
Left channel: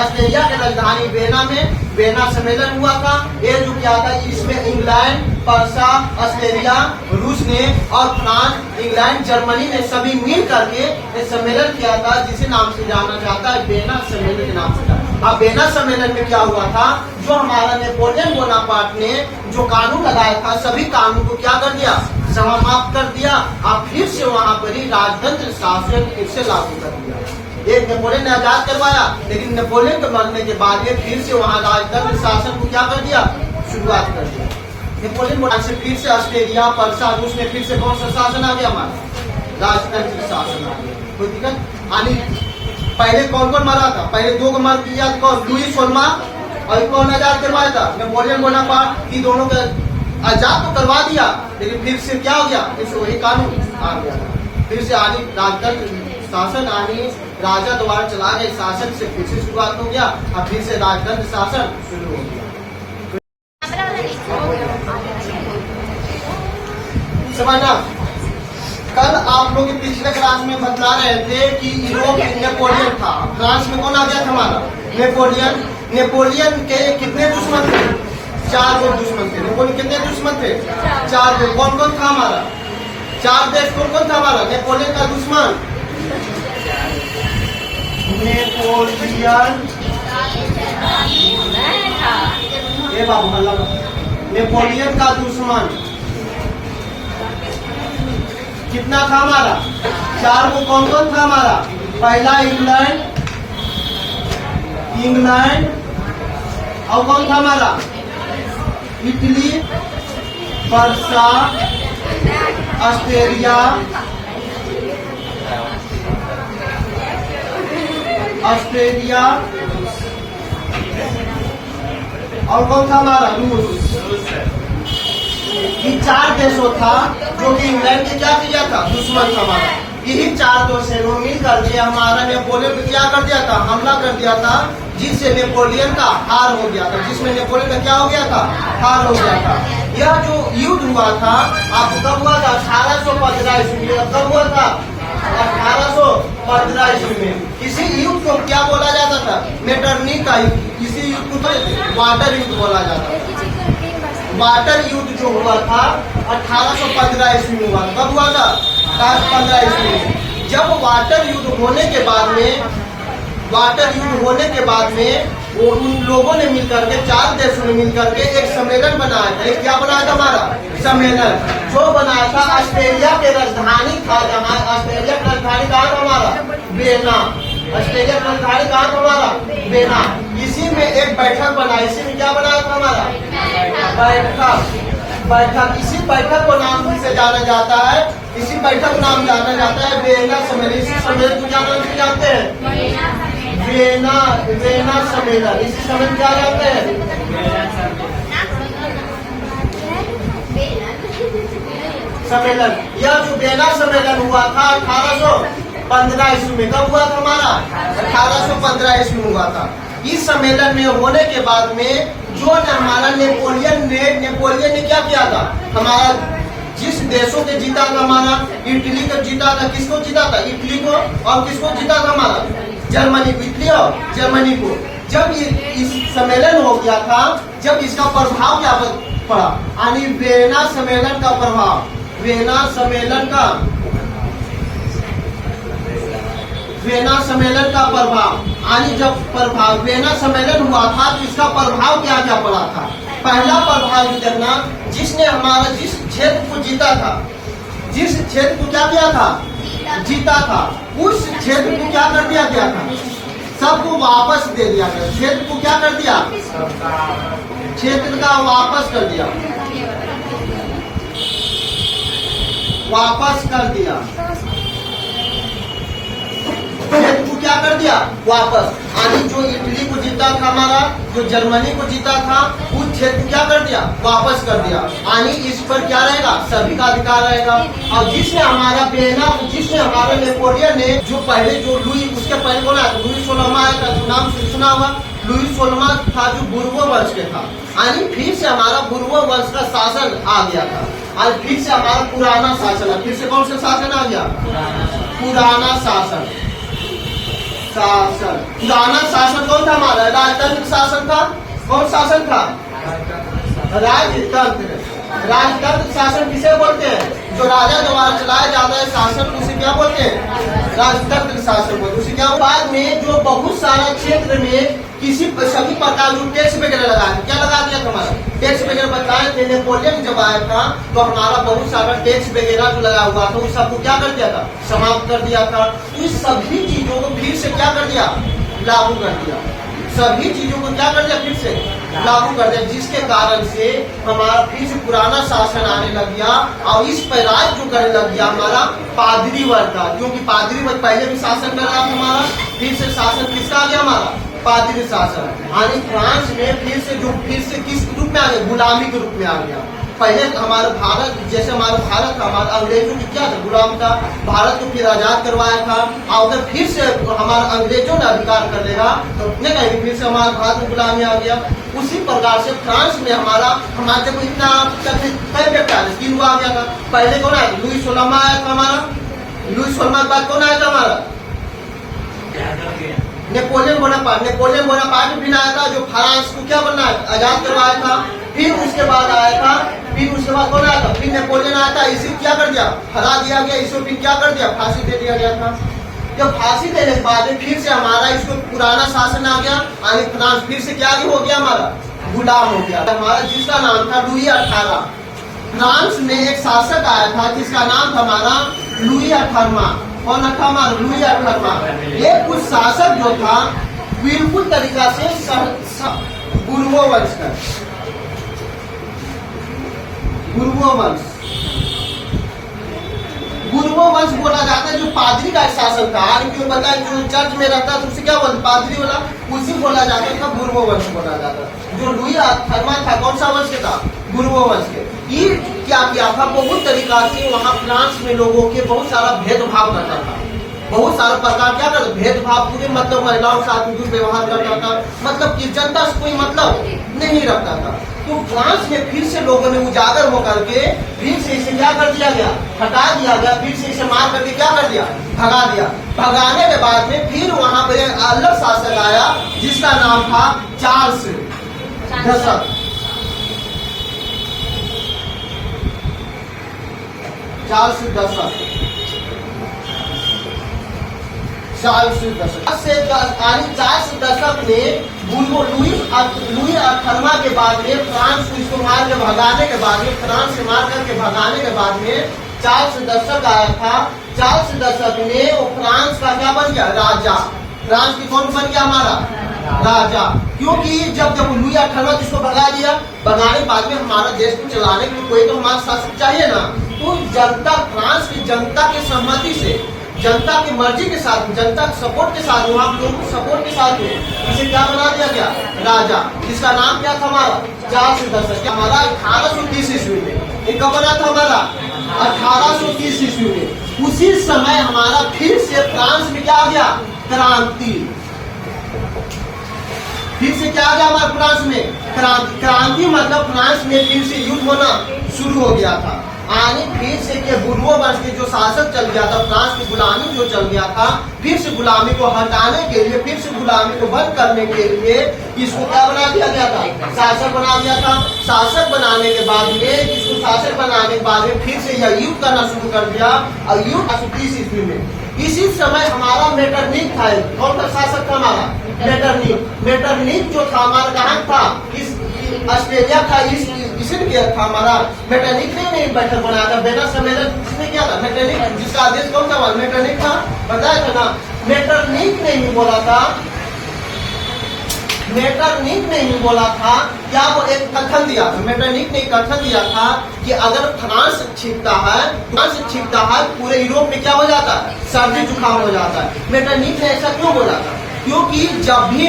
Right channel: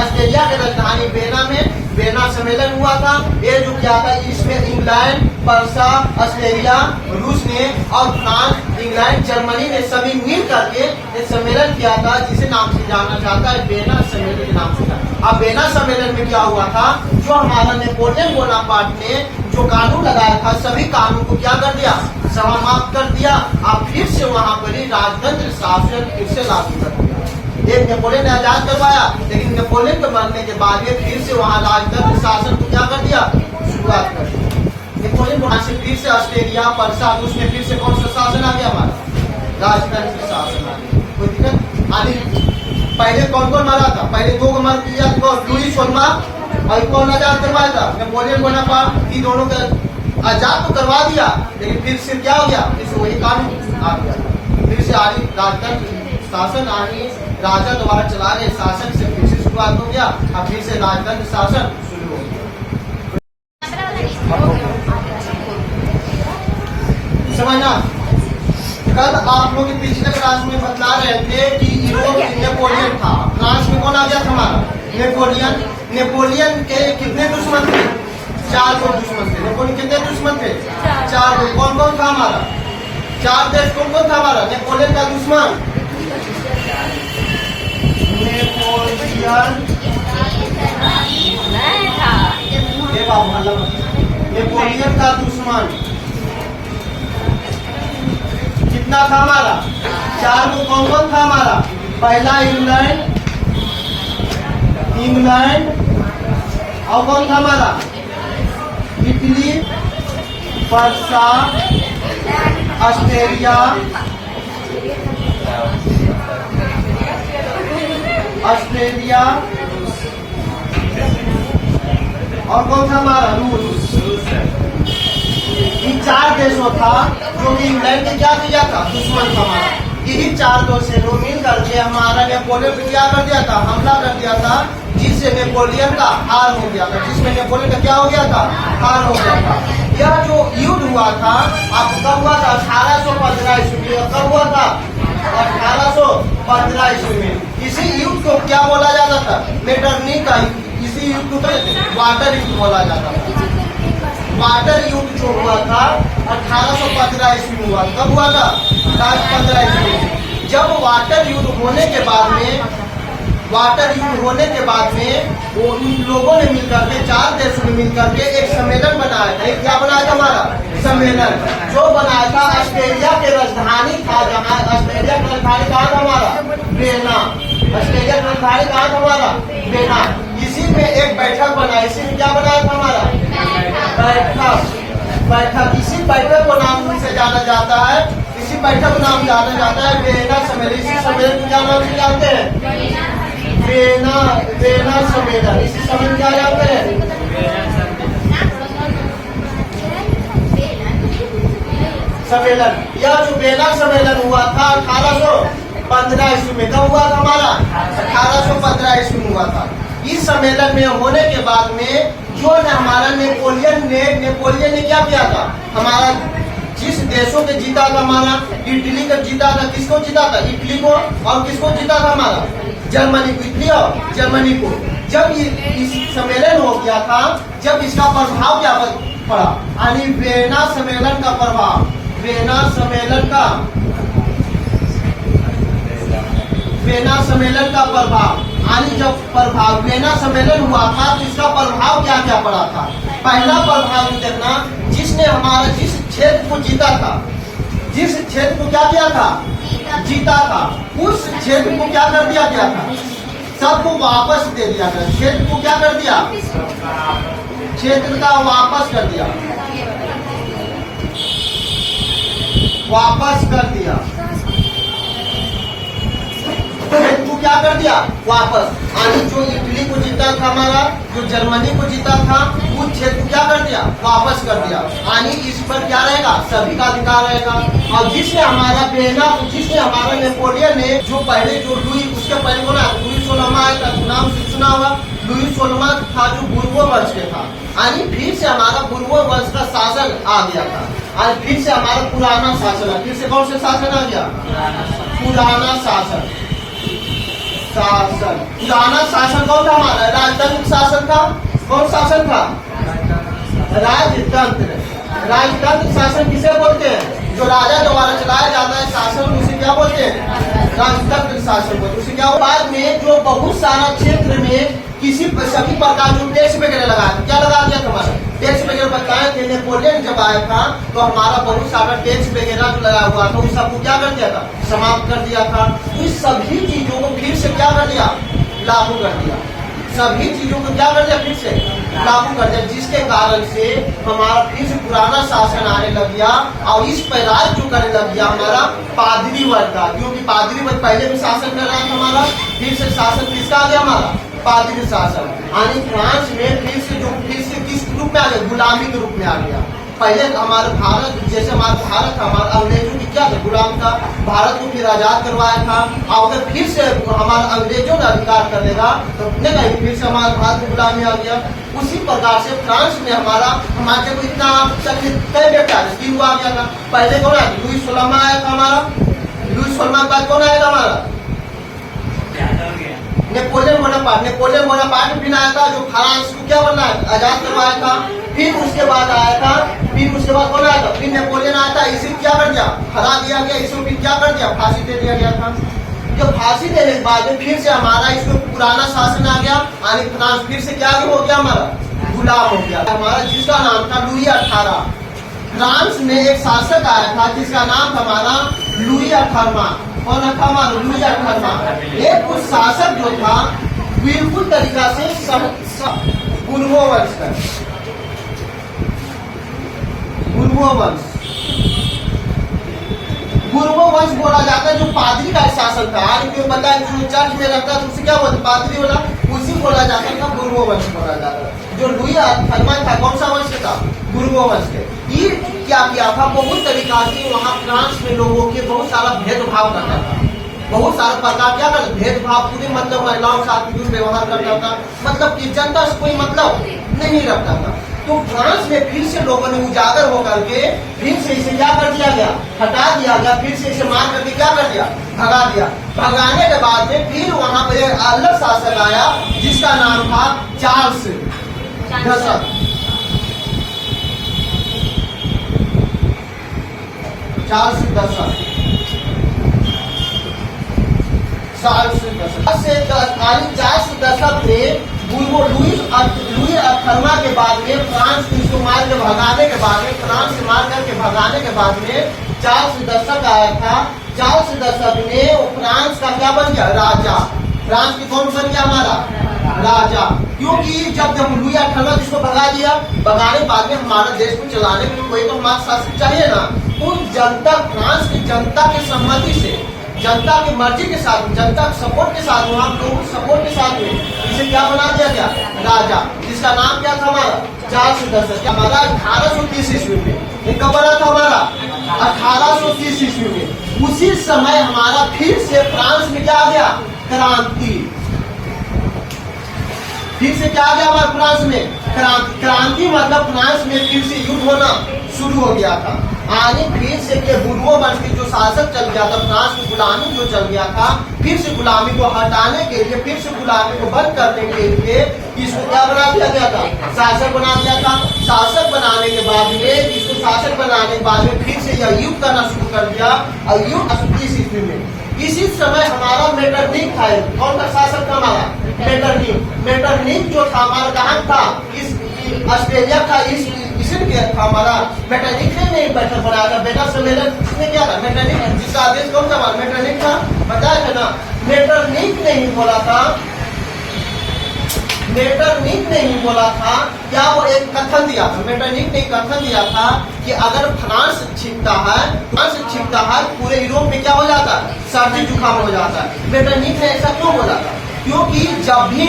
ऑस्ट्रेलिया की राजधानी वेना में वेना सम्मेलन हुआ था। ये जो क्या था, इसमें इंग्लैंड, पर्सा, ऑस्ट्रेलिया, रूस ने और फ्रांस, इंग्लैंड, जर्मनी ने सभी मिल करके एक सम्मेलन किया था, जिसे नाम से जाना जाता है वेना सम्मेलन के नाम से था। अब वेना सम्मेलन में क्या हुआ था, जो हमारा नेपोलियन बोनापार्ट ने जो कानून लगाया था, सभी कानून को क्या कर दिया, समाप्त कर दिया। अब फिर से वहाँ पर ही राजतंत्र शासन फिर से लागू कर दिया। एक नेपोलियन ने आजाद करवाया, लेकिन नेपोलियन के मरने के बाद ये फिर से वहाँ राजतंत्र शासन को क्या कर दिया, शुरुआत कर दी। नेपोलियन बोनापार्ट से फिर से ऑस्ट्रेलिया, पर्सा, रूस में फिर से कौन सा शासन आ गया, हमारा राजतंत्र शासन आ गया। कोई दिक्कत आनी? पहले कौन कौन मरा था? पहले दो को मर किया, लुईस सोलमा और कौन आजाद करवाया था, नेपोलियन बोनापार्ट की। दोनों का आजाद तो करवा दिया, लेकिन फिर से क्या हो गया, फिर से वही कानून आ गया। फिर से आनी राजतंत्र शासन आनी, राजा द्वारा चला गए शासन से फिर से शुरुआत हो गया। अब फिर से राजतंत्र शासन शुरू हो गया। समझना? कल आप लोग पिछले क्लास में बता रहे थे कि यूरोप में नेपोलियन था, फ्रांस में कौन आ गया था, हमारा नेपोलियन। नेपोलियन के कितने दुश्मन थे? 4 गो दुश्मन थे। नेपोलियन कितने दुश्मन थे? 4 गो। कौन कौन था हमारा? 4 देश कौन कौन था हमारा नेपोलियन का दुश्मन? नेपोलियन, ये बाबू हल्ला मत। नेपोलियन का दुश्मन कितना था हमारा? 4 को। कौन कौन था हमारा? पहला इंग्लैंड, और कौन था हमारा? इटली, पर्सा, ऑस्ट्रेलिया, और कौन था हमारा? रूस। ये 4 देशों था जो कि इंग्लैंड के क्या किया था, दुश्मन था हमारा। यही 4 देशों मिल करके हमारा नेपोलियन पे क्या कर दिया था, हमला कर दिया था, जिससे नेपोलियन का हार हो गया था। जिसमें नेपोलियन का क्या हो गया था, हार हो गया था। यह जो युद्ध हुआ था, आप कब हुआ था? 1815 ईस्वी में। कब हुआ था? 1815 ईस्वी में। इसी युद्ध को क्या बोला जाता था? मेटरनी का। इसी युद्ध को वाटर युद्ध बोला जाता था। वाटर युद्ध जो हुआ था 1815 ईस्वी में हुआ। कब हुआ था? 15 ईस्वी में। जब वाटर युद्ध होने के बाद में वो उन लोगों ने मिलकर के, 4 देशों ने मिलकर के एक सम्मेलन बनाया था। क्या बनाया था हमारा? सम्मेलन जो बनाया था ऑस्ट्रेलिया के राजधानी था, जहाँ ऑस्ट्रेलिया की राजधानी कहाँ था हमारा? वेना। ऑस्ट्रेलिया की राजधानी कहाँ था हमारा? वेना। इसी में एक बैठक बना। इसी में क्या बनाया था हमारा? बैठक। इसी बैठक को नाम से जाना जाता है, इसी बैठक को नाम जाना जाता है वेना सम्मेलन। इसी सम्मेलन को क्या नाम से जानते हैं? वेना सम्मेलन। इसी सम्मेलन क्या जानते हैं? सम्मेलन। यह जो वेना सम्मेलन हुआ था 1815 ईस्वी में। कब हुआ था हमारा? 1815 ईस्वी में हुआ था। इस सम्मेलन में होने के बाद में जो हमारा नेपोलियन ने क्या किया था, हमारा जिस देशों के जीता था, हमारा इटली का जीता था। किसको जीता था? इटली को। और किसको जीता था हमारा? जर्मनी को। इटली और जर्मनी को। जब ये इस सम्मेलन हो गया था, जब इसका प्रभाव क्या पड़ा, यानी वेना सम्मेलन का प्रभाव, वेना सम्मेलन का प्रभाव, यानी जब प्रभाव वेना सम्मेलन हुआ था तो इसका प्रभाव क्या क्या पड़ा था। पहला प्रभाव देखना, जिसने हमारा जिस क्षेत्र को जीता था, जिस क्षेत्र को क्या किया था, जीता था, उस क्षेत्र को क्या कर दिया गया था, सबको वापस दे दिया गया। क्षेत्र को क्या कर दिया, क्षेत्र का वापस कर दिया, वापस कर दिया, क्षेत्र को क्या कर दिया, वापस। यानी जो इटली को जीता था हमारा, जो जर्मनी को जीता था, उस क्षेत्र को क्या कर दिया, वापस कर दिया। यानी इस पर क्या रहेगा, सभी का अधिकार रहेगा। और जिसने हमारा नेपोलियन ने जो पहले जो लुई, उसके पहले बोला लुई सोलमा का नाम सुना होगा। लुई सोलमा था जो बुर्बो वंश के था। यानी फिर से हमारा बुर्बो वंश का शासन आ गया था। आज फिर से हमारा पुराना शासन है। फिर से कौन सा शासन आ गया, पुराना शासन। शासन। पुराना शासन कौन था हमारा? राजतंत्र शासन था। कौन शासन था? राजतंत्र। राजतंत्र शासन किसे बोलते हैं? जो राजा द्वारा चलाया जाता है शासन, उसे क्या बोलते हैं? राजतंत्र शासन बोलते हैं। उसे क्या? बाद में जो बहुत सारा क्षेत्र में किसी सभी प्रकार जो टैक्स वगैरह लगा, क्या लगा दिया था हमारा? टैक्स वगैरह बताए थे। नेपोलियन जब आया था तो हमारा बहुत सारा टैक्स वगैरह जो लगा हुआ था उस सबको क्या कर दिया था? समाप्त कर दिया था। तो इस सभी चीजों को फिर से क्या कर दिया? लागू कर दिया। सभी चीजों को क्या कर दिया? फिर से लागू कर दिया, जिसके कारण से हमारा फिर से पुराना शासन आने लग गया और इस पर राज जो करने लग गया हमारा पादरी वर्ग का। क्योंकि पादरी वर्ग पहले भी शासन कर रहा था हमारा, फिर से शासन किसका आ गया? हमारा पादरी शासन। यानी फ्रांस में फिर से किस रूप में आ गया? गुलामी के रूप में आ गया। पहले हमारा भारत, जैसे हमारा भारत था, हमारा अंग्रेजों की क्या था? गुलाम था। भारत को फिर आजाद करवाया था और अगर फिर से हमारा अंग्रेजों ने अधिकार कर लेगा तो नहीं कहेंगे फिर से हमारा भारत में गुलामी आ गया। उसी प्रकार से फ्रांस में हमारे को इतना कई बेटा तीन आ गया था। पहले कौन आया था? लुई 16वां आया था हमारा। लुई 16वां के बाद कौन आया था हमारा? Napoleon Bonaparte. नेपोलियन बोनापार्ट भी आया था जो फ्रांस को क्या बनना है? आजाद करवाया था। फिर उसके बाद आया था, फिर उसके बाद कौन आया था? फिर नेपोलियन आया था, इसे क्या कर दिया? हरा दिया गया। इसको फिर क्या कर दिया? फांसी दे दिया गया था। जब फांसी देने के बाद में फिर से हमारा इसको पुराना शासन आ गया। यानी फ्रांस फिर से क्या हो गया? हमारा गुलाम हो गया। हमारा जिसका नाम था लुई 18। फ्रांस में एक शासक आया था जिसका नाम था हमारा लुई 18वां। कौन था हमारा? लुई 18वां। ये कुछ शासक जो था बिल्कुल तरीका से बुर्बो वंश का, बुर्बो वंश बोला जाता है। जो पादरी का शासन था, क्यों बता जो चर्च में रहता है उसे क्या बोलते? पादरी वाला, उसी बोला जाता था बुर्बो वंश बोला जाता है। जो लुई 18वां था कौन सा वंश के था? बुर्बो वंश के। ये क्या किया था? बहुत तरीका से वहाँ फ्रांस में लोगों के बहुत सारा भेदभाव करता था। बहुत सारा प्रकार क्या करता? भेदभाव पूरे, मतलब महिलाओं के साथ दुर्व्यवहार करता था। मतलब कि जनता से कोई मतलब नहीं रखता था। तो फ्रांस में फिर से लोगों ने उजागर होकर के फिर से इसे क्या कर दिया गया? हटा दिया गया। फिर से इसे मार करके क्या कर दिया? भगा दिया। भगाने के बाद में फिर वहां पर एक अलग शासक आया जिसका नाम था चार्ल्स दशक। चार्ल्स दशक ने लुई 18वां के बाद में फ्रांस को इसको मार के भगाने के बाद में, फ्रांस से मार करके भगाने के बाद में चार्ल्स दशक आया था। चार्ल्स दशक ने वो फ्रांस का क्या बन गया? राजा। फ्रांस की कौन बन गया? हमारा राजा। क्योंकि जब लुई 18वां जिसको भगा दिया, भगाने के बाद में हमारा देश को चलाने के लिए कोई तो हमारा शासक चाहिए ना। तो जनता, फ्रांस की जनता की सहमति से, जनता की मर्जी के साथ, जनता के सपोर्ट के साथ, वहाँ लोगों के सपोर्ट के साथ में इसे क्या बना दिया गया? राजा। जिसका नाम क्या था? हमारा चार्ल्स दशक। हमारा 1830 ईस्वी में। ये कब बना था? हमारा 1830 ईस्वी में। उसी समय हमारा फिर से फ्रांस में क्या आ गया? क्रांति। फिर से क्या आ गया हमारे फ्रांस में? क्रांति मतलब फ्रांस में फिर से युद्ध होना शुरू हो गया था। यानी फिर से के बुर्बो वंश के जो शासक चल गया था, फ्रांस की गुलामी जो चल गया था, फिर से गुलामी को हटाने के लिए, फिर से गुलामी को बंद करने के लिए इसको क्या बना दिया गया था? शासक बना दिया था। शासक बनाने के बाद में, इसको शासक बनाने के बाद में फिर से यह युद्ध करना शुरू कर दिया। और युद्ध 1830 ईस्वी में इसी समय हमारा मेटरनिक था। कौन सा शासक था हमारा? मेटरनिक। मेटरनिक जो था हमारा कहाँ था? इस ऑस्ट्रेलिया था, इसने किया था हमारा। मेटरनिक ने नहीं बैठक बनाया था। बेटा सम्मेलन किसने किया था? मेटरनिक। जिसका आदेश कौन था? मेटरनिक था। बताया था ना। मेटरनिक ने ही बोला था, मेटरनिक ने ही बोला था, क्या वो एक कथन दिया था? मेटरनिक ने कथन दिया था कि अगर फ्रांस छिपता है पूरे यूरोप में क्या हो जाता है? सर्दी जुकाम हो जाता है। मेटरनिक ने ऐसा क्यों बोला था? क्योंकि जब भी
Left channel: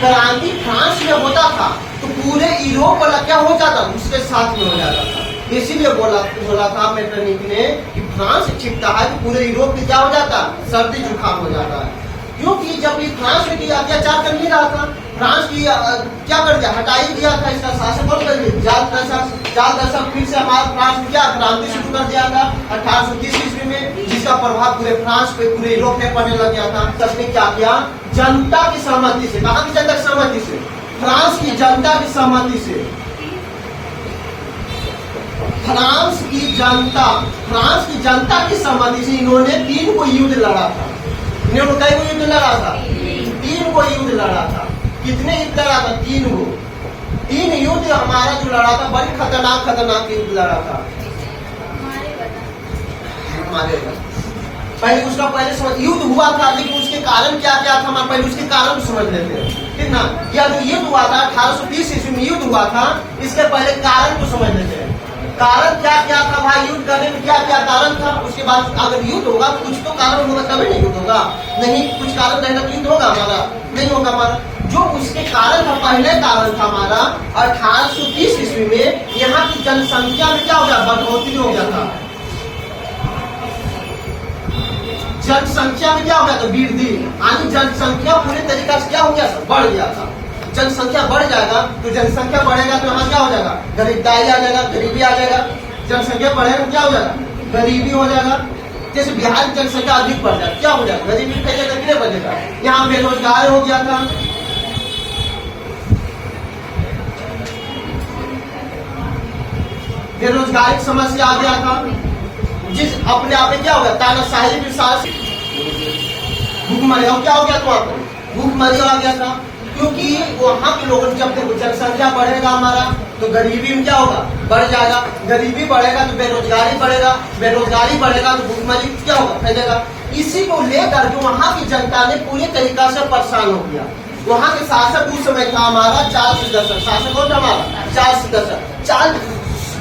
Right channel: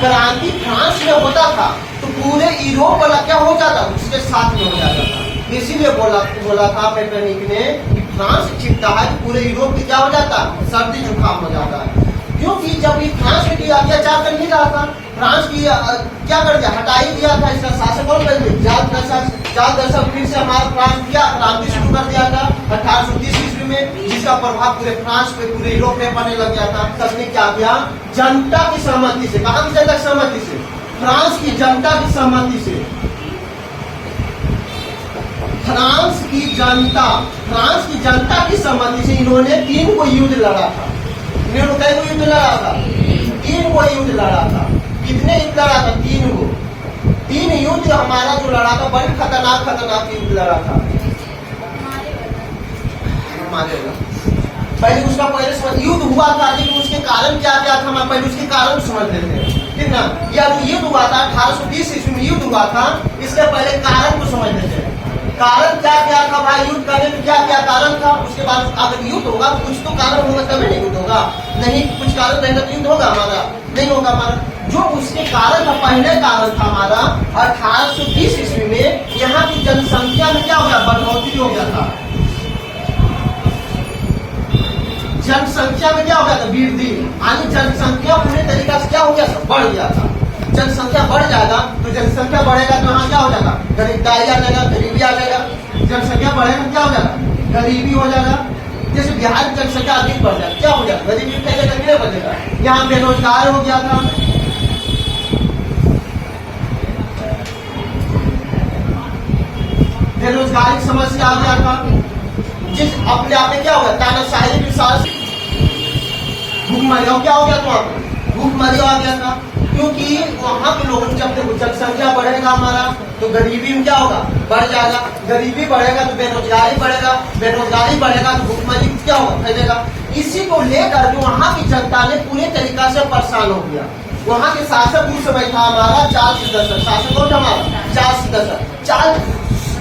क्रांति फ्रांस में होता था तो पूरे यूरोप वाला क्या हो जाता? उसके साथ में हो जाता था। इसीलिए बोला था मेटरनिक ने कि फ्रांस छिपता है तो पूरे यूरोप में क्या हो जाता? सर्दी जुकाम हो जाता है। क्योंकि जब ये फ्रांस में किया अत्याचार कर नहीं रहा था, फ्रांस की क्या कर दिया, हटा ही दिया था, इसका शासन कौन कर दिया, जाल दशक फिर से हमारा फ्रांस किया क्रांति शुरू कर दिया था 1830 ईस्वी में, जिसका प्रभाव पूरे फ्रांस पे पूरे यूरोप में पड़ने लग गया था। तब ने क्या किया, जनता की सहमति से, कहाँ की जनता की सहमति से, फ्रांस की जनता की सहमति से, फ्रांस की जनता की सहमति से इन्होंने 3 को युद्ध लड़ा था। इन्होंने कई को युद्ध लड़ा था, 3 को युद्ध लड़ा था। कितने युद्ध लड़ा था, 3 को। 3 युद्ध हमारा जो लड़ा था, बड़ी खतरनाक युद्ध लड़ा था। पहले उसका युद्ध हुआ था, लेकिन उसके कारण क्या क्या था, हम पहले उसके कारण समझ लेते हैं, ठीक ना। या जो युद्ध हुआ था 1820 ईस्वी में युद्ध हुआ था, इसके पहले कारण को समझ लेते हैं। कारण क्या क्या था भाई, युद्ध करने में क्या क्या कारण था, उसके बाद अगर युद्ध होगा तो कुछ तो कारण होगा, तभी नहीं युद्ध होगा। नहीं कुछ कारण रहेगा तो युद्ध होगा हमारा, नहीं होगा हमारा। जो उसके कारण था, पहले कारण था हमारा 1830 ईस्वी में यहाँ की जनसंख्या में क्या हो गया, बढ़ोतरी हो गया था। जनसंख्या में क्या हो गया था, वृद्धि, यानी जनसंख्या पूरे तरीका से क्या हो गया था, बढ़ गया था। जनसंख्या बढ़ जाएगा तो जनसंख्या बढ़ेगा तो यहाँ क्या हो जाएगा, गरीबदारी आ जाएगा, गरीबी आ जाएगा। जनसंख्या बढ़ेगा क्या हो जाएगा, गरीबी हो जाएगा। जैसे बिहार की जनसंख्या अधिक बढ़ जाए क्या हो जाएगा, गरीबी फैलेगा कि नहीं बचेगा। यहाँ बेरोजगार हो गया था, बेरोजगारी की समस्या आ गया था, जिस अपने आप में क्या हो गया, तानाशाही विश्वास, भूखमरी क्या हो गया था, वहां पर भूखमरी आ गया था। क्योंकि वहाँ के लोगों जब जनसंख्या बढ़ेगा हमारा तो गरीबी में क्या होगा, बढ़ जाएगा। गरीबी बढ़ेगा तो बेरोजगारी बढ़ेगा, बेरोजगारी बढ़ेगा तो भूखमरी क्या होगा, फैलेगा। इसी को लेकर के वहाँ की जनता ने पूरे तरीका से परेशान हो गया। वहाँ के शासक उस समय था हमारा चार्ल्स दशक, शासक कौन था हमारा, चार्ल्स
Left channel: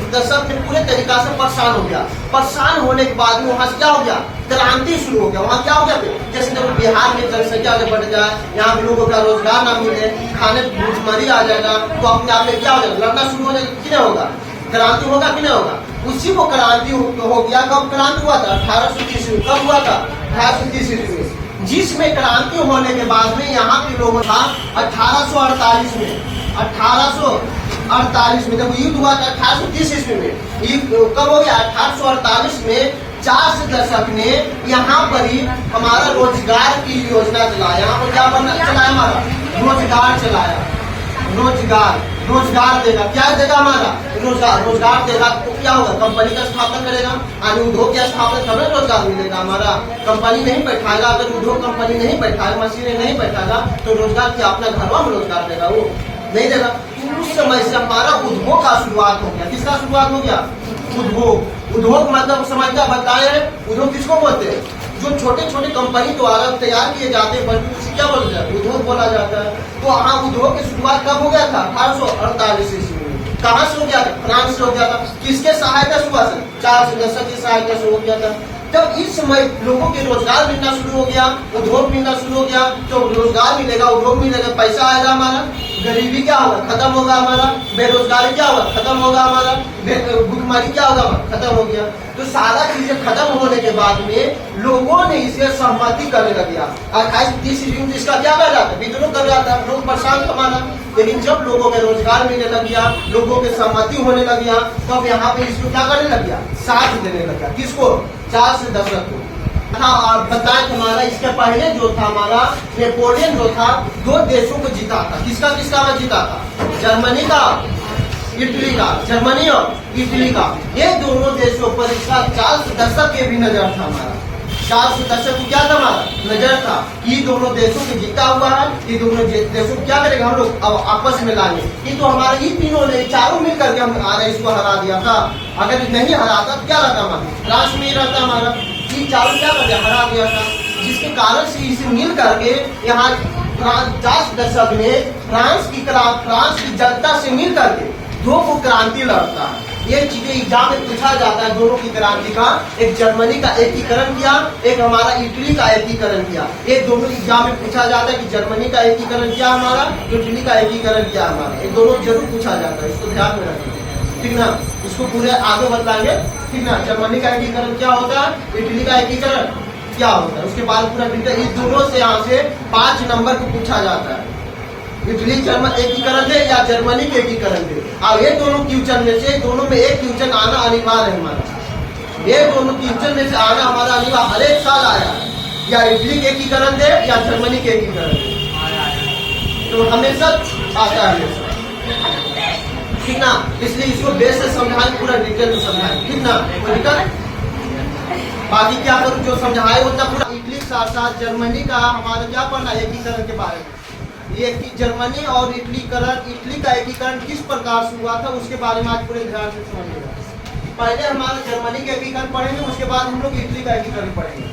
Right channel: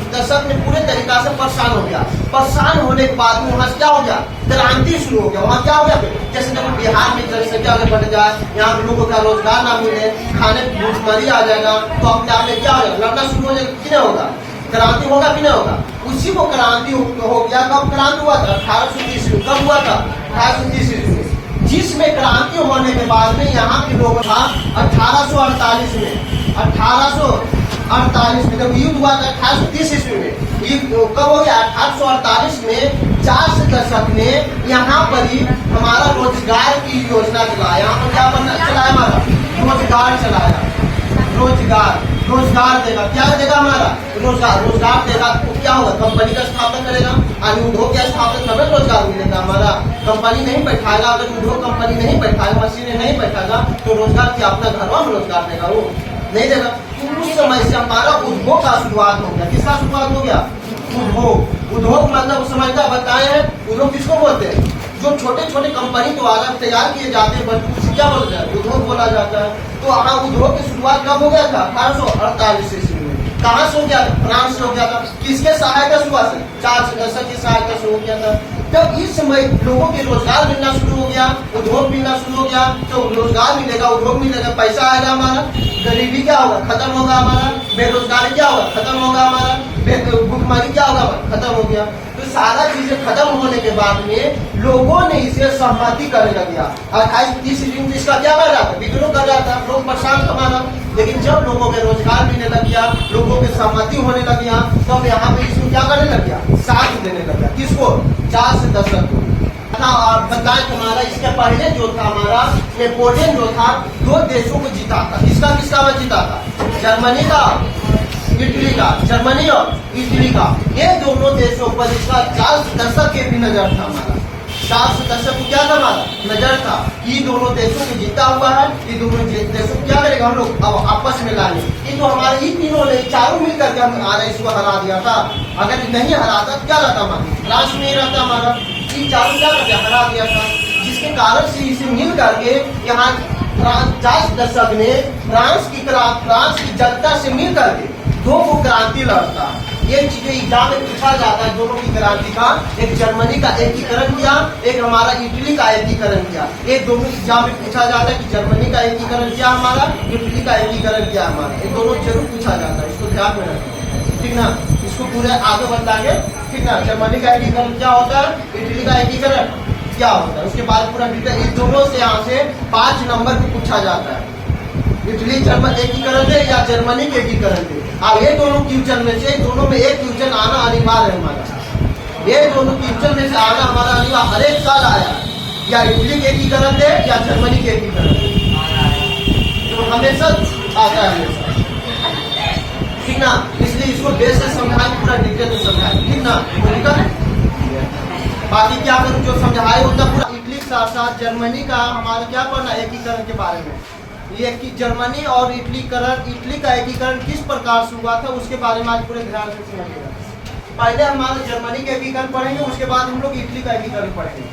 दशक में पूरे तरीका से परेशान हो गया। परेशान होने के बाद वहाँ से क्या हो गया, क्रांति शुरू हो गया। वहाँ क्या हो गया, जैसे देखो बिहार में जनसंख्या अगर बढ़ जाए, यहाँ के लोगों का रोजगार ना मिले, खाने भूखमरी आ जाएगा, तो अपने आप में क्या हो जाएगा, लड़ना शुरू हो जाएगा कि नहीं होगा, क्रांति होगा कि नहीं होगा। उसी को क्रांति हो गया। कब क्रांति हुआ था, 1830 में। कब हुआ था, 1830 में, जिसमें क्रांति होने के बाद में यहाँ के लोगों था 1848 में, 1848 में जब युद्ध हुआ था 1830 ईस्वी में। ये कब हो गया, 1848 में चार्ल्स दशक ने यहाँ पर ही हमारा रोजगार की योजना चलाया। यहाँ पर क्या बनना चलाया, हमारा रोजगार चलाया। रोजगार देगा, क्या देगा, हमारा रोजगार देगा तो क्या होगा, कंपनी का स्थापना करेगा, यानी उद्योग की स्थापना, समय रोजगार मिलेगा हमारा। कंपनी नहीं बैठाएगा, अगर उद्योग कंपनी नहीं बैठाएगा, मशीनें नहीं बैठाएगा तो रोजगार क्या अपना घरों में रोजगार देगा, वो नहीं देगा। तो उस समय से हमारा उद्योग का शुरुआत हो गया। किसका शुरुआत हो गया, उद्योग मतलब समझता बताए हैं, उद्योग किसको बोलते हैं, जो छोटे छोटे कंपनी द्वारा तैयार किए जाते हैं वस्तु से क्या बोला जाता है, उद्योग बोला जाता है। तो हाँ, उद्योग की शुरुआत कब हो गया था, 1848 ईस्वी में। कहाँ से हो गया था, फ्रांस से हो गया था। किसके सहायता से हुआ था, चार्ल्स दशक की सहायता से हो गया था। तब इस समय लोगों के रोजगार मिलना शुरू हो गया, उद्योग मिलना शुरू हो गया। तो रोजगार मिलेगा, उद्योग मिलेगा, पैसा आएगा हमारा, गरीबी क्या होगा, खत्म होगा हमारा, बेरोजगारी क्या होगा, खत्म होगा हमारा, भूखमरी क्या होगा, खत्म हो गया। तो सारा चीजें खत्म होने के बाद में लोगों ने इसे सहमति करने लग गया। 1830 ईस्वी में इसका क्या कर रहा था, विद्रोह कर रहा था, लोग परेशान हमारा। लेकिन जब लोगों के रोजगार मिलने लग गया, लोगों के सहमति होने लग गया, तो अब यहाँ पे इसको क्या करने लग गया, साथ देने लग गया। किसको, चार्ल्स दशक को। हाँ, बताएं हमारा इसके पहले जो था हमारा नेपोलियन जो था 2 देशों को जीता था। किसका मैं जीता था, जर्मनी का, इटली का, जर्मनी और इटली का। ये दोनों देशों पर इसका चार्ल्स दशक के भी नजर था हमारा। चार्ल्स दशक को क्या था, हमारा नजर था। ये दोनों देशों को जीता हुआ है, ये दोनों देशों को क्या करेगा हम लोग अब आपस में लाएंगे। ये तो हमारे ये तीनों ने चारों मिल करके हमारा इसको हरा दिया था। अगर नहीं हराता तो क्या रहता हमारा, फ्रांस में ही रहता हमारा। ये चारों क्या करते, हरा दिया था, जिसके कारण से इसे मिल करके यहाँ चार्ल्स दशक ने फ्रांस की जनता से मिल करके 2 को क्रांति लड़ता है। ये चीजें एग्जाम में पूछा जाता है, दोनों की क्रांति का, एक जर्मनी का एकीकरण किया, एक हमारा इटली का एकीकरण किया। ये दोनों एग्जाम में पूछा जाता है कि जर्मनी का एकीकरण किया हमारा, इटली का एकीकरण किया हमारा। ये दोनों जरूर पूछा जाता है, इसको ध्यान में रखना, ठीक ना। इसको पूरे आगे बताएंगे, ठीक ना। जर्मनी का एकीकरण क्या होता है, इटली का एकीकरण क्या होता है, उसके बाद पूरा डिटेल इस दोनों से यहाँ से 5 नंबर को पूछा जाता है। इटली जर्मन एकीकरण दे या जर्मनी के एकीकरण दे। अब ये दोनों क्वेश्चन में से दोनों में एक क्वेश्चन आना अनिवार्य है हमारा। ये दोनों क्वेश्चन में से आना हमारा अनिवार्य, हर एक साल आया, या इटली के एकीकरण दे या जर्मनी के एकीकरण दे, तो हमेशा आता है हमेशा, ठीक ना। इसलिए इसको बेस से समझाएं, पूरा डिटेल में समझाएं, ठीक ना। कोई दिक्कत है? बाकी क्या करूँ, जो समझाए उतना पूरा। इटली के साथ साथ जर्मनी का हमारा क्या पढ़ना है एकीकरण के बारे में। ये कि जर्मनी और इटली का एकीकरण किस प्रकार से हुआ था उसके बारे में आज पूरे ध्यान से समझिएगा। पहले हमारा जर्मनी का एकीकरण पढ़ेंगे, उसके बाद हम लोग इटली का एकीकरण पढ़ेंगे।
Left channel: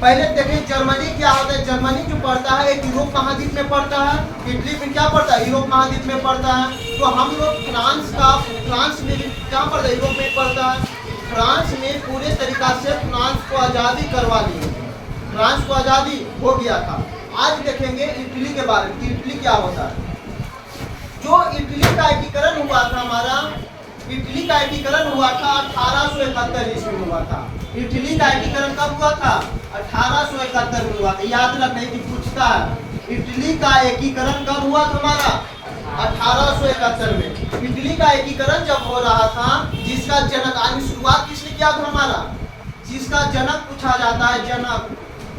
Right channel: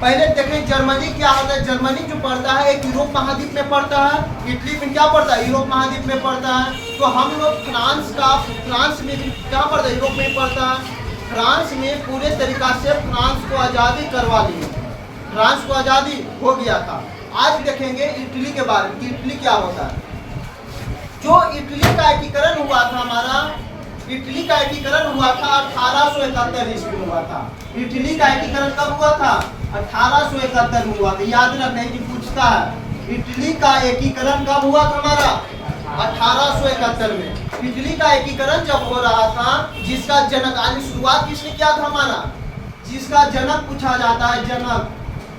पहले देखें जर्मनी क्या होता है। जर्मनी जो पड़ता है एक यूरोप महाद्वीप में पड़ता है। इटली में क्या पड़ता है, यूरोप महाद्वीप में पड़ता है। तो हम लोग फ्रांस में भी क्या पड़ता है, यूरोप में पड़ता है। फ्रांस में पूरे तरीका से फ्रांस को आज़ादी करवा ली, फ्रांस को आज़ादी हो गया था। आज देखेंगे इटली के बारे में, इटली क्या होता है। जो इटली का एकीकरण हुआ था हमारा, इटली का एकीकरण हुआ था 1871 ईस्वी में हुआ था। इटली का एकीकरण कब हुआ था, 1871 में हुआ था। याद रखने की पूछता है इटली का एकीकरण कब हुआ था हमारा, 1871 में। इटली का एकीकरण जब हो रहा था, जिसका जनक यानी शुरुआत किसने किया था हमारा, जिसका जनक पूछा जाता है,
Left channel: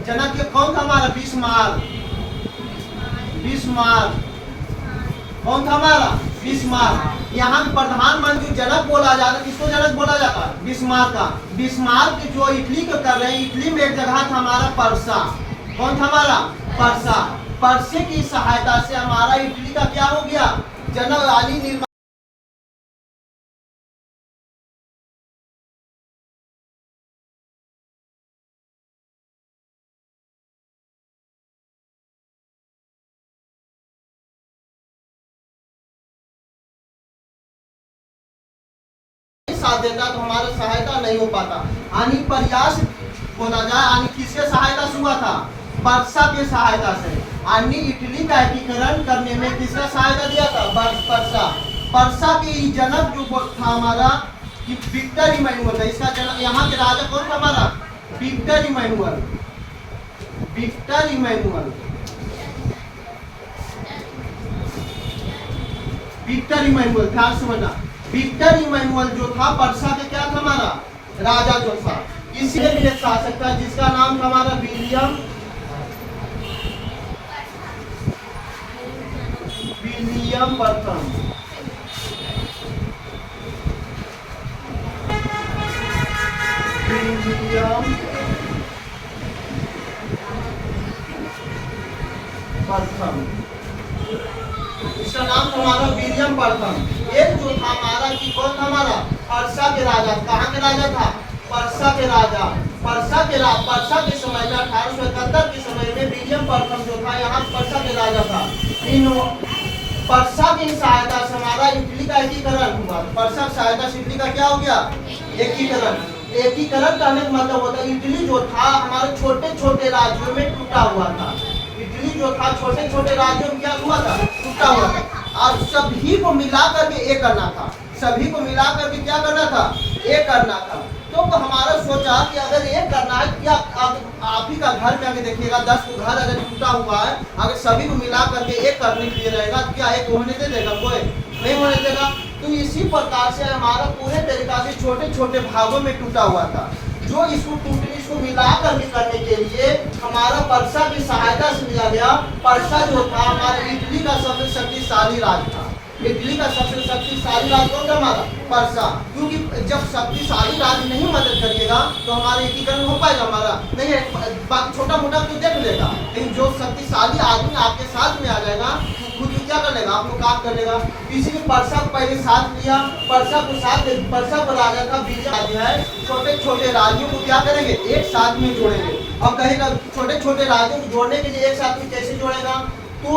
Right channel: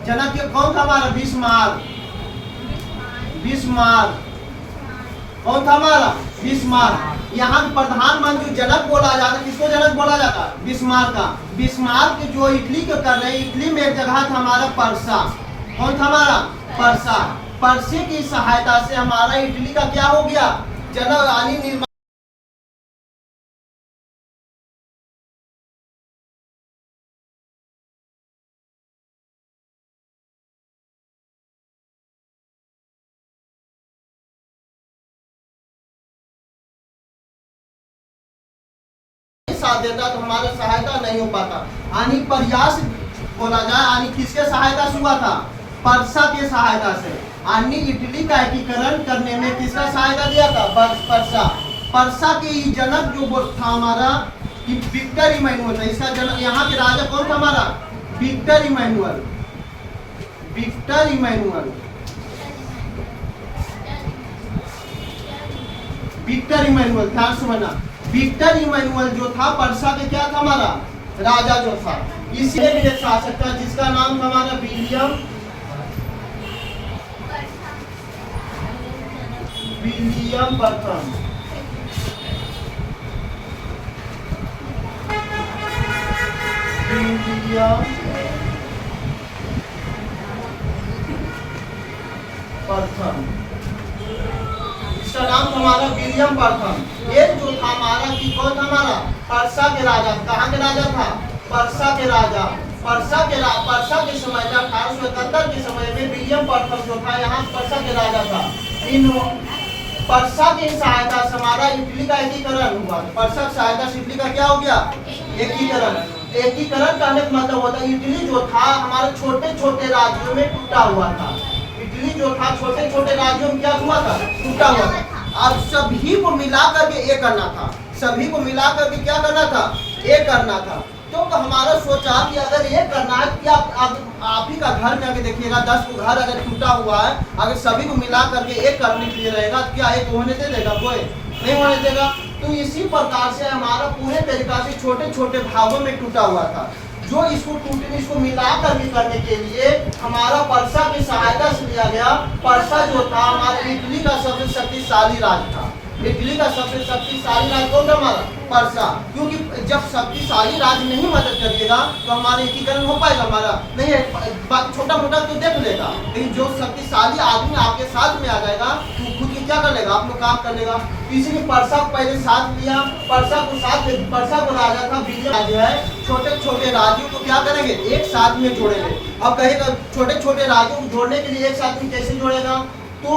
जनक के कौन था हमारा, बिस्मार्क। कौन था हमारा, बिस्मार्क। यहाँ प्रधानमंत्री जनक बोला जाता है, किसको जनक बोला जाता है, बिस्मार्क का। बिस्मार्क जो इटली को कर रहे हैं, इटली में एक जगह था हमारा पर्सा। कौन था हमारा, पर्सा। पर्से की सहायता से हमारा इटली का क्या हो गया, जनक यानी निर्माण साथ देता तो हमारा सहायता नहीं हो पाता। यानी प्रयास बोला जाए, यानी किसके सहायता से हुआ था, पर्सा के सहायता से। यानी इटली का एकीकरण करने में किसका सहायता दिया था, पर्सा। पर्सा के जनक जो था हमारा कि विक्टर इमैनुअल था। इसका जनक, यहाँ के राजा कौन था हमारा, Victor Emmanuel. Victor Emmanuel, Victor Emmanuel, ध्यान से बना। विक्टर इमैनुअल जो था पर्सा के क्या था हमारा, राजा जो था। इसलिए भी एक शासक था जिसका नाम था हमारा विलियम प्रथम। विलियम प्रथम, इसका नाम था हमारा विलियम प्रथम। एक जो था हमारा कि कौन था हमारा, पर्सा के राजा। कहाँ के राजा था, पर्सा के राजा। पर्सा के समय में 1871 के समय में विलियम प्रथम जो था यहाँ पर्सा के राजा था। इन पर्सा की सहायता से हमारा इटली का एकीकरण हुआ। पर्सा की सहायता से इटली का क्या हो गया, एकीकरण। एकीकरण करने का मतलब होता है इटली जो था हमारे छोटे छोटे राज्यों में टूटा हुआ था। इटली जो था छोटे छोटे राज्यों में क्या हुआ था, टूटा हुआ था। और सभी को मिला करके एक करना था, सभी को मिला करके क्या करना था, एक करना था। तो हमारा सोचा कि अगर एक करना है, क्या आप ही का घर में अगर देखिएगा 10 को घर अगर टूटा हुआ है, अगर सभी को मिला करके एक करने के लिए रहेगा, क्या एक होने दे देगा, कोई नहीं होने देगा। तो इसी प्रकार से हमारा पूरे तरीका से छोटे छोटे भागों में टूटा हुआ था। जो इसको मिला करके करने के लिए हमारा पर्सा की सहायता से लिया गया। पर्सा जो था हमारा इटली का सबसे शक्तिशाली राज था। इटली का सबसे शक्तिशाली राज कौन था हमारा, पर्सा। क्योंकि जब शक्तिशाली राज नहीं मदद करिएगा तो हमारा एकीकरण हो पाएगा, हमारा नहीं है। बाकी छोटा मोटा तो देख लेगा, लेकिन जो शक्तिशाली आदमी आपके साथ में आ जाएगा वो खुद भी क्या कर लेगा, आप लोग काम कर लेगा। इसीलिए पर्सा को पहले साथ लिया। पर्सा को राजा था विलियम राज्य है। छोटे छोटे राज्यों को क्या करेंगे, एक साथ में जोड़ेंगे। अब कहेगा छोटे छोटे राज्यों को जोड़ने के लिए एक साथ में कैसे जोड़ेगा, तो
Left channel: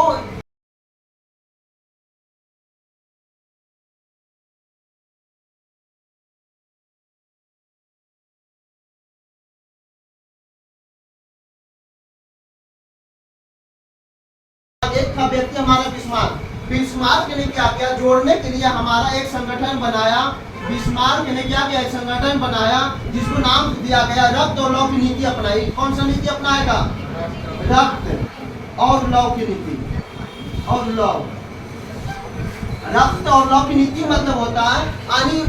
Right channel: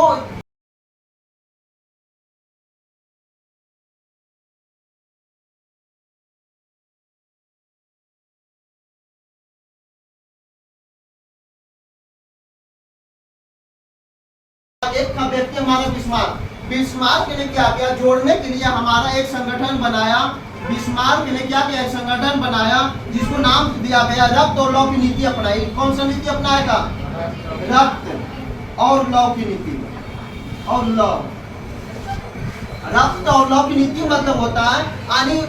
एक था व्यक्ति हमारा बिस्मार्क। बिस्मार्क ने क्या किया, जोड़ने के लिए हमारा एक संगठन बनाया। बिस्मार्क ने क्या किया, एक संगठन बनाया जिसको नाम दिया गया रक्त और लौ की नीति अपनाई। कौन सा नीति अपनाएगा, रक्त और लौ की नीति। और लौ, रक्त और लौ की नीति मतलब होता है यानी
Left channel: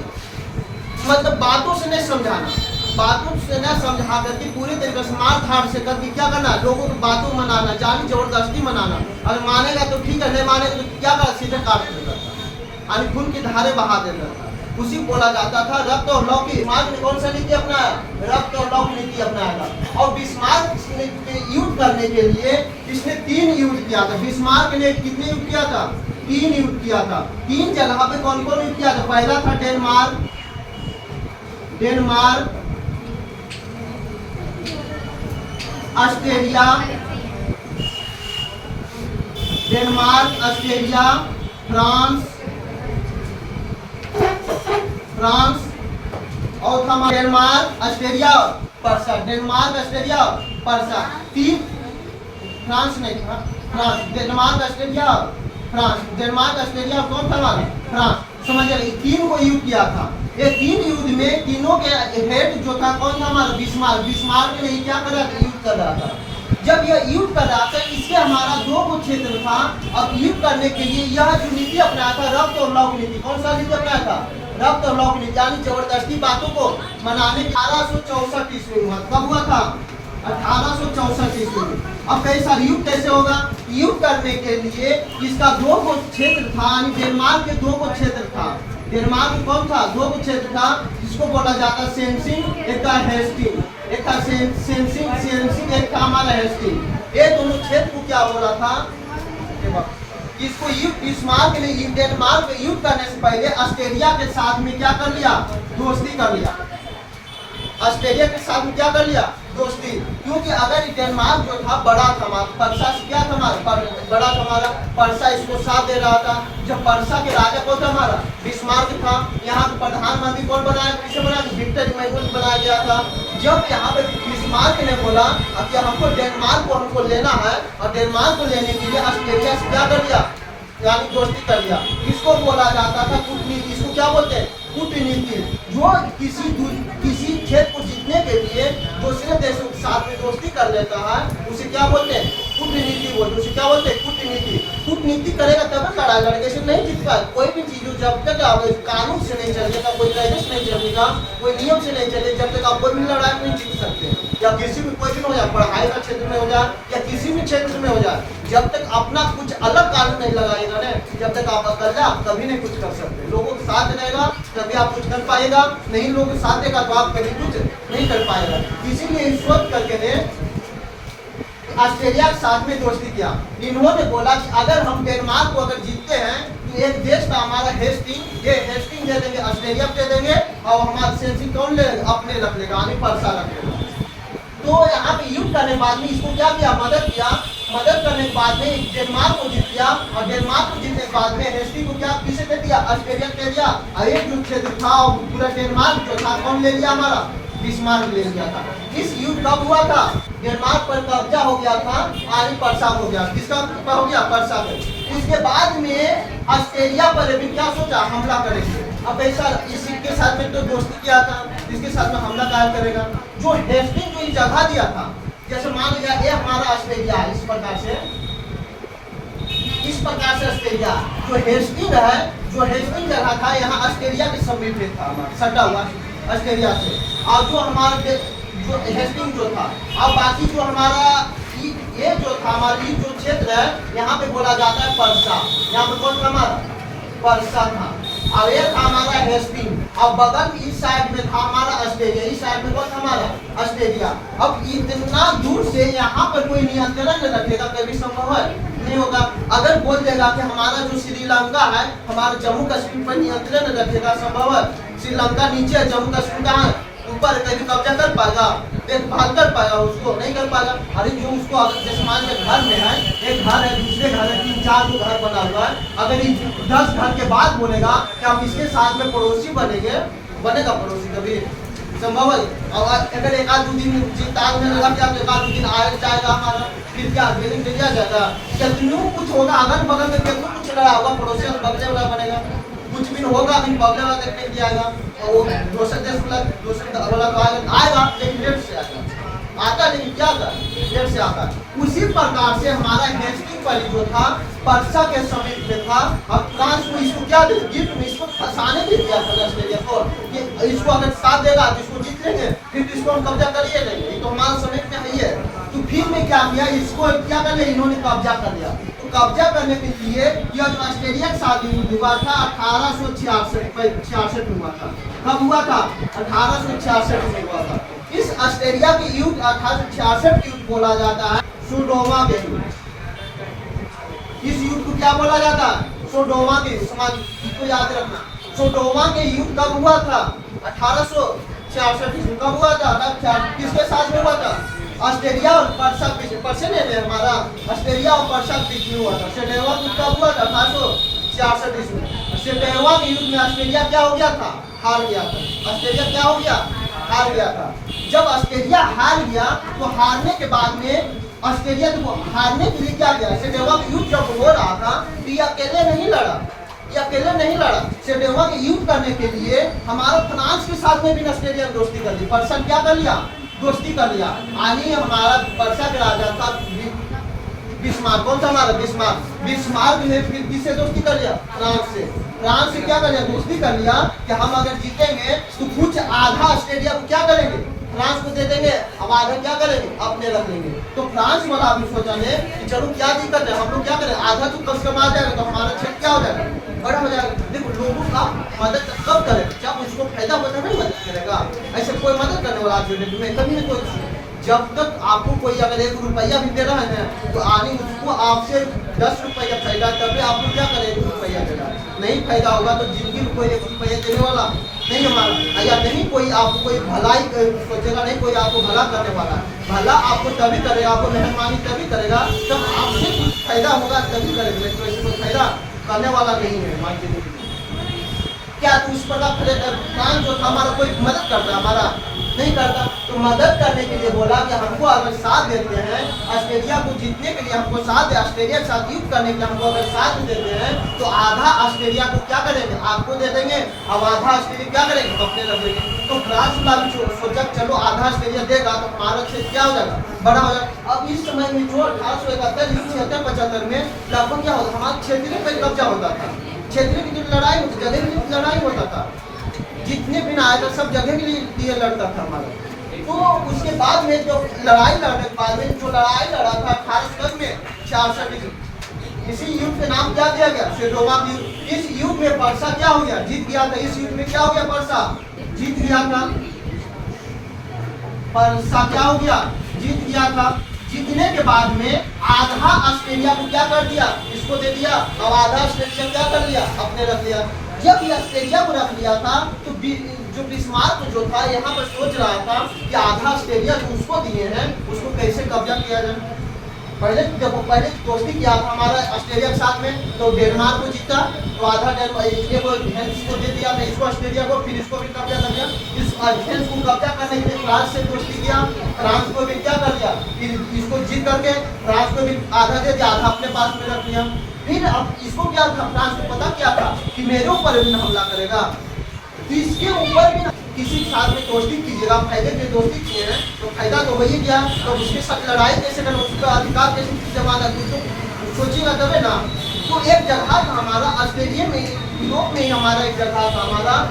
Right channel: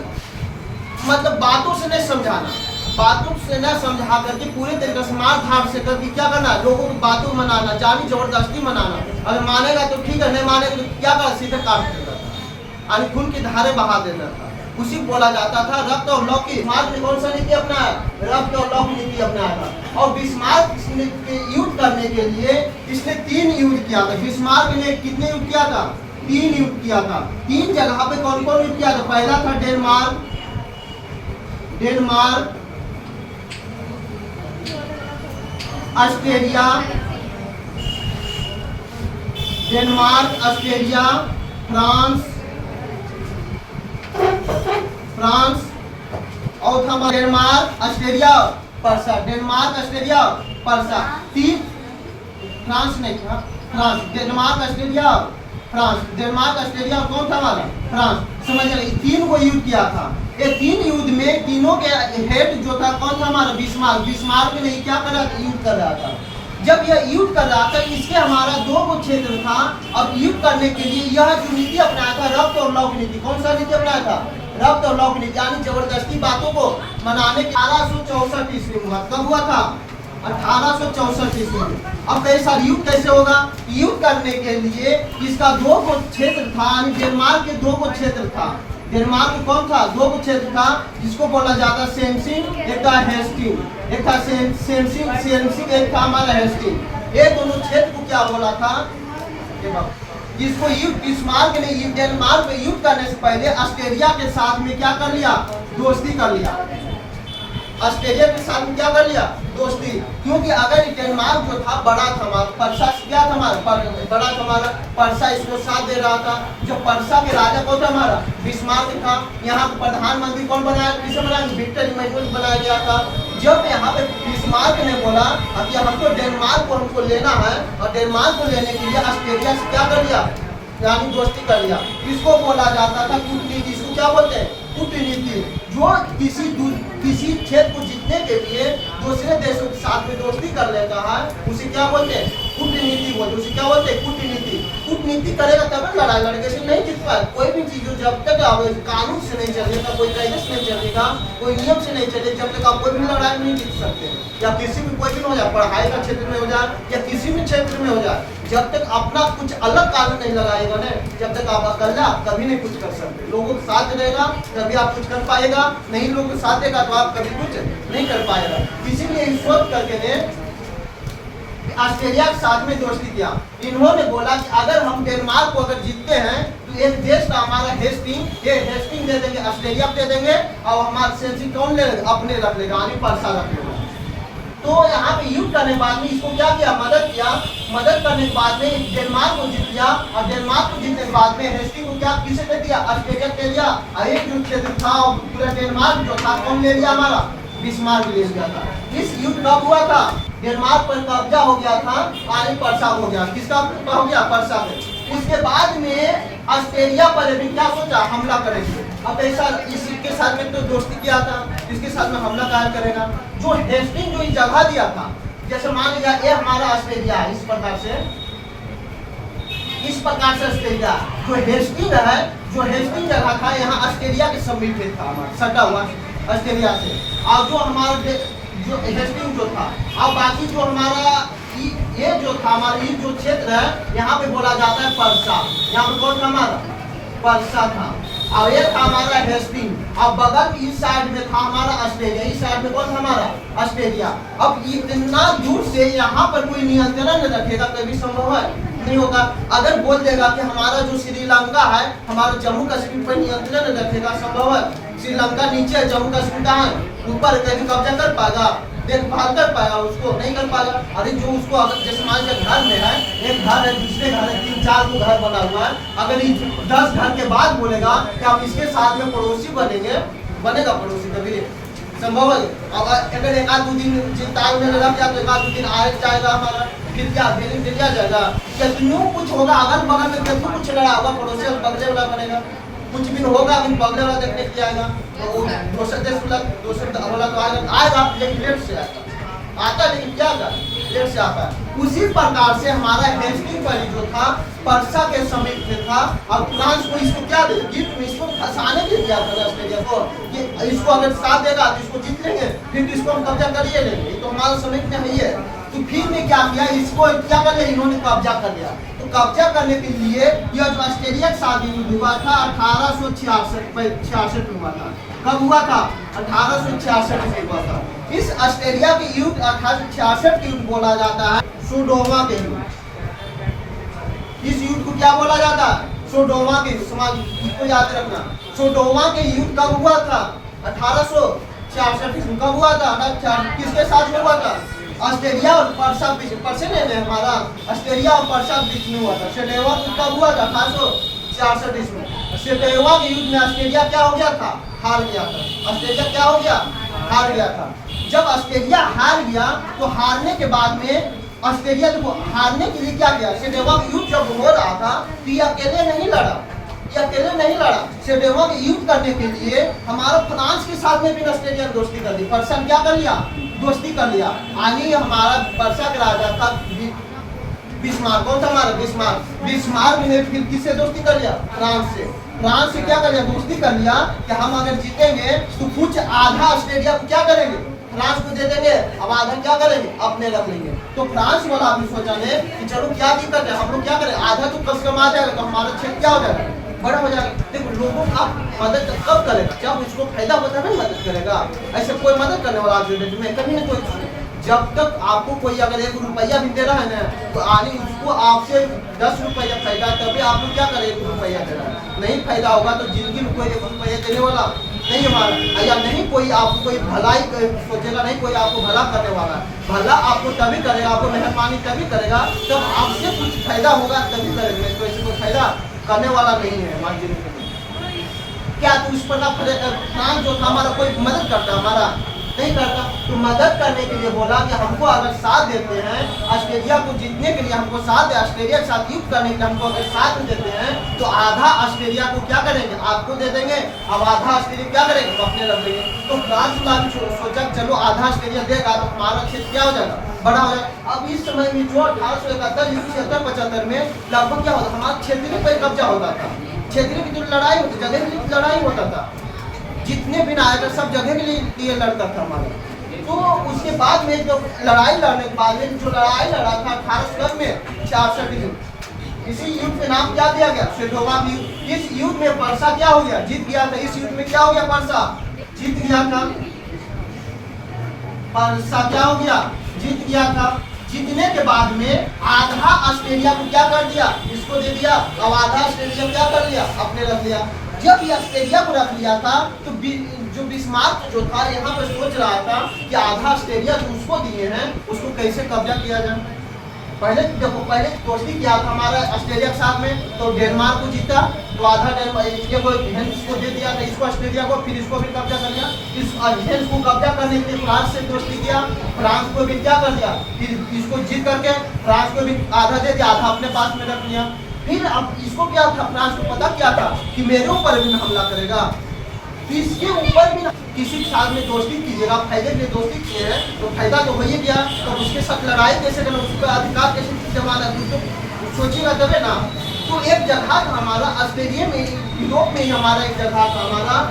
मतलब बातों से नहीं समझाना, बातों से न समझा करके पूरे तरीके से मार धाड़ से करके क्या करना, लोगों को बातों मनाना, जानी जबरदस्ती मनाना। अगर मानेगा तो ठीक है, नहीं मानेगा तो क्या कर सीधे काट देता था, यानी खून की धारे बहा देता था। उसी बोला जाता था रक्त और लौ की। बिस्मार्क ने कौन सा नीति अपनाया, रक्त और लौ की नीति अपनाया था। और बिस्मार्क के युद्ध करने के लिए इसने 3 युद्ध किया था। बिस्मार्क ने कितने युद्ध किया था, 3 युद्ध किया था। 3 जगह पे कौन कौन युद्ध किया था। पहला था Denmark, Australia, Denmark, Australia, France और था Denmark, Australia, Parsa. Denmark, Australia, Parsa. 3 France नहीं था, France, Denmark, Australia, France. Denmark, Australia कौन था हमारा, फ्रांस। समझ गए, 3 को युद्ध किया था। ये 3 युद्ध में तीनों के हेड जो था कौन था हमारा, बिस्मार्क। बिस्मार्क ने क्या कर रहा था, युद्ध कर रहा था। जब यह युद्ध कर रहा था इसके हमारा 2 को क्षेत्र था। अब युद्ध करने के लिए यह जो नीति अपनाया था रक्त और लौ की नीति। कौन सा नीति अपनाया था, रक्त और लौ की नीति, यानी जबरदस्ती बातों को मनाने के 1864 ईस्वी में हुआ। कब हुआ था, 1864 ईस्वी में। अब कैसा युद्ध कैसे होगा, युद्ध करने के लिए इसका 2 को क्षेत्र था, यानी डेनमार्क के 2 को क्षेत्र था। डेनमार्क कौन था, 2 को क्षेत्र था जिसको बोला जाता सेंसिंग, एक था हेस्टिंग। एक था सेंसिंग, एक था हमारा हेस्टिंग। ये दोनों क्षेत्र को क्या बोला था, इसको युद्ध बिस्मार्क ने डेनमार्क में युद्ध करने से पहले ऑस्ट्रेलिया के साथ में क्या कर लिया, दोस्ती कर लिया। ऑस्ट्रेलिया के साथ में क्या कर लिया, दोस्ती। क्योंकि अगर डेनमार्क जो था बड़ा था हमारा, पर्सा क्या था हमारा, बड़ा था हमारा, पर्सा इसको साथ दे रहा था। जब पर्सा के राजा कौन था हमारा, बिस्मार्क था। यहाँ पे प्रधानमंत्री कौन बनाया, किसे बनाया, विक्टर इमैनुअल बनाया गया था। जब यहाँ पे बिस्मार्क ने बोला कि हमको डेनमार्क को हमको लेना है और डेनमार्क को लेने के लिए ऑस्ट्रेलिया से क्या कर लिया, यानी दोस्ती कर लिया। इसको बोला जाता था कूटनीति। इसको क्या बोलते हैं, कूटनीति। जो किसी क्षेत्र को जीतने के लिए दूसरे देशों के साथ में दोस्ती कर लेता है उसे क्या बोलते हैं, कूटनीति बोलते हैं। उसे क्या बोलते हैं, कूटनीति। कूटनीति करेगा तब लड़ाई लड़के से नहीं जीत पाए। कोई भी चीज जब तक कानून से नहीं चलेगा, कोई कायदे से नहीं चलेगा, कोई नियम से नहीं चलेगा, जब तक आप कोई भी लड़ाई नहीं जीत सकते। या किसी भी कोई भी हो जाए, पढ़ाई का क्षेत्र में हो जाए या किसी भी क्षेत्र में हो जाए, जब तक अपना कुछ अलग कानून नहीं लगाएगा ना, जब तक आप अकेला कभी नहीं कुछ कर सकते। लोगों के साथ रहेगा तभी आप कुछ कर पाएगा, नहीं लोगों के साथ देगा तो आप कभी कुछ नहीं कर पाएगा। इसीलिए इस सोच करके ने ऑस्ट्रेलिया के साथ में दोस्ती किया। इन्होंने बोला कि अगर हम डेनमार्क को अगर जीतते हैं तो एक देश का हमारा हेस्टिंग, ये हेस्टिंग दे देंगे, ऑस्ट्रेलिया को दे देंगे और हमारा सेंसी कौन ले अपने रख लेगा, यानी पर्सा रख लेगा। तो यहाँ पे युद्ध करने के बाद में इसको क्या किया, मदद किया। मदद करने के बाद में डेनमार्क को जीत लिया और डेनमार्क को जीतने के बाद में हेस्टिंग को क्या किसे दे दिया, ऑस्ट्रेलिया दे दिया। और एक जो क्षेत्र था पूरा डेनमार्क जो था कौन ले लिया, हमारा बिस्मार्क ले लिया था। इस युद्ध कब हुआ था, डेनमार्क पर कब्जा हो गया था, यानी पर्सा हो गया। किसका हो गया, पर्सा पे। इसके बाद में ऑस्ट्रेलिया पर भी क्या सोचा, हमला करेंगे। अब ऐसा इसके साथ में तो दोस्ती किया था, इसके साथ में हमला काहे करेगा। जो हेस्टिंग जो जगह दिया था, जैसे मान लिया ये हमारा ऑस्ट्रेलिया है, इस प्रकार से ऑस्ट्रेलिया जो हेस्टिंग है, जो हेस्टिंग जगह था यहाँ ऑस्ट्रेलिया के समीप में था, हमारा सटा हुआ ऑस्ट्रेलिया से। और जो हमारा जो हेस्टिंग जो था, अब बाकी जो हमारा ये जो था हमारा ये जो क्षेत्र है यहाँ पे बोला जाता है पर्सा। यहाँ पे कौन था हमारा, पर्सा था। और ये था हमारा हेस्टिंग। और बगल इस साइड में था हमारा ऑस्ट्रेलिया, इस साइड में कौन था हमारा, ऑस्ट्रेलिया। अब इतना दूर से यहाँ पर कोई नियंत्रण रखेगा कभी संभव है, नहीं होगा। अगर बोल देगा कि हमारा जो श्रीलंका है, हमारा जम्मू कश्मीर पर नियंत्रण रखेगा, संभव है। श्रीलंका नीचे, जम्मू कश्मीर कहाँ है, ऊपर, कभी कब्जा कर पाएगा, देखभाल कर पाएगा, उसको नहीं कर पाएगा। अरे जो उसको अगर जैसे मान लीजिए घर में है, एक घर है, दूसरे घर है, 3-4 को घर बना हुआ है, अगर 10 घर के बाद बोलेगा कि हम इसके साथ में पड़ोसी बनेंगे, बनेगा पड़ोसी कभी संभव है। और अगर एक आध दो दिन ताल में लगा क्या तो एक आध दो दिन आए जाएगा हमारा, फिर क्या बिलिंग दिया जाएगा? कितनों कुछ होगा, अगल बगल में कितनों कुछ लड़ा होगा, पड़ोसी बगले वाला बनेगा, कुछ भी होगा, अभी बगले वाला देखने के लिए आएगा, तो वो दूसरे देश वाला तो आएगा लेकिन लेट से आएगा, आता नहीं क्या था, लेट से आता है। उसी प्रकार से हमारा हेस्टिंग पर जो था पर्सा के समय में था, अब फ्रांस को इसको क्या दे, गिफ्ट में इसको फंसाने के दिया था ऑस्ट्रेलिया को, कि इसको अगर साथ देगा तो इसको जीत लेंगे, फिर तो इसको हम कब्जा कर ही लेंगे, ये तो हमारा समय में है ही है। तो फिर में क्या किया, इसको क्या कर लिया, इन्होंने कब्जा कर लिया। तो कब्जा करने के लिए यह जो ऑस्ट्रेलिया के साथ युद्ध हुआ था 1866 में हुआ था। कब हुआ था? 1866 में हुआ था। इस ऑस्ट्रेलिया के युद्ध 1866 के युद्ध बोला जाता है सोडोमा के युद्ध। इस युद्ध को क्या बोला जाता है? सोडोमा के युद्ध। समाज इसको याद रखना, सोडोमा के युद्ध कब हुआ था? 1866 में। कब हुआ था? किसके साथ में हुआ था? ऑस्ट्रेलिया और पर्सा में हमारा ऑस्ट्रेलिया और पर्सा के बीच में हुआ था। सेटेवा कब हुआ था? 1866 में। सेटेवा के युद्ध में ऑस्ट्रेलिया क्या हो गया था? हार गया था। ऑस्ट्रेलिया क्या हो गया? हार गया था। जब ऑस्ट्रेलिया हार गया तो हारने के बाद में ऑस्ट्रेलिया को हारने के लिए क्या किया? सेटेवा का युद्ध जब हो रहा था तो ये अकेले नहीं लड़ा, ये अकेले नहीं लड़ा। सेटेवा के युद्ध करने के लिए हमारा फ्रांस के साथ में भी ऑस्ट्रेलिया ने दोस्ती कर ली। पर्सा क्या कर लिया? दोस्ती कर लिया। यानी हमारा पर्सा का राजा था बिस्मार्क। कौन था हमारा? बिस्मार्क। बिस्मार्क ने फिर किससे दोस्ती कर लिया? फ्रांस से। फ्रांस से क्या कर लिया? दोस्ती कर लिया कि हम अगर जीतेंगे तो कुछ आधा ऑस्ट्रेलिया को क्या करेंगे? फ्रांस को दे देंगे, अब आधा क्या करेंगे? अपने रख लेंगे। तो फ्रांस वाला भी सोचा ने कि चलो क्या दिक्कत है, हम लोग क्या करें, आधा तो कम से कम आ जाएगा तो हमारा क्षेत्र क्या हो जाएगा? बड़ा हो जाएगा। देखो लोगों का मदद कब करेगा? जब उसको फायदा होता नहीं मदद करेगा। ऐसे कोई मदद करने वाला में कभी नहीं कोई। जब तक आपको कोई अगर 1 रुपया भी दे रहा है ना तो आने उसको आपसे 10 रुपया फायदा, तभी आपको क्या करे 1 रुपया दे रहा है। नहीं फायदा होगा तो जिंदगी में कोई 1 रुपया देने वाला नहीं हमारा, या नहीं कोई आपको कोई भलाई सोचेगा, नहीं कोई आपको भला करने वाला है। भला आपको तभी करेगा, आपको मेहरबानी तभी करेगा जब आपसे कुछ फायदा होगा तभी करेगा, तो ऐसे कोई फायदा करने वाला नहीं है हमारी जिंदगी में। क्या तो उस पर फ्रांस जो था हमारा कोई मदद करता? हमारा नहीं करता। तो मदद करने के लिए बोला कि हमको अगर साथ देते हैं, ऑस्ट्रेलिया को जीतने के लिए हमको साथ, ऑस्ट्रेलिया के साथ युद्ध करने के लिए हमको अगर साथ देते हैं तो आधा ऑस्ट्रेलिया को क्या करेंगे? आपको दे देंगे, अब आधा ऑस्ट्रेलिया क्या करेंगे? अपने रख देंगे। तो फ्रांस का भी सोचा चलो आधा ऑस्ट्रेलिया देगा तो हमारा क्षेत्र क्या हो जाएगा? बड़ा हो जाएगा। अब इस समय में जो 1871, 75 में लगभग क्या होता? हमारा क्षेत्रीय पर कब्जा होता था। क्षेत्रीय की जो लड़ाई होती, जगह की लड़ाई होता था, जितने भी आया था सब जगह के लिए लड़ता था हमारा। तो उसके बाद में जो लड़ाई लड़ने के बाद में जो लड़ाई लड़ा था 1800 में 66, इसी युद्ध के नाम क्या दिया गया? सेडोवा युद्ध। इस युद्ध में पर्सा क्या हो गया? जीत गया था। इस युद्ध में क्या हो गया? पर्सा जीत गया था। पर्सा क्या हो गया? जीत गया था। जीतने के बाद में आधा ऑस्ट्रेलिया को क्या कर दिया? इसको दे दिया। अब आधा ऑस्ट्रेलिया क्या कर लिया? अपने रख लिया। जब ये ऑस्ट्रेलिया को रख लिया था तो जो बिस्मार्क जो था यहाँ पर सोच रहा था कि आधा ऑस्ट्रेलिया जो उसको दिए हैं उसको कैसे कब्जा किया जाए। पहले दोस्ती किया था हमारा ऑस्ट्रेलिया के साथ में, तो डेनमार्क को जीता तो आधा हेंस को दे दिया था, इसको ऑस्ट्रेलिया को, फिर इसको भी कब्जा कर लिया। इस हेंस को कब्जा करने के लिए फ्रांस से दोस्ती किया, फ्रांस को भी क्या कर दिया? फिर इसको जीत करके फ्रांस को भी आधा दे दिया, आधा अपने पास में रख लिया। फिर अब इसको क्या था? फ्रांस को पता क्या था कि मेरे ऊपर भी हमला करेगा, तो इसके ऊपर भी किसी के साथ में दोस्ती कीजिएगा। फायदे के दोस्ती किए हैं तो फायदा तो वही गया, तो उसके साथ लड़ाई कैसे करना, उसका अधिकार कैसे जमाना, तो सोचिएगा तबे ना। तो एक जगह था हमारा ऑस्ट्रेलिया में, यूरोप में ही हमारा एक जगह था हमारा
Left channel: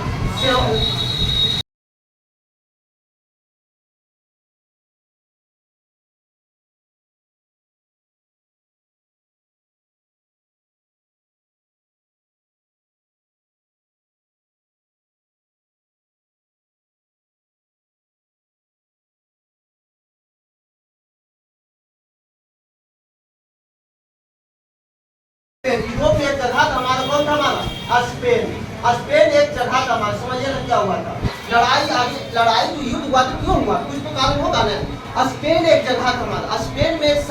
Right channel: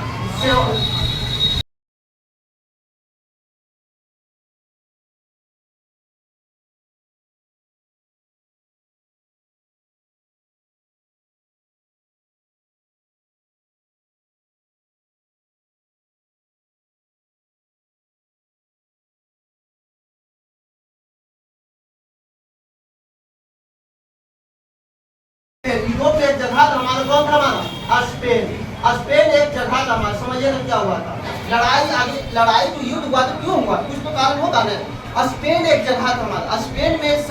यूरोप में एक जगह था हमारा। कौन था हमारा? स्पेन। स्पेन एक जगह था हमारा। समझिए ना क्या हुआ था? लड़ाई आगे, लड़ाई तो युद्ध हुआ तो क्यों हुआ? कुछ तो कारण होगा ना। स्पेन एक जगह था हमारा। स्पेन में एक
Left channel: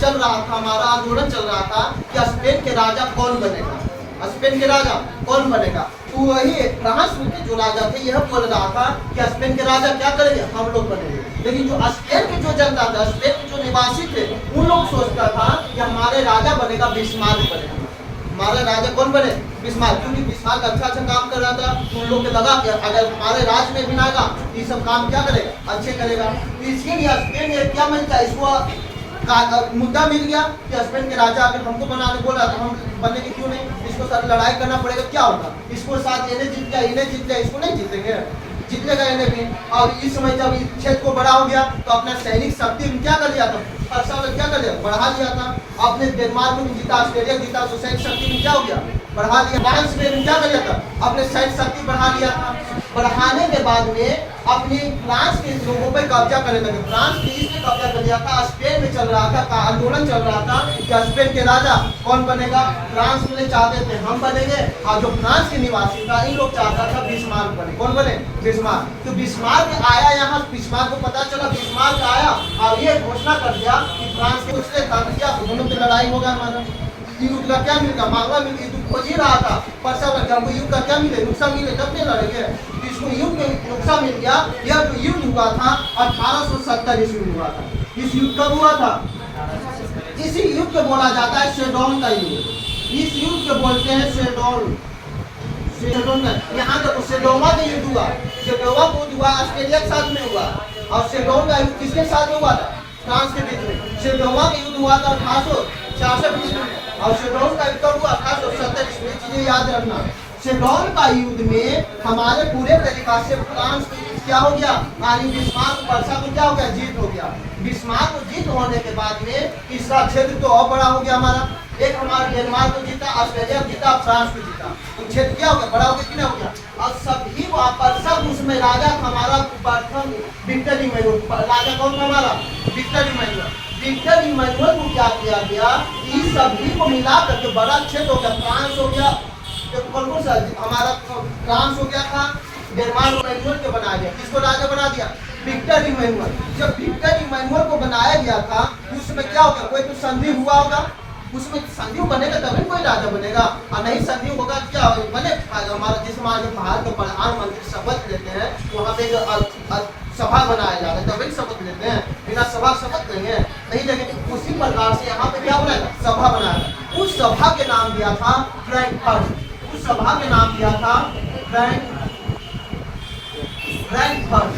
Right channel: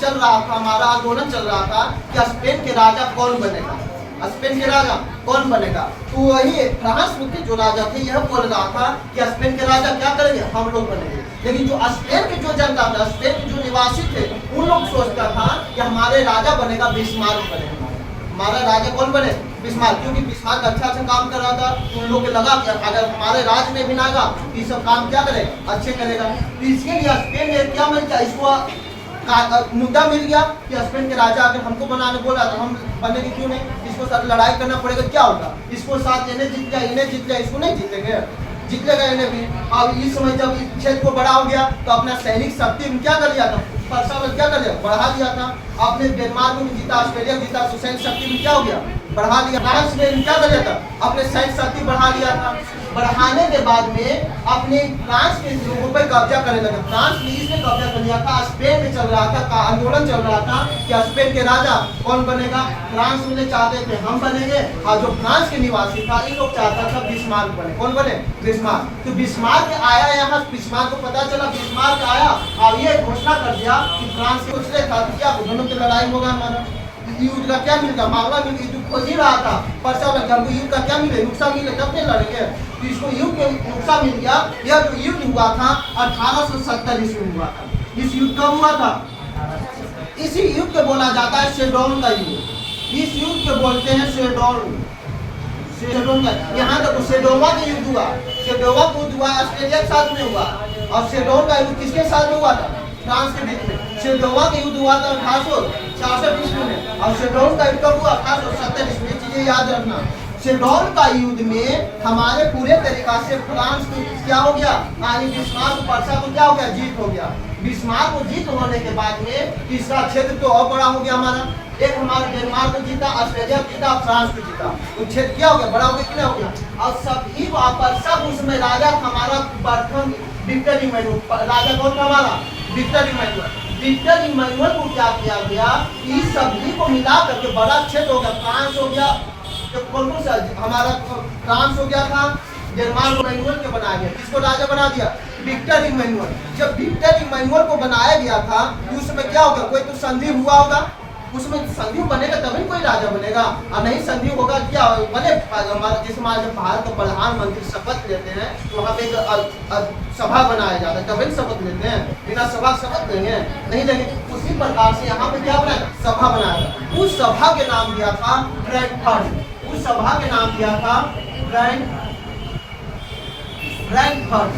चल रहा था हमारा, आंदोलन चल रहा था कि स्पेन के राजा कौन बनेगा। स्पेन के राजा कौन बनेगा? तो वही फ्रांस के जो राजा थे यह बोल रहा था कि स्पेन के राजा क्या करेंगे, हम लोग बनेंगे। लेकिन जो स्पेन के जो जनता था, स्पेन के जो निवासी थे, उन लोग सोचता था कि हमारे राजा बनेगा बिस्मार्क बनेगा, हमारा राजा कौन बने, बिस्मार्क। क्योंकि बिस्मार्क अच्छा काम कर रहा था, तो उन लोग को लगा कि अगर हमारे राज में भी ना आएगा तो ये सब काम क्या करेगा, अच्छे करेगा। तो इसके लिए स्पेन में क्या मिल गया, इसको मुद्दा मिल गया कि स्पेन के राजा अगर हमको बनाने बोला तो हम बनेंगे क्यों नहीं, इसको साथ लड़ाई करना पड़ेगा, क्या होगा, इसको साथ इन्हें जीत गया, इन्हें जीत गया, इसको नहीं जीतेंगे, जीतेगा इन्हें भी। और इस समय जब क्षेत्र को बड़ा हो गया तो अपना सैनिक शक्ति में क्या कर लिया था, परसा में क्या कर लिया, बढ़ा दिया था। आपने डेनमार्क में जीता, ऑस्ट्रेलिया जीता, तो सैनिक शक्ति में क्या हो गया, बढ़ा दिया। फ्रांस में क्या कर लिया था, अपने सैनिक शक्ति बढ़ा लिया था। बढ़ाने के बाद में अपने फ्रांस के लोगों पर कब्जा करने लगे। फ्रांस ने इसमें कब्जा कर लिया था, स्पेन में चल रहा था आंदोलन चल रहा था कि स्पेन के राजा कौन बनेगा। फ्रांस में चाहते थे हम बनेंगे, और जो फ्रांस के निवासी था इन लोग चाहता था बिस्मार्क बने, कौन बने, बिस्मार्क। तो बिस्मार्क आया यहाँ, बिस्मार्क को पता चला, बिस्मार्क आया और ये घोषणा कर दिया कि फ्रांस के दूसरे था कि क्या दोनों की लड़ाई होगा, हमारा युद्ध का क्या मिलेगा, मांगला मिल गया, युद्ध खोज ही रहा था, परसा हमको युद्ध का क्या मिले, नुकसान मिले तब नहीं लड़ेंगे। तो इसको युद्ध में नुकसान मिल गया। यह जो युद्ध हुआ था 1870 ईस्वी में हुआ था। इस युद्ध कब हुआ था, इसी युद्ध को बोला जाता है सेडोन का युद्ध। इस युद्ध को बोलते हैं सेडोन, सेडोन का। यहाँ देखो सेडोवा का युद्ध हुआ, सेडोवा का युद्ध हुआ ऑस्ट्रेलिया के साथ में हुआ, और सेडोन का युद्ध किसके साथ में हुआ था, फ्रांस के बीच में। सेडोवा का युद्ध हुआ था 1866 ईस्वी में, और सेडोन का युद्ध हुआ 1870 ईस्वी में। चीजें याद रखना, सेडोन का युद्ध में हमारे पूरे तरीका से फ्रांस को क्या हो गया, यानी बिस्मार्क परसा को क्या हो गया, जीत हो गया। बिस्मार्क को जीत होने के बाद में इसका क्षेत्र तो और बड़ा हो गया हमारा। एक हमारा डेनमार्क को जीता, ऑस्ट्रेलिया जीता, फ्रांस को जीता, तो क्षेत्र क्या हो गया, बड़ा हो गया कि नहीं हो गया। और सभी वहाँ पर सब उसमें राजा हमारा प्रथम विक्टर इमैनुअल, राजा कौन था हमारा, विक्टर इमैनुअल। विक्टर इमैनुअल को क्या किया गया, इस सभी को मिला करके बड़ा क्षेत्र हो गया। फ्रांस हो गया, कौन कौन सा हमारा फ्रांस हो गया था, डेनमार्क को इमैनुअल के बनाया गया। किसको राजा बना दिया, विक्टर इमैनुअल। जब विक्टर इमैनुअल को बनाया गया था उसमें क्या हो गया, कोई तो संधि हुआ होगा, उसमें संधि बनेगा तभी कोई राजा बनेगा, और नहीं संधि होगा क्या बने। हमारा जैसे हमारे भारत का प्रधानमंत्री शपथ लेते हैं तो वहाँ पे एक सभा बनाया जाता है, तभी शपथ लेते हैं, बिना सभा शपथ लेंगे नहीं लेंगे। उसी प्रकार से यहाँ पे क्या बनाया, सभा बनाया था। उस सभा के नाम दिया था फ्रैंकफर्ट, उस सभा के नाम दिया था फ्रैंकफर्ट।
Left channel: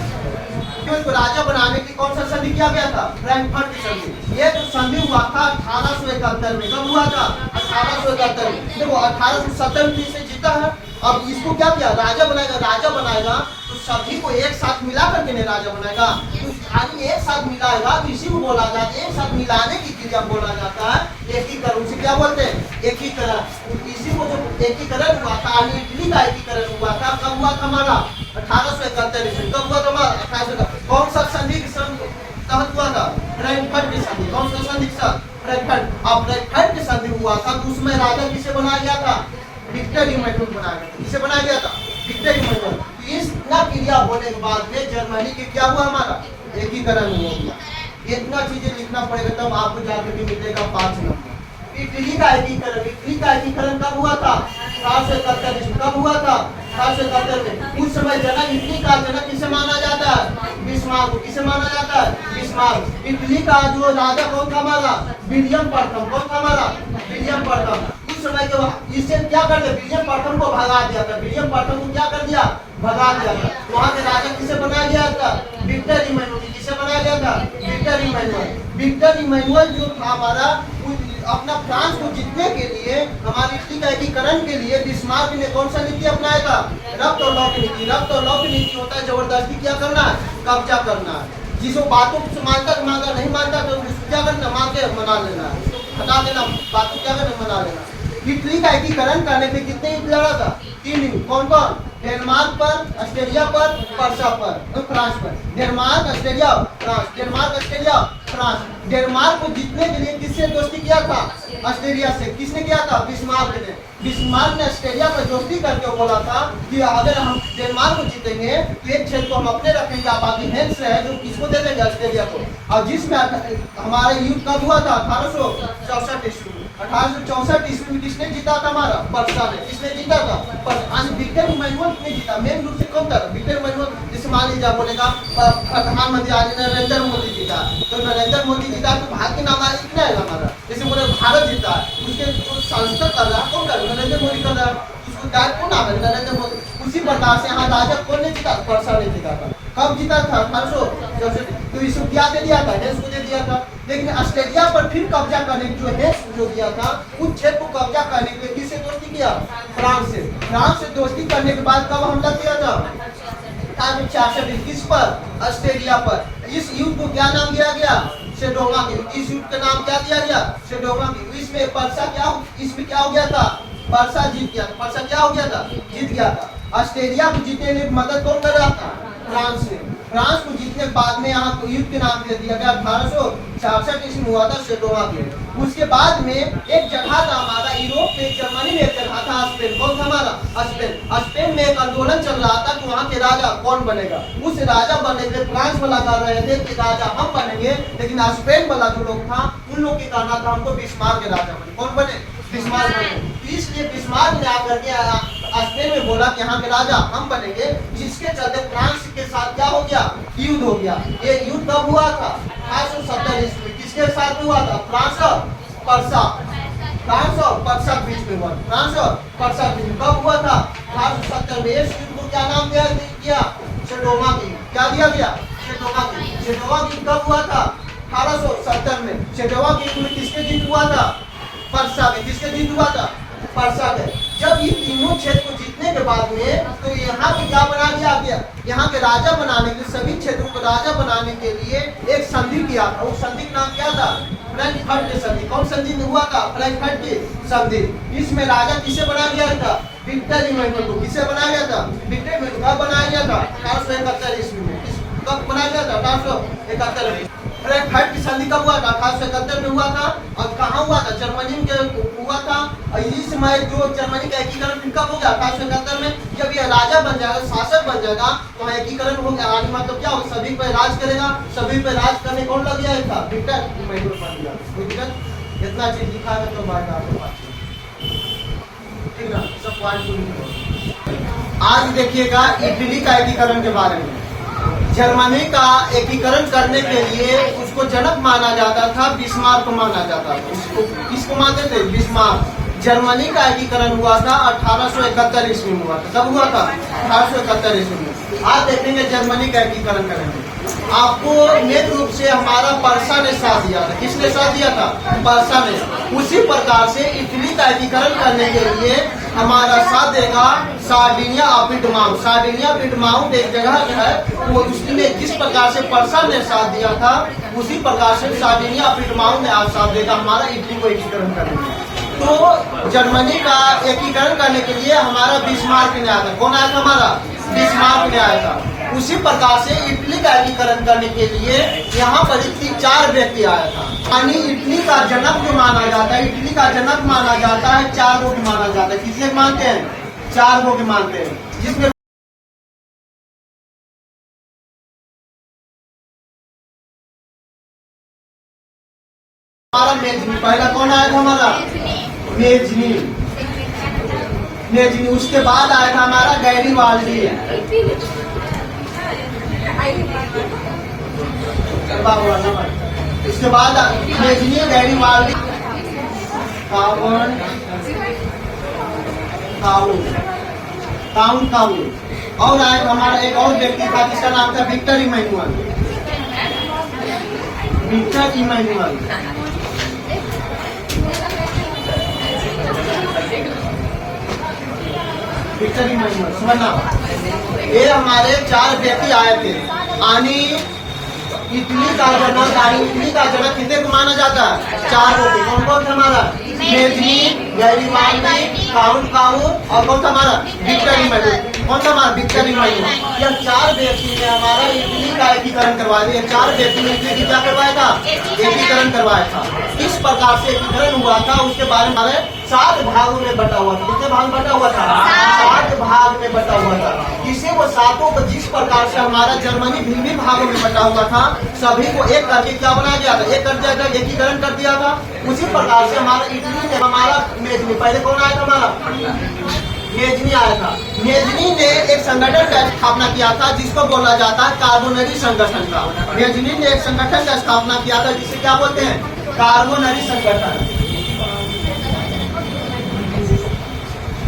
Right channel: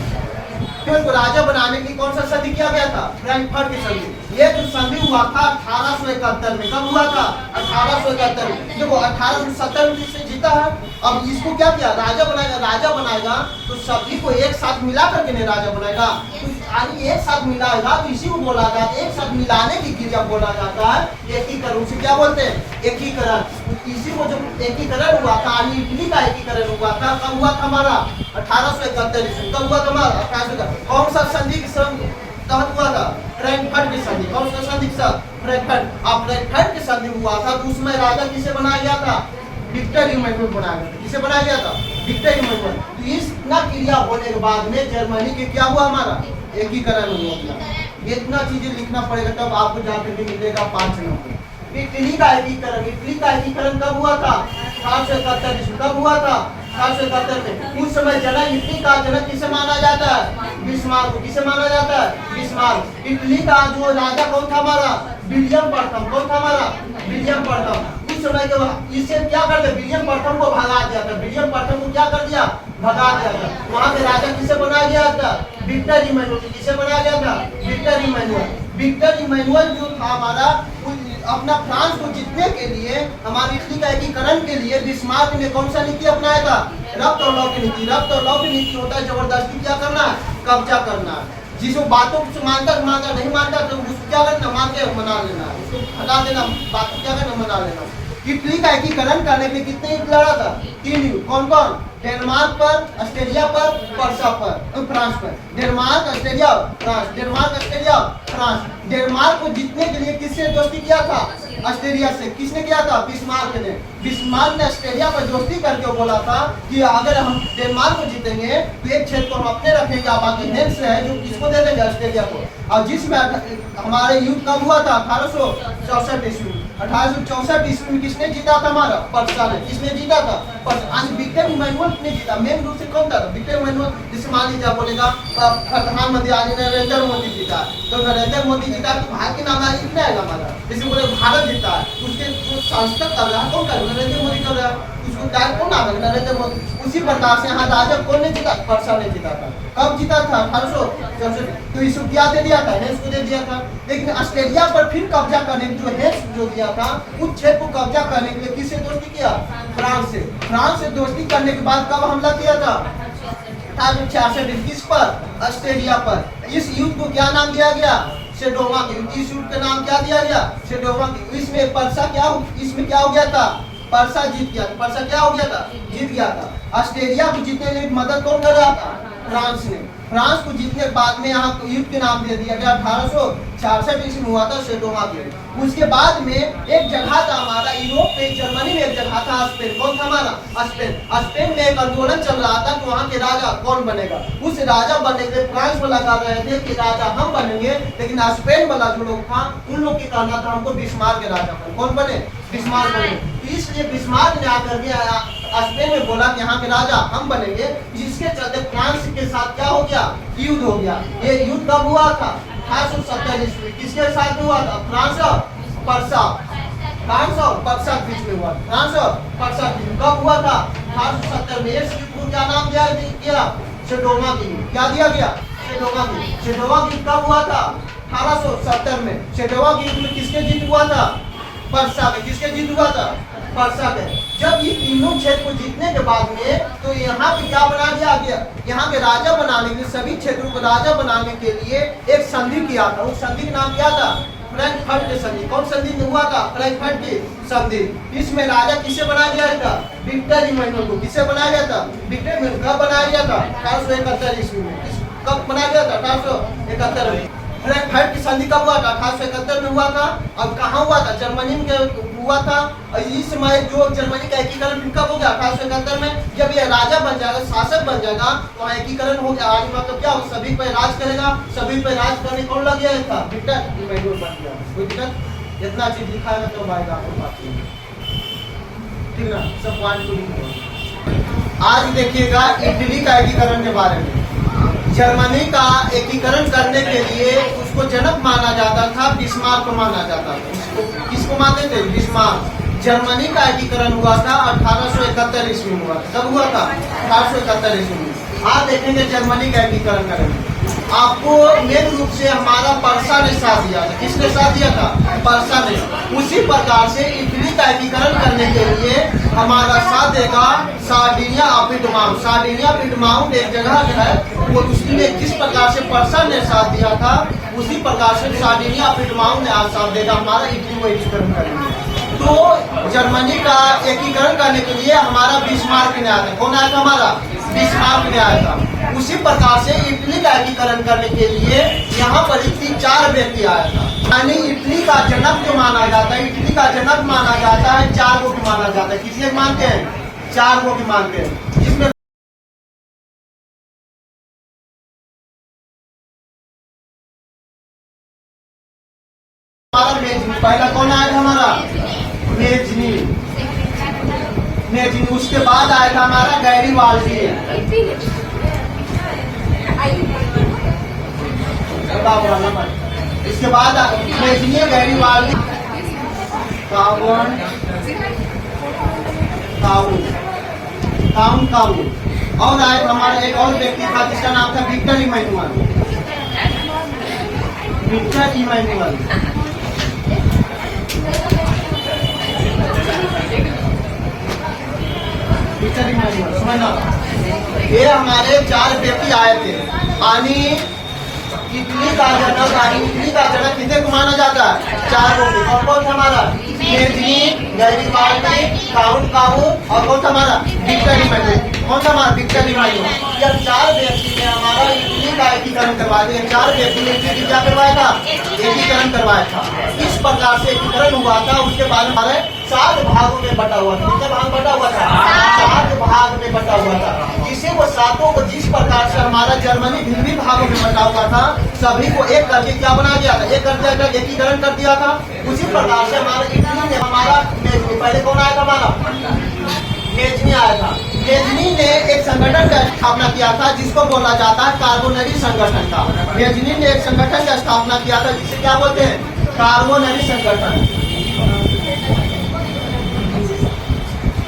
को राजा बनाने की कौन सा संधि किया गया था, फ्रैंकफर्ट की संधि। ये जो संधि हुआ था 1871 में, कब हुआ था, 1871 में। देखो 1870 में जिसे जीता है, अब इसको क्या किया, राजा बनाएगा। राजा बनाएगा तो सभी को एक साथ मिला करके नहीं राजा बनाएगा, तो यानी एक साथ मिलाएगा, तो इसी को बोला जाता है, एक साथ मिलाने की क्रिया बोला जाता है एकीकरण। उसे क्या बोलते हैं, एकीकरण। इसी को जो एकीकरण हुआ था, इटली का एकीकरण हुआ था, कब हुआ था हमारा 1871 ईस्वी। कब हुआ था हमारा 1871। कौन सा संधि के तहत हुआ था, फ्रैंकफर्ट की संधि। कौन सा संधि के साथ, फ्रैंकफर्ट। अब फ्रैंकफर्ट की संधि हुआ था तो उसमें राजा किसे बनाया गया था, विक्टर इमैनुअल बनाया गया था। किसे बनाया गया था, विक्टर इमैनुअल। तो इतना क्रिया होने के बाद में जर्मनी के क्या हुआ, हमारा एकीकरण हो गया। इतना चीजें लिखना पड़ेगा तब आपको जाकर के मिलेगा 5 नंबर। इटली का एकीकरण, इटली का एकीकरण कब हुआ था, 1871 ईस्वी। कब हुआ था, 1871 में। उस समय जनक, इटली का जनक किसे माना जाता है, बिस्मार्क को। किसे माना जाता है, बिस्मार्क। इटली का जो राजा कौन था हमारा, विलियम प्रथम। कौन था हमारा, विलियम प्रथम। उस समय के इससे क्या कर दिया, विलियम प्रथम को भगा दिया था। विलियम प्रथम को क्या कर दिया, भगा दिया था। वहाँ के राजा किसे बनाया गया था, विक्टर इमैनुअल। किसे बनाया गया था, विक्टर इमैनुअल। विक्टर इमैनुअल जो था हमारा, अपना फ्रांस को जीतने के लिए, हमारी इटली का एकीकरण के लिए बिस्मार्क ने कौन सा नीति अपनाया था, रक्त और लौट नीति। रक्त और लौट नीति होता है जबरदस्ती क्या करना, कब्जा करना। जिसको बातों को मानता नहीं मानता तो उसको क्या करना, मार के मना लेना, उसको हटा देना, बातों क्या करना, मना लेना। इटली का एकीकरण करने पे कितने युद्ध लड़ा था, 3 युद्ध। कौन कौन, डेनमार्क पर, ऑस्ट्रेलिया पर, परसा पर, फ्रांस पर। Denmark, Australia, France. Denmark, Australia, France. Denmark को जीतने के लिए किससे दोस्ती किया था, ऑस्ट्रेलिया से। किसने किया था, बिस्मार्क ने। बिस्मार्क ने ऑस्ट्रेलिया पर दोस्ती करके बोला था कि अगर हम डेनमार्क को जीतेंगे तो एक क्षेत्र को हम अपने रखेंगे, बाकी हेल्स है जो किसको दे देंगे, ऑस्ट्रेलिया को। और जिसमें हमारे युद्ध कब हुआ था, 1864 ईस्वी। 1864 ईस्वी में किसने जीता था? हमारा पर्सा ने। किसने जीता था? विक्टर इमैनुअल ने जीता। मेन रूप से कौन था? Victor Emmanuel. जिसे मान लीजिए आप बोलेगा प्रधानमंत्री आज नरेंद्र मोदी जीता, तो नरेंद्र मोदी जीता तो भारत के नाम कितना आएगा हमारा? जैसे बोले भारत जीता है, उसके जो सांसद कर रहा है कौन कर रहा है? नरेंद्र मोदी कर रहा है, उसको डायरेक्ट कौन नाम है? नरेंद्र मोदी। उसी प्रकार से यहाँ राजा कौन ने जीता? पर्सा ने जीता था। कब जीता था? 1864। तो इसको क्या दे दिया था? हेंस को दे दिया था। लेकिन ऑस्ट्रेलिया पर फिर कब्जा करने के जो हेंस जो दिया था, उस क्षेत्र को कब्जा करने के लिए किससे दोस्ती किया? फ्रांस से। फ्रांस से दोस्ती करने के बाद कब हमला किया था? 1866। किस पर? ऑस्ट्रेलिया पर। इस युद्ध को क्या नाम दिया गया? सेडोवा की। इस युद्ध का नाम क्या दिया गया? सेडोवा की। इसमें पर्सा इसमें क्या हो गया था? पर्सा जीत गया। पर्सा क्या हो गया था? जीत गया था। ऑस्ट्रेलिया को जीतने में मदद कौन कर रहा था? फ्रांस ने। फ्रांस को जीतने के बाद में यहाँ तो युद्ध के नाम दे दिया गया। 1866 ईस्वी में हुआ था सेडोवा की। उसके बाद में एक जगह था हमारा यूरोप में, जर्मनी में एक जगह था स्पेन। कौन था हमारा? स्पेन। स्पेन में एक आंदोलन चल रहा था कि वहाँ के राजा कौन बनेगा। उस राजा बनने के लिए फ्रांस वाला कर रहे थे कि राजा हम बनेंगे, लेकिन स्पेन वाला जो लोग था उन लोग के कहना था हमको बिस्मार्क के राजा बने। कौन बने? बिस्मार्क बने। इसलिए बिस्मार्क ने आकर के स्पेन में बोला कि यहाँ के राजा हम बनेंगे, जिसके चलते फ्रांस के साथ क्या हो गया? युद्ध हो गया। ये युद्ध कब हुआ था? 1870 ईस्वी में। किसके साथ हुआ था? फ्रांस और पर्सा। फ्रांस और पर्सा के बीच में हुआ। फ्रांस और पर्सा के बीच में कब हुआ था? 1870 में। इस युद्ध को क्या नाम दिया गया? सेडोवा की। क्या दिया गया? सेडोवा की। सेडोवा की कब हुआ था? 1870 में। सेडोवा की युद्ध में किसके जीत हुआ था? पर्सा के। किसके जीत हुआ था? पर्सा के। जब ये तीनों क्षेत्र को जीतने के बाद में तो यहाँ पे क्या बना दिया गया? यहाँ के राजा बनाने के लिए, सभी क्षेत्रों को राजा बनाने के लिए एक संधि किया था। उस संधि का नाम क्या था? फ्रैंकफर्ट की संधि। कौन संधि हुआ था? फ्रैंकफर्ट की संधि। इसमें राजा किसे बनाया गया था? विक्टर इमैनुअल को। किसे बनाया गया था? Victor Emmanuel. कब बनाया गया था? 1871 ईस्वी में। कब बनाया गया था? 1871 में। फ्रैंकफर्ट की संधि कब हुआ था? 1871 में हुआ था। अब कहाँ हुआ था? जर्मनी में हुआ था। और इस समय जो जर्मनी का एकीकरण कब हो गया? 1871 में। जब ये राजा बन जाएगा, शासक बन जाएगा, तो वहाँ एकीकरण हो गया। आज मतलब क्या हो? सभी पे राज करेगा। सभी पे राज करने कौन लग गया था? विक्टर इमैनुअल बन गया। कोई दिक्कत? इतना चीज लिखा है तो आएगा आपको बात में। ठीक ना? सब पॉइंट को लिख दो। आज देखिएगा इटली का एकीकरण के बारे में। जर्मनी का एकीकरण करने के लिए उसको जनक माना जाता था, बिस्मार्क को माना जाता था। उसको किसको मानते थे? बिस्मार्क। जर्मनी का एकीकरण हुआ था 1871 ईस्वी में हुआ था। कब हुआ था? 1871 ईस्वी में। आज देखेंगे जर्मनी का एकीकरण करेंगे। आपको मेन रूप से हमारा पर्सा ने साथ दिया था। किसने साथ दिया था? पर्सा ने। उसी प्रकार से इटली का एकीकरण करने के लिए हमारा साथ देगा सार्डिनिया अपिडमाउंट। सार्डिनिया अपिडमाउंट एक जगह है, वो उसने जिस प्रकार से पर्सा ने साथ दिया था, उसी प्रकार से सार्डिनिया अपिडमाउंट ने आज साथ देगा हमारा इटली को एकीकरण करने में। तो जर्मनी का एकीकरण करने के लिए हमारा बिस्मार्क ने आया था। कौन आया था? हमारा बिस्मार्क ने आया था। उसी प्रकार से इटली का एकीकरण करने के लिए यहाँ पर 4 व्यक्ति आया था। यानी इटली का जनक जो माना जाता है, इटली का जनक माना जाता है, 4 को माना जाता है। किसने मानते हैं? 4 को मानते हैं। जिसमें हमारा मेजनी, पहला कौन आया था? हमारा मेजनी। मेजनी। उसके बाद आया था हमारा गैरीवाल्डी। इसके बाद मेजनी, गैरीवाल्डी, काउंट। और आया हमारा एक और व्यक्ति था जिसका नाम था Victor Emmanuel. Victor Emmanuel. Victor Emmanuel समझना। ये हमारे 4 व्यक्ति आए थे। यानी इटली का जनक, इटली का जनक कितने को माना जाता है? 4 को। कौन कौन था? हमारा मेजनी, गैरीवाल्डी, काउंट और कौन था? हमारा विक्टर इमैनुअल। कौन था? हमारा विक्टर इमैनुअल। यह 4 व्यक्ति ने हमारा इटली का एकीकरण करवा दिया। 4 व्यक्ति ने इटली क्या करवाया था? एकीकरण करवाया था। इस प्रकार से एकीकरण हुआ था। उसके बाद हमारे 7 भागों में बटा हुआ था। कितने भाग बटा हुआ था? 7 भाग में बटा हुआ था। इसी को 7 को जिस प्रकार से हमारा जर्मनी भिन्न भागों में बटा हुआ था, सभी को एक करके क्या बना दिया था? एक कर दिया था, एकीकरण कर दिया था। उसी प्रकार से हमारा इटली ने हमारा मेजनी, पहले कौन आया था हमारा मेजनी आया था। मेजनी ने एक संगठन का स्थापना किया था जिसको बोला जाता है कार्बोनरी संगठन का। मेजनी ने एक संगठन का स्थापना किया था जिसे क्या बोलते हैं, कार्बोनरी संगठन।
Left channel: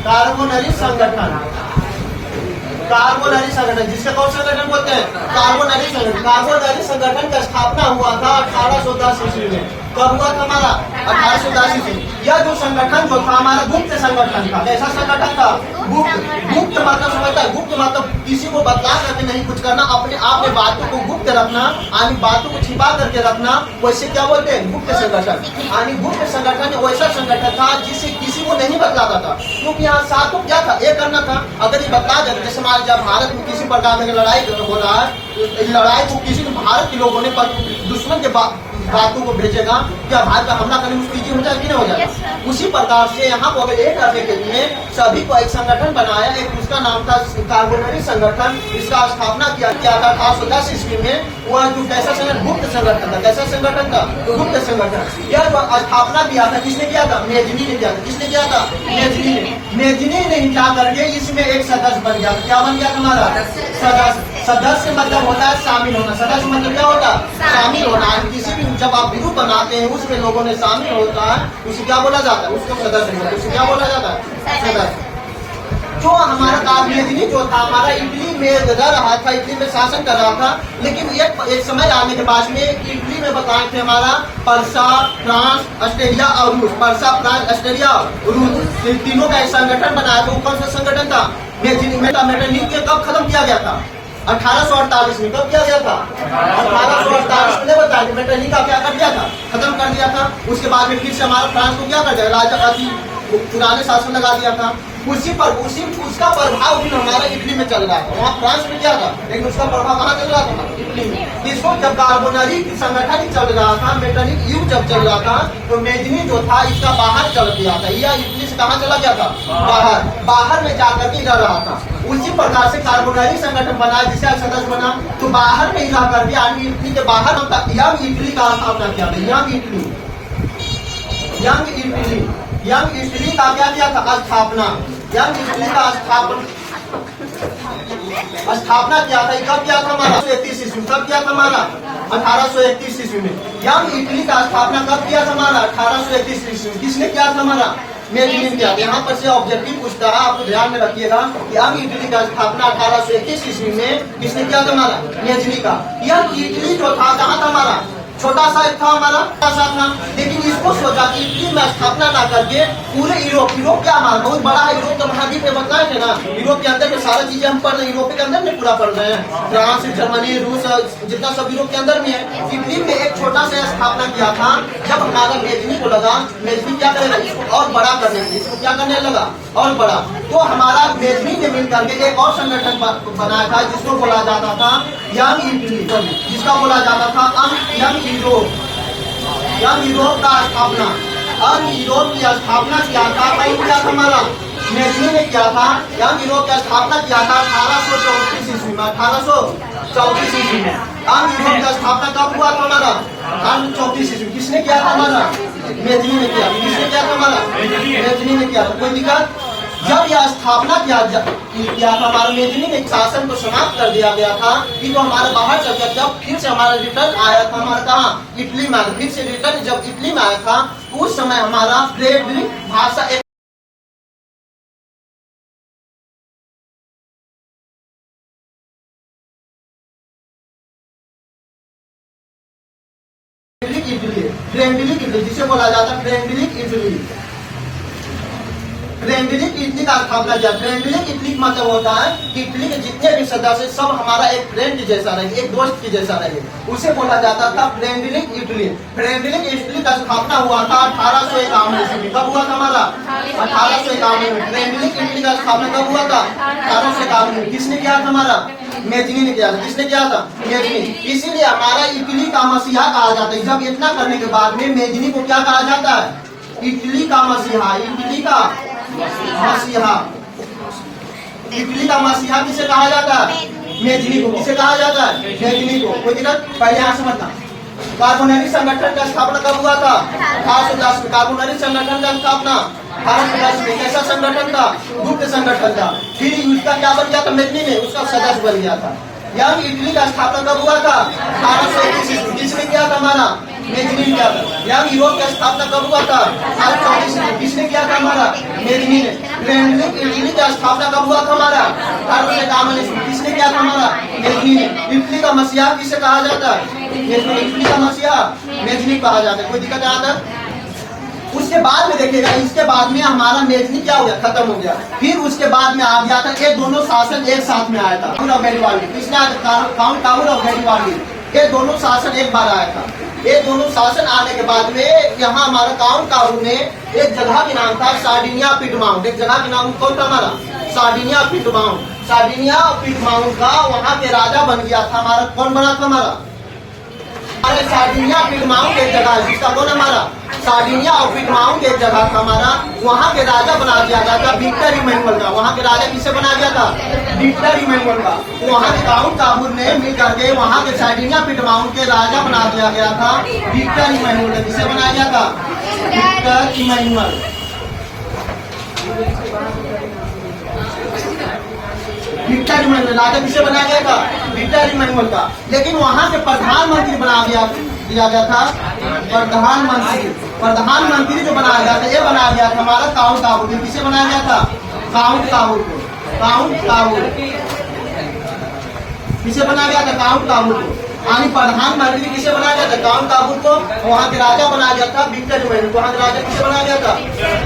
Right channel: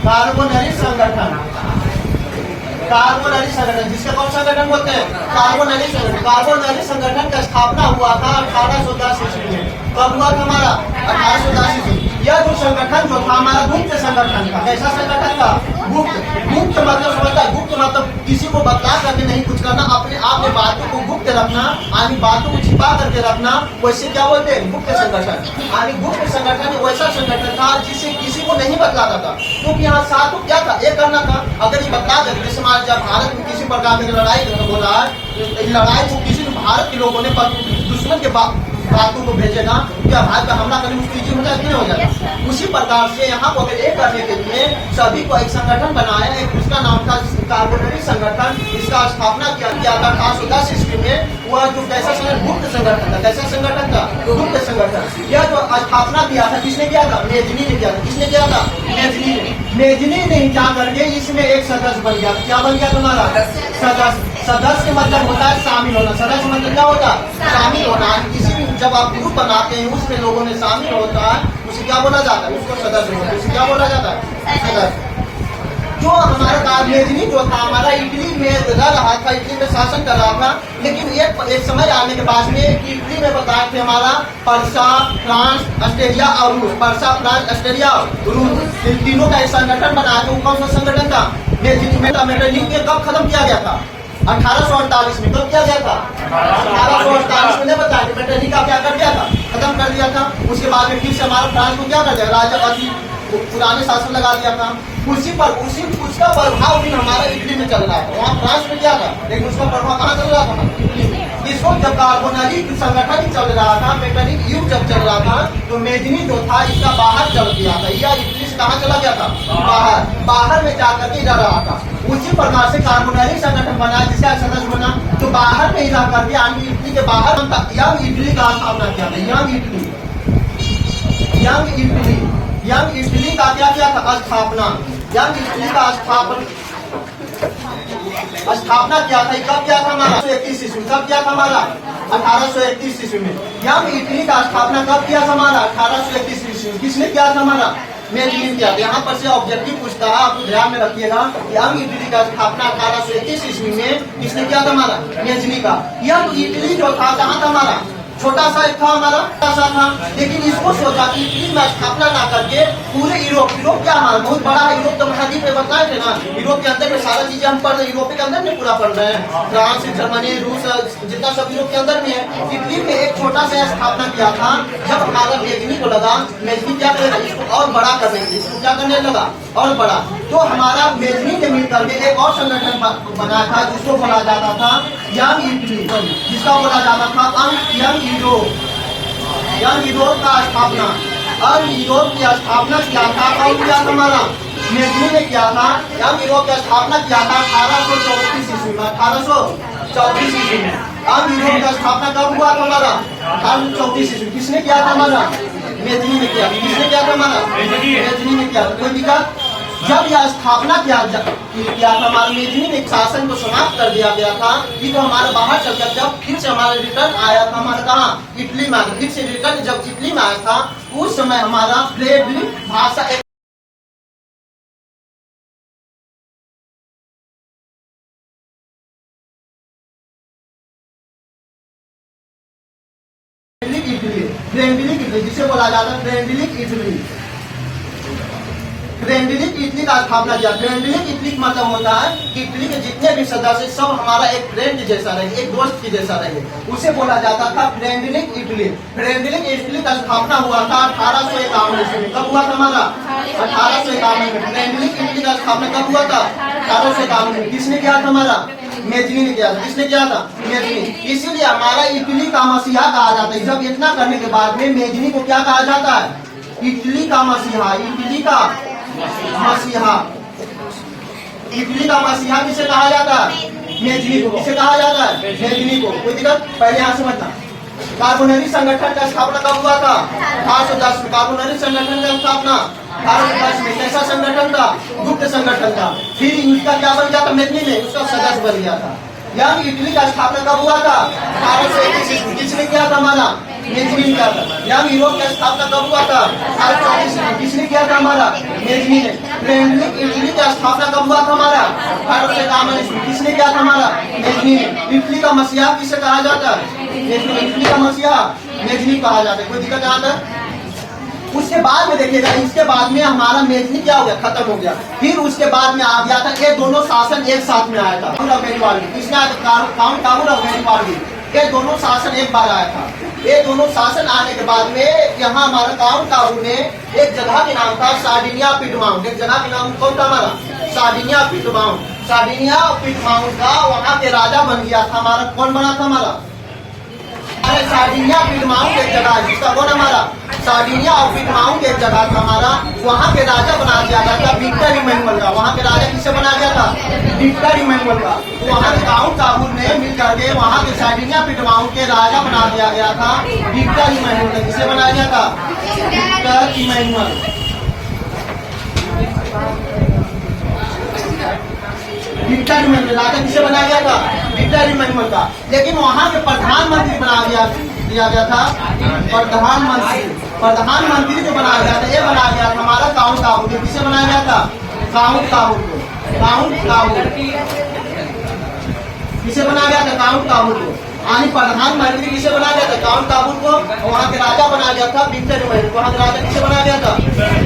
कार्बोनरी संगठन, कार्बोनरी संगठन, जिससे कौन संगठन बोलते हैं, कार्बोनरी संगठन। कार्बोनरी संगठन का स्थापना हुआ था 1810 ईस्वी में। कब हुआ था हमारा, 1810 ईस्वी। यह जो संगठन जो था हमारा गुप्त संगठन था। कैसा संगठन था, गुप्त। गुप्त मतलब समझता है, गुप्त मतलब किसी को बतला करके नहीं कुछ करना, अपने आप में बातों को गुप्त रखना, यानी बातों को छिपा करके रखना, वैसे क्या बोलते हैं, गुप्त संगठन। यानी गुप्त संगठन वैसा संगठन था जिसे किसी को नहीं बतलाता था, क्योंकि यहाँ साथ को क्या था, एक करना था। अगर ये बतला जाए, जैसे जब भारत में किसी प्रकार की लड़ाई हो रहा है, लड़ाई को किसी भारत के लोगों ने दुश्मन के बातों को भेजेगा, क्या भारत पर हमला करने में उसको इजी हो जाए कि नहीं हो जाएगा। उसी प्रकार से यहाँ को अगर एक करने के लिए सभी को एक संगठन बनाया, एक उसका नाम था कार्बोनरी संगठन। इसका स्थापना किया था 1810 ईस्वी में। वह जो कैसा संगठन, गुप्त संगठन था। कैसा संगठन था, गुप्त संगठन। यह जो स्थापना किया था किसने किया था, मेजनी ने किया था। किसने किया था, मेजनी ने। मेजनी ने क्या करके इसमें एक सदस्य बन गया। क्या बन गया हमारा, सदस्य। सदस्य मतलब होता है शामिल होना। सदस्य मतलब क्या होता है, शामिल होना। किसी भी जब आप ग्रुप बनाते हैं उसमें लोगों ने शामिल होता है, उसे क्या बोला जाता है, उसको सदस्य बोलते हैं। उसे क्या बोला जाता है, सदस्य। जो हमारा मेजनी जो था हमारा इटली में रह रहा था, इटली में शासन कर रहा था। लेकिन एक समय आने के बाद में इटली में बताए थे हमारा पर्सा, फ्रांस, ऑस्ट्रेलिया और रूस। पर्सा, फ्रांस, ऑस्ट्रेलिया और रूस, इन तीनों का एक संगठन बनाया। वो कौन सा संगठन था, मेजनी। मेटरनिक के कब खत्म किया गया था, 1848 में। कब किया गया था, 1848 में। बताया मेटरनिक का क्या कर दिया था, खत्म कर दिया था। उसके बाद में फिर से हमारा फ्रांस को क्या कर दिया, राजा पुराने शासन लगा दिया था। उसका प्रभाव भी हमारा इटली में चल रहा था। वहाँ फ्रांस में क्या था, लेकिन उसका प्रभाव कहाँ चल रहा था, इटली में। इसको जब कार्बोनरी संगठन चल रहा था, मेटरनिक युग जब चल रहा था, तो मेजनी जो था इसका बाहर चल गया था। यह इटली से कहाँ चला गया था, बाहर में जाकर के रह रहा था। उसी प्रकार से कार्बोनरी संगठन बना, जिसका सदस्य बना, तो बाहर में रह करके यानी इटली के बाहर यंग इटली का स्थापना किया था। Young Italy, young Italy, young Italy का क्या किया था, स्थापना। यंग इटली का स्थापना किया था। कब किया था हमारा, 1831 ईस्वी। कब किया था हमारा, 1831 ईस्वी में। यंग इटली का स्थापना कब किया था हमारा, 1831 ईस्वी में। किसने किया था हमारा, मेजनी किया। यहाँ पर से ऑब्जेक्टिव पूछता है, आप ध्यान में रखिएगा। यंग इटली का स्थापना 1831 ईस्वी में किसने किया था हमारा, मेजनी का। यंग इटली जो था कहाँ था हमारा, छोटा सा एक था हमारा, छोटा सा था। लेकिन इसको सोचा कि इटली में स्थापना ना करके पूरे यूरोप क्या हमारा बहुत बड़ा है, यूरोप तो महाद्वीप में बताए थे ना। यूरोप के अंदर में सारा चीजें हम पढ़ रहे हैं, यूरोप के अंदर में पूरा पढ़ रहे हैं। फ्रांस, जर्मनी, रूस, जितना सब यूरोप के अंदर में है। इटली में एक छोटा सा स्थापना किया था। जब हमारा मेजनी को लगा, मेजनी क्या करेगा, इसको और बड़ा करने के लिए, इसको क्या करने लगा, और बड़ा। तो हमारा मेजनी ने मिल करके एक और संगठन बनाया था जिसको बोला जाता था यंग इटली, जिसका बोला जाता था यंग यूरोप। यंग यूरोप का स्थापना, यंग यूरोप की स्थापना किया था। कौन किया था हमारा, मेजनी ने किया था। यंग यूरोप की स्थापना किया था 1834 ईस्वी में। 1834 ईस्वी में यंग यूरोप की स्थापना कब हुआ था हमारा, 1834 ईस्वी। किसने किया था हमारा, मेजनी ने किया। किसने किया था हमारा, मेजनी ने किया था। कोई दिक्कत, जब यह स्थापना किया था हमारा मेजनी ने शासन को समाप्त कर दिया गया था। कि तो हमारे बाहर चल गया। जब फिर से हमारा रिटर्न आया था हमारा कहाँ, इटली में। फिर से रिटर्न जब इटली में आया था, उस समय हमारा फ्रेडरिक भाषा फ्रेंडलिक इटली, जिसे बोला जाता है फ्रेंडलिक इटली। फ्रेंडलिक इटली का स्थापना किया। फ्रेंडलिक इटली का मतलब होता है कि इटली के जितने भी सदस्य सब हमारा एक फ्रेंड जैसा रहे, एक दोस्त के जैसा रहे, उसे बोला जाता था फ्रेंडलिक इटली। फ्रेंडलिक इटली का स्थापना हुआ था 1851 ईस्वी में। कब हुआ था हमारा, 1851 में। फ्रेंडलिक इटली का स्थापना कब हुआ था, 1851 में। किसने किया था हमारा, मेजनी ने किया था। किसने किया था, मेजनी। इसीलिए हमारा इटली का मसीहा कहा जाता है। जब इतना करने के बाद में मेजनी को क्या कहा जाता है, इटली का मसीहा। इटली का मसीहा, इटली का मसीहा किसे कहा जाता है, मेजनी को। किसे कहा जाता है, मेजनी को। कोई दिक्कत, पहले यहाँ समझना। कार्बोनेटिक संगठन का स्थापना कब हुआ था? 1810 में। कार्बोनेटिक संगठन का स्थापना 1810 में। कैसा संगठन था? गुप्त संगठन था। फिर उसका क्या बन गया था? मेजनी ने उसका सदस्य बन गया था। यंग इटली का स्थापना कब हुआ था? 1821 में। किसने किया था? हमारा मेजनी ने किया था। यंग यूरोप की स्थापना कब हुआ था? 1834 में। किसने किया था? हमारा मेजनी ने। ट्रेंडिंग इटली का स्थापना कब हुआ था? हमारा 1851 में। किसने किया था? हमारा मेजनी ने। इटली का मसीहा किसे कहा जाता है? इटली का मसीहा मेजनी कहा जाता है। कोई दिक्कत यहाँ तक? उसके बाद में देखिएगा, इसके बाद में हमारा मेजनी क्या हो गया? खत्म हो गया। फिर उसके बाद में आ गया था, ये दोनों शासन एक साथ में आया था। किसने आया था? काउंट काबुल और गैरिबाल्डी। ये दोनों शासन एक बार आया था। ये दोनों शासन आने के बाद में यहाँ हमारा काउंट काबुल में एक जगह के नाम था सार्डिनिया पिटमाउंट। एक जगह के नाम कौन था? हमारा सार्डिनिया पिटमाउंट। सार्डिनिया पिटमाउंट का वहाँ के राजा बन गया था हमारा। कौन बना था? हमारा सार्डिनिया पिटमाउंट एक जगह है, जिसका कौन? हमारा सार्डिनिया और पिटमाउंट एक जगह था हमारा। वहाँ के राजा बना दिया गया था विक्टर इमैनुअल का। वहाँ के राजा किसे बना दिया था? विक्टर इमैनुअल का। तो वहाँ के काउंट काबुल ने मिल करके वहाँ के सार्डिनिया पिटमाउंट के राजा बना दिया गया था विक्टर इमैनुअल। किसे बनाया गया था? Victor Emmanuel. विक्टर इमैनुअल राजा किसे बनाया गया था? विक्टर इमैनुअल का। लेकिन वहाँ के प्रधानमंत्री बना दिया गया था प्रधानमंत्री जो बनाया गया था, ये बनाया गया था हमारा काउंट काबुल। किसे बनाया गया था? काउंट काबुल को। काउंट काबुल किसे बनाया गया था? काउंट काबुल को। यानी प्रधानमंत्री किसे बनाया गया था? काउंट काबुल को। वहाँ के राजा बनाया गया था विक्टर इमैनुअल। वहाँ के राजा किसे बनाया गया था?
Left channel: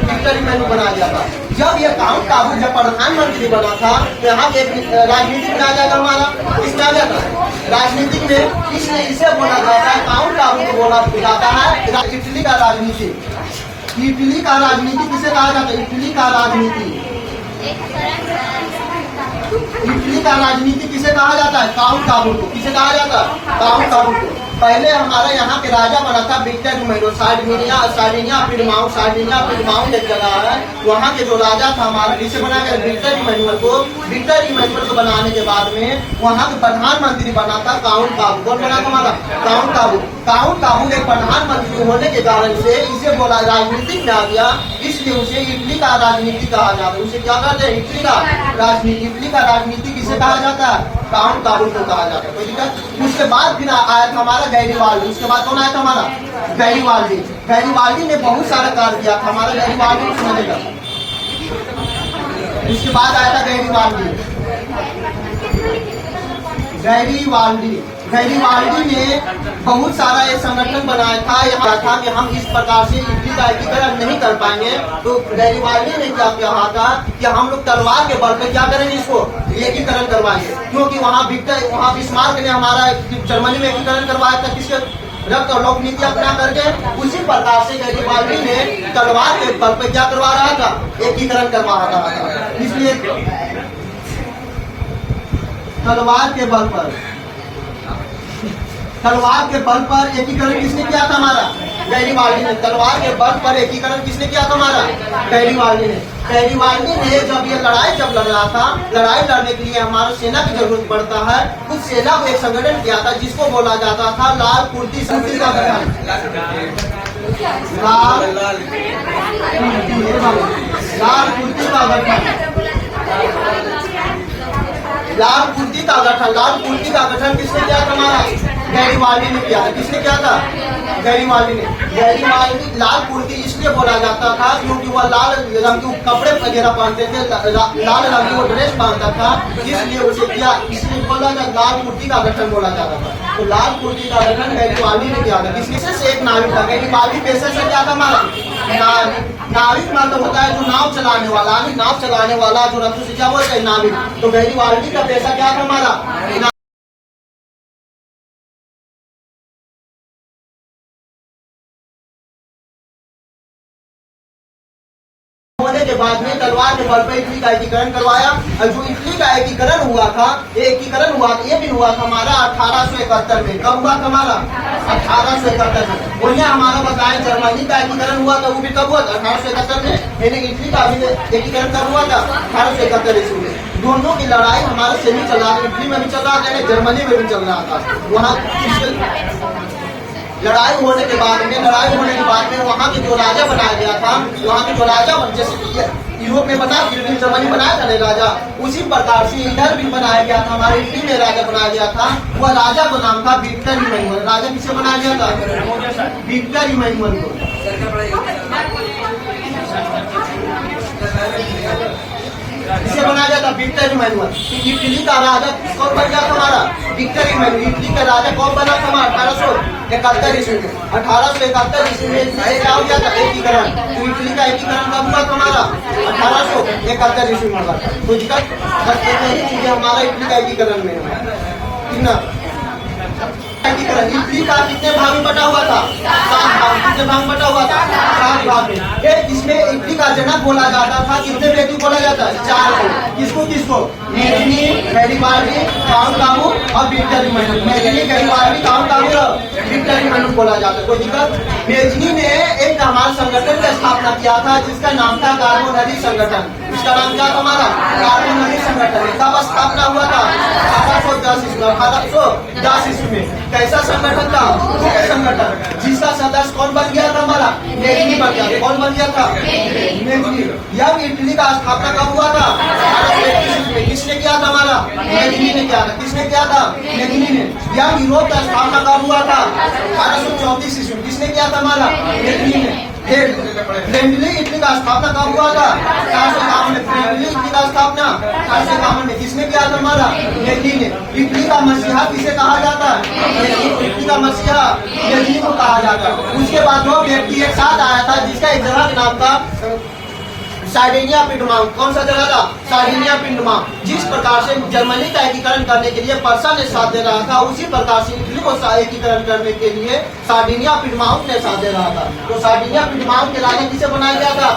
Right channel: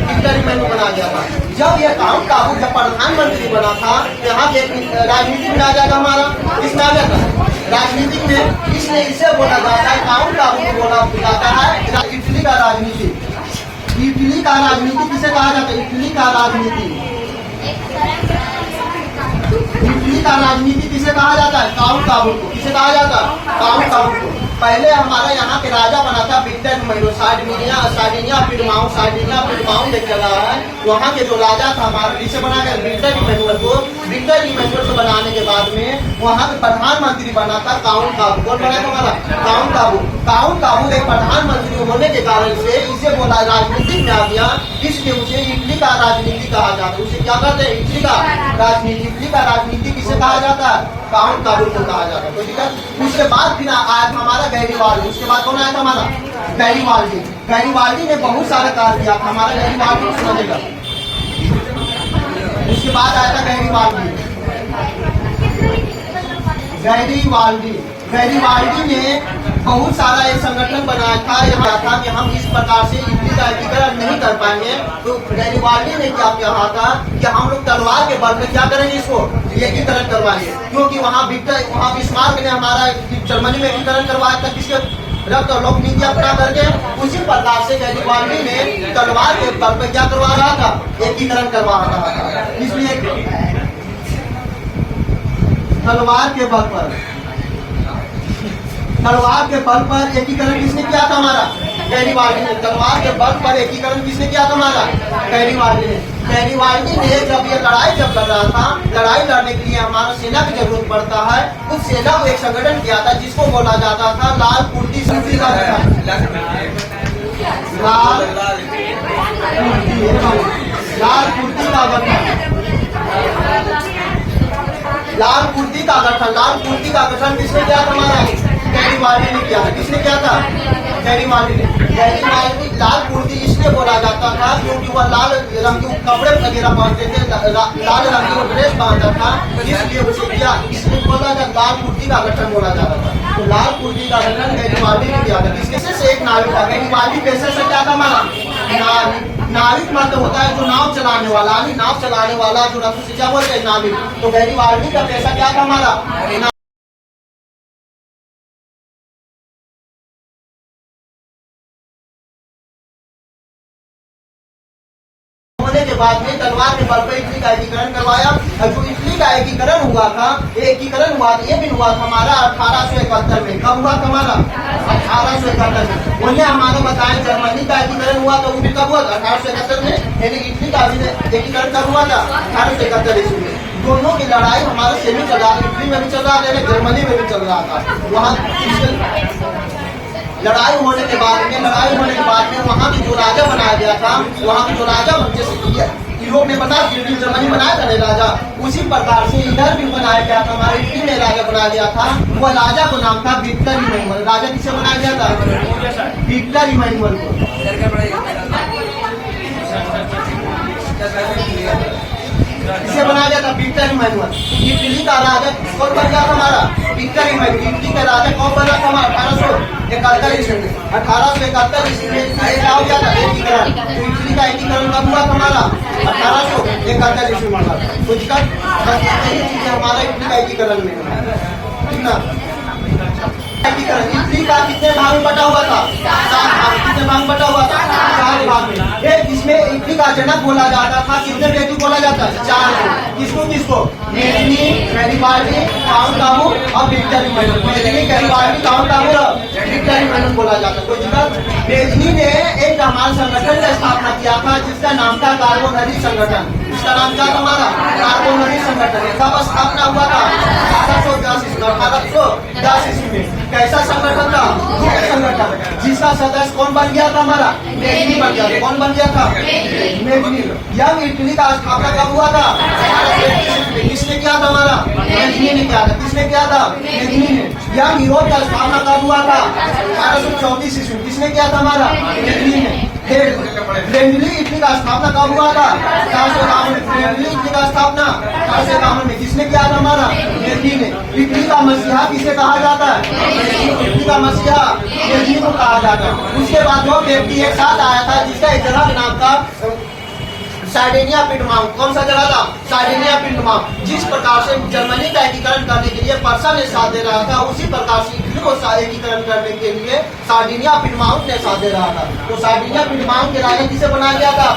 विक्टर इमैनुअल बनाया गया था। जब ये काउंट काबुल जब प्रधानमंत्री बना था, तो यहाँ के राजनीतिक में आ जाएगा हमारा। किसमें आ जाता है? राजनीतिक में। इसलिए इसे बोला जाता है, काउंट काबुल को बोला जाता है इटली का राजनीति। इटली का राजनीति किसे कहा जाता है? इटली का राजनीति। इटली का राजनीति किसे कहा जाता है? काउंट काबुल को। किसे कहा जाता है? काउंट काबुल को। पहले हमारा यहाँ के राजा बना था विक्टर इमैनुअल। सार्डिनिया पिटमाउंट एक जगह है, वहाँ के जो राजा था हमारा किसे बना गया? विक्टर इमैनुअल को। विक्टर इमैनुअल को बनाने के बाद में वहाँ के प्रधानमंत्री बना था काउंट काबुल। कौन बना था हमारा? काउंट काबुल। काउंट काबुल एक प्रधानमंत्री होने के कारण से इसे बोला राजनीति में आ गया, इसलिए उसे इटली का राजनीति कहा जाता है। उसे क्या कहते हैं? इटली का राजनीति। इटली का राजनीति किसे कहा जाता है? काउंट काबुल को कहा जाता है। कोई दिक्कत? उसके बाद फिर आया था हमारा गैरिबाल्डी। उसके बाद कौन आया था? हमारा गैरिबाल्डी। गैरिबाल्डी ने बहुत सारा कार्य किया था हमारा। गैरिबाल्डी समझेगा। उसके बाद आया था गैरिबाल्डी ने बहुत सारा एक संगठन बनाया था। यहाँ था कि हम इस प्रकार से इटली का एकीकरण नहीं कर पाएंगे, तो गैरिबाल्डी ने क्या कहा था कि हम लोग तलवार के बल पे क्या करेंगे? इसको एकीकरण करवाएंगे। क्योंकि वहाँ बिस्मार्क ने हमारा जर्मनी में एकीकरण करवाया था। किसके? रक्त और लोक नीति अपना करके। उसी प्रकार से गैरिबाल्डी ने तलवार के बल पे क्या करवा रहा था? एकीकरण करवा रहा था। इसलिए तलवार के बल पर एकीकरण किसने किया था? हमारा गैरिबाल्डी ने। तलवार के बल पर एकीकरण किसने किया था? हमारा गैरिबाल्डी ने। गैरिबाल्डी ने जब ये लड़ाई लड़ रहा था, लड़ाई लड़ने के लिए हमारा सेना की जरूरत पड़ता है। उस सेना को एक संगठन किया था जिसको बोला जाता था लाल कुर्ती का गठन। लाल कुर्ती का गठन किसने किया था? हमारा गैरिबाल्डी ने किया था। किसने किया था? गैरिबाल्डी ने। गैरिबाल्डी लाल कुर्ती इसलिए बोला जाता था क्योंकि वह लाल रंग के कपड़े वगैरह पहनते थे, लाल रंग की वो ड्रेस पहनता था, इसलिए उसे किया। इसलिए बोला जाता लाल कुर्ती का गठन बोला जाता था। तो लाल कुर्ती का गठन गैरिबाल्डी ने किया था। किसने से? एक नाविक था। गैरिबाल्डी पैसे से क्या था? हमारा नाविक मतलब होता है जो नाव चलाने वाला। नाव चलाने वाला जो रंग से क्या बोलते हैं? नाविक। तो गैरिबाल्डी का पैसा क्या था? हमारा होने के बाद में तलवार के बल पर इटली का एकीकरण करवाया। और जो इटली का एकीकरण हुआ था, ये भी हुआ था हमारा 1871 में। कब हुआ था? हमारा 1871 में। वही हमारा बताया जर्मनी का एकीकरण हुआ था, वो भी कब हुआ था? 1871 में। यानी इटली का एकीकरण कब हुआ था? 1871 ईस्वी में। दोनों की लड़ाई हमारे से भी चल रहा था। इटली में भी चल रहा था, जर्मनी में भी चल रहा था। वहाँ लड़ाई होने के बाद में वहाँ पे जो राजा बनाया गया था, वहाँ पे जो राजा जैसे यूरोप में बना, जर्मनी बनाया था राजा, उसी प्रकार से इधर भी बनाया गया था, हमारे इटली में राजा बनाया गया था। वह राजा को नाम था विक्टर इमैनुअल। राजा किसे बनाया गया था? विक्टर इमैनुअल को। इसे बनाया गया था विक्टर इमैनुअल। इटली का राजा कौन बन गया था? हमारा विक्टर इमैनुअल। इटली का राजा कौन बना था? हमारा 1871 ईस्वी में। 1871 ईस्वी में क्या हो गया था? एकीकरण। तो इटली का एकीकरण कब हुआ था? हमारा 1871 ईस्वी में हुआ था। तो दिक्कत हमारा इटली का एकीकरण में हुआ है ना। एकीकरण इटली का कितने भाग में बटा हुआ था? 7 भाग। कितने भाग में बटा हुआ था? 4 भाग में। एक इसमें इटली का जनक बोला जाता था। कितने व्यक्ति बोला जाता है? 4 को। किसको? मेजनी, गैरिबाल्डी, काउंट कामू और Victor Emmanuel. Mazzini, Garibaldi, Count Cavour और विक्टर इमैनुअल बोला जाता है। कोई दिक्कत? मेजनी ने एक हमारे संगठन का स्थापना किया था जिसका नाम था कार्बोनरी संगठन। इसका नाम क्या था? हमारा कार्बोनरी संगठन। कब स्थापना हुआ था? 1810 ईस्वी में। कैसा संगठन था? संगठन जिसका सदस्य कौन बन गया था? हमारा मेजनी बन गया। कौन बन गया था? मेजनी। यंग इटली का स्थापना कब हुआ था? 1833 में। किसने किया था? हमारा मेजनी ने किया था। किसने किया था? मेजनी ने। यंग यूरोप का स्थापना कब हुआ था? 1834 ईस्वी में। किसने किया था? हमारा मेजनी ने। फ्रेंडली इटली का स्थापना कब हुआ था? 1851 में। फ्रेंडली इटली का स्थापना 1851 में। किसने किया था? हमारा मेजनी ने। इटली का मसीहा किसे कहा जाता है? इटली का मसीहा मेजनी को कहा जाता है। उसके बाद 2 व्यक्ति एक साथ आया था जिसका एक जगह का नाम था सार्डिनिया पिंडमाउंट। कौन सा जगह था? सार्डिनिया पिंडमाउंट। जिस प्रकार से जर्मनी का एकीकरण करने के लिए पर्सा ने साथ दे रहा था, उसी प्रकार से इटली को एकीकरण करने के लिए सार्डिनिया पिंडमाउंट ने साथ दे रहा था। तो सार्डिनिया पिंडमाउंट के राजा किसे बनाया गया था?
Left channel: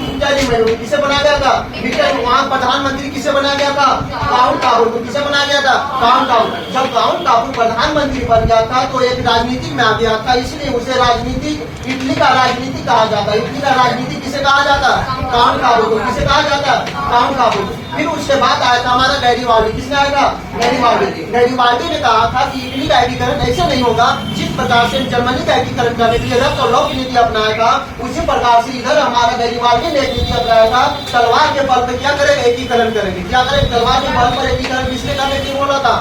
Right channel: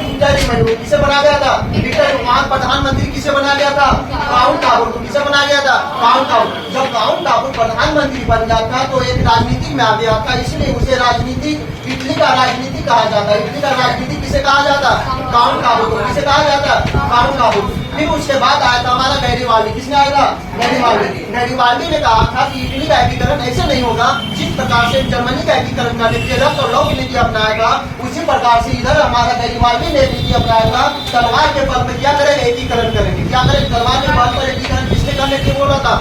Victor Emmanuel. किसे बनाया गया था? विक्टर। वहाँ प्रधानमंत्री किसे बनाया गया था? काउंट काबू। किसे बनाया गया था? काउंट काबू। जब काउंट काबू प्रधानमंत्री बन गया था तो एक राजनीतिक में आ गया था, इसलिए उसे राजनीतिक इटली का राजनीति कहा जाता है। इटली का राजनीति किसे कहा जाता? काउंट काबू को। किसे कहा जाता? काउंट काबू। फिर उसके बाद आया था हमारा गैरिबाल्डी। किसने आया था? गैरिबाल्डी। गैरिबाल्डी ने कहा था कि इटली का एकीकरण ऐसे नहीं होगा जिस प्रकार से जर्मनी का एकीकरण करने के लिए रक्त और लौ की नीति अपनाएगा, उसी प्रकार से इधर हमारा गैरिबाल्डी ने नीति अपनाएगा। तलवार के बल पर क्या करेगा? एकीकरण करेंगे। क्या करेंगे? तलवार के बल पर एकीकरण किसने करने की बोला था?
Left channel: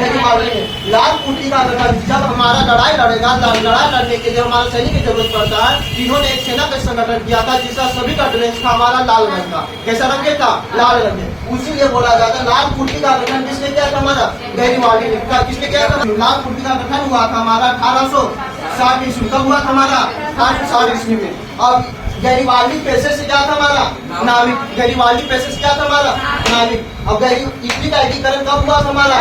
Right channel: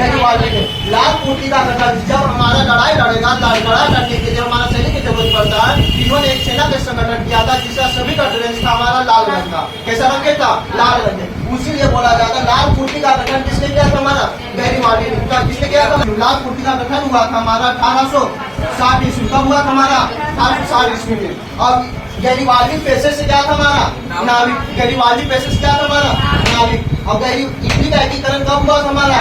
गैरिबाल्डी ने। लाल कुर्ती का गठन जब हमारा लड़ाई लड़ेगा, लड़ाई लड़ने के लिए हमारा सैनिक की जरूरत पड़ता है, इन्होंने एक सेना का संगठन किया था जिसका सभी का ड्रेस था हमारा लाल रंग का। कैसा रंग के था? लाल रंग। उसीलिए बोला जाता है लाल कुर्ती का गठन किसने किया था? हमारा गैरिबाल्डी ने। किसने किया था? लाल कुर्ती का गठन हुआ था हमारा 1860 ईस्वी। कब हुआ था? हमारा 1860 ईस्वी में। और गैरिबाल्डी पैसे से क्या था? हमारा नाविक। गैरिबाल्डी पैसे से क्या था? हमारा नाविक। और इटली का एकीकरण कब हुआ था? हमारा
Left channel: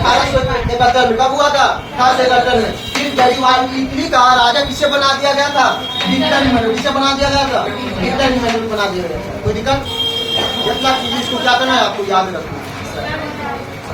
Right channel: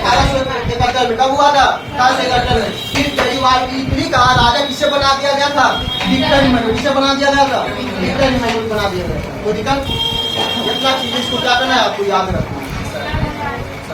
1871 में। कब हुआ था? 1871 में। फिर गैरिबाल्डी इटली का राजा किसे बना दिया गया था? Victor Emmanuel. किसे बना दिया गया था? विक्टर इमैनुअल बना दिया गया था। कोई दिक्कत? इतना चीज इसको क्या करना है? आपको याद रखना।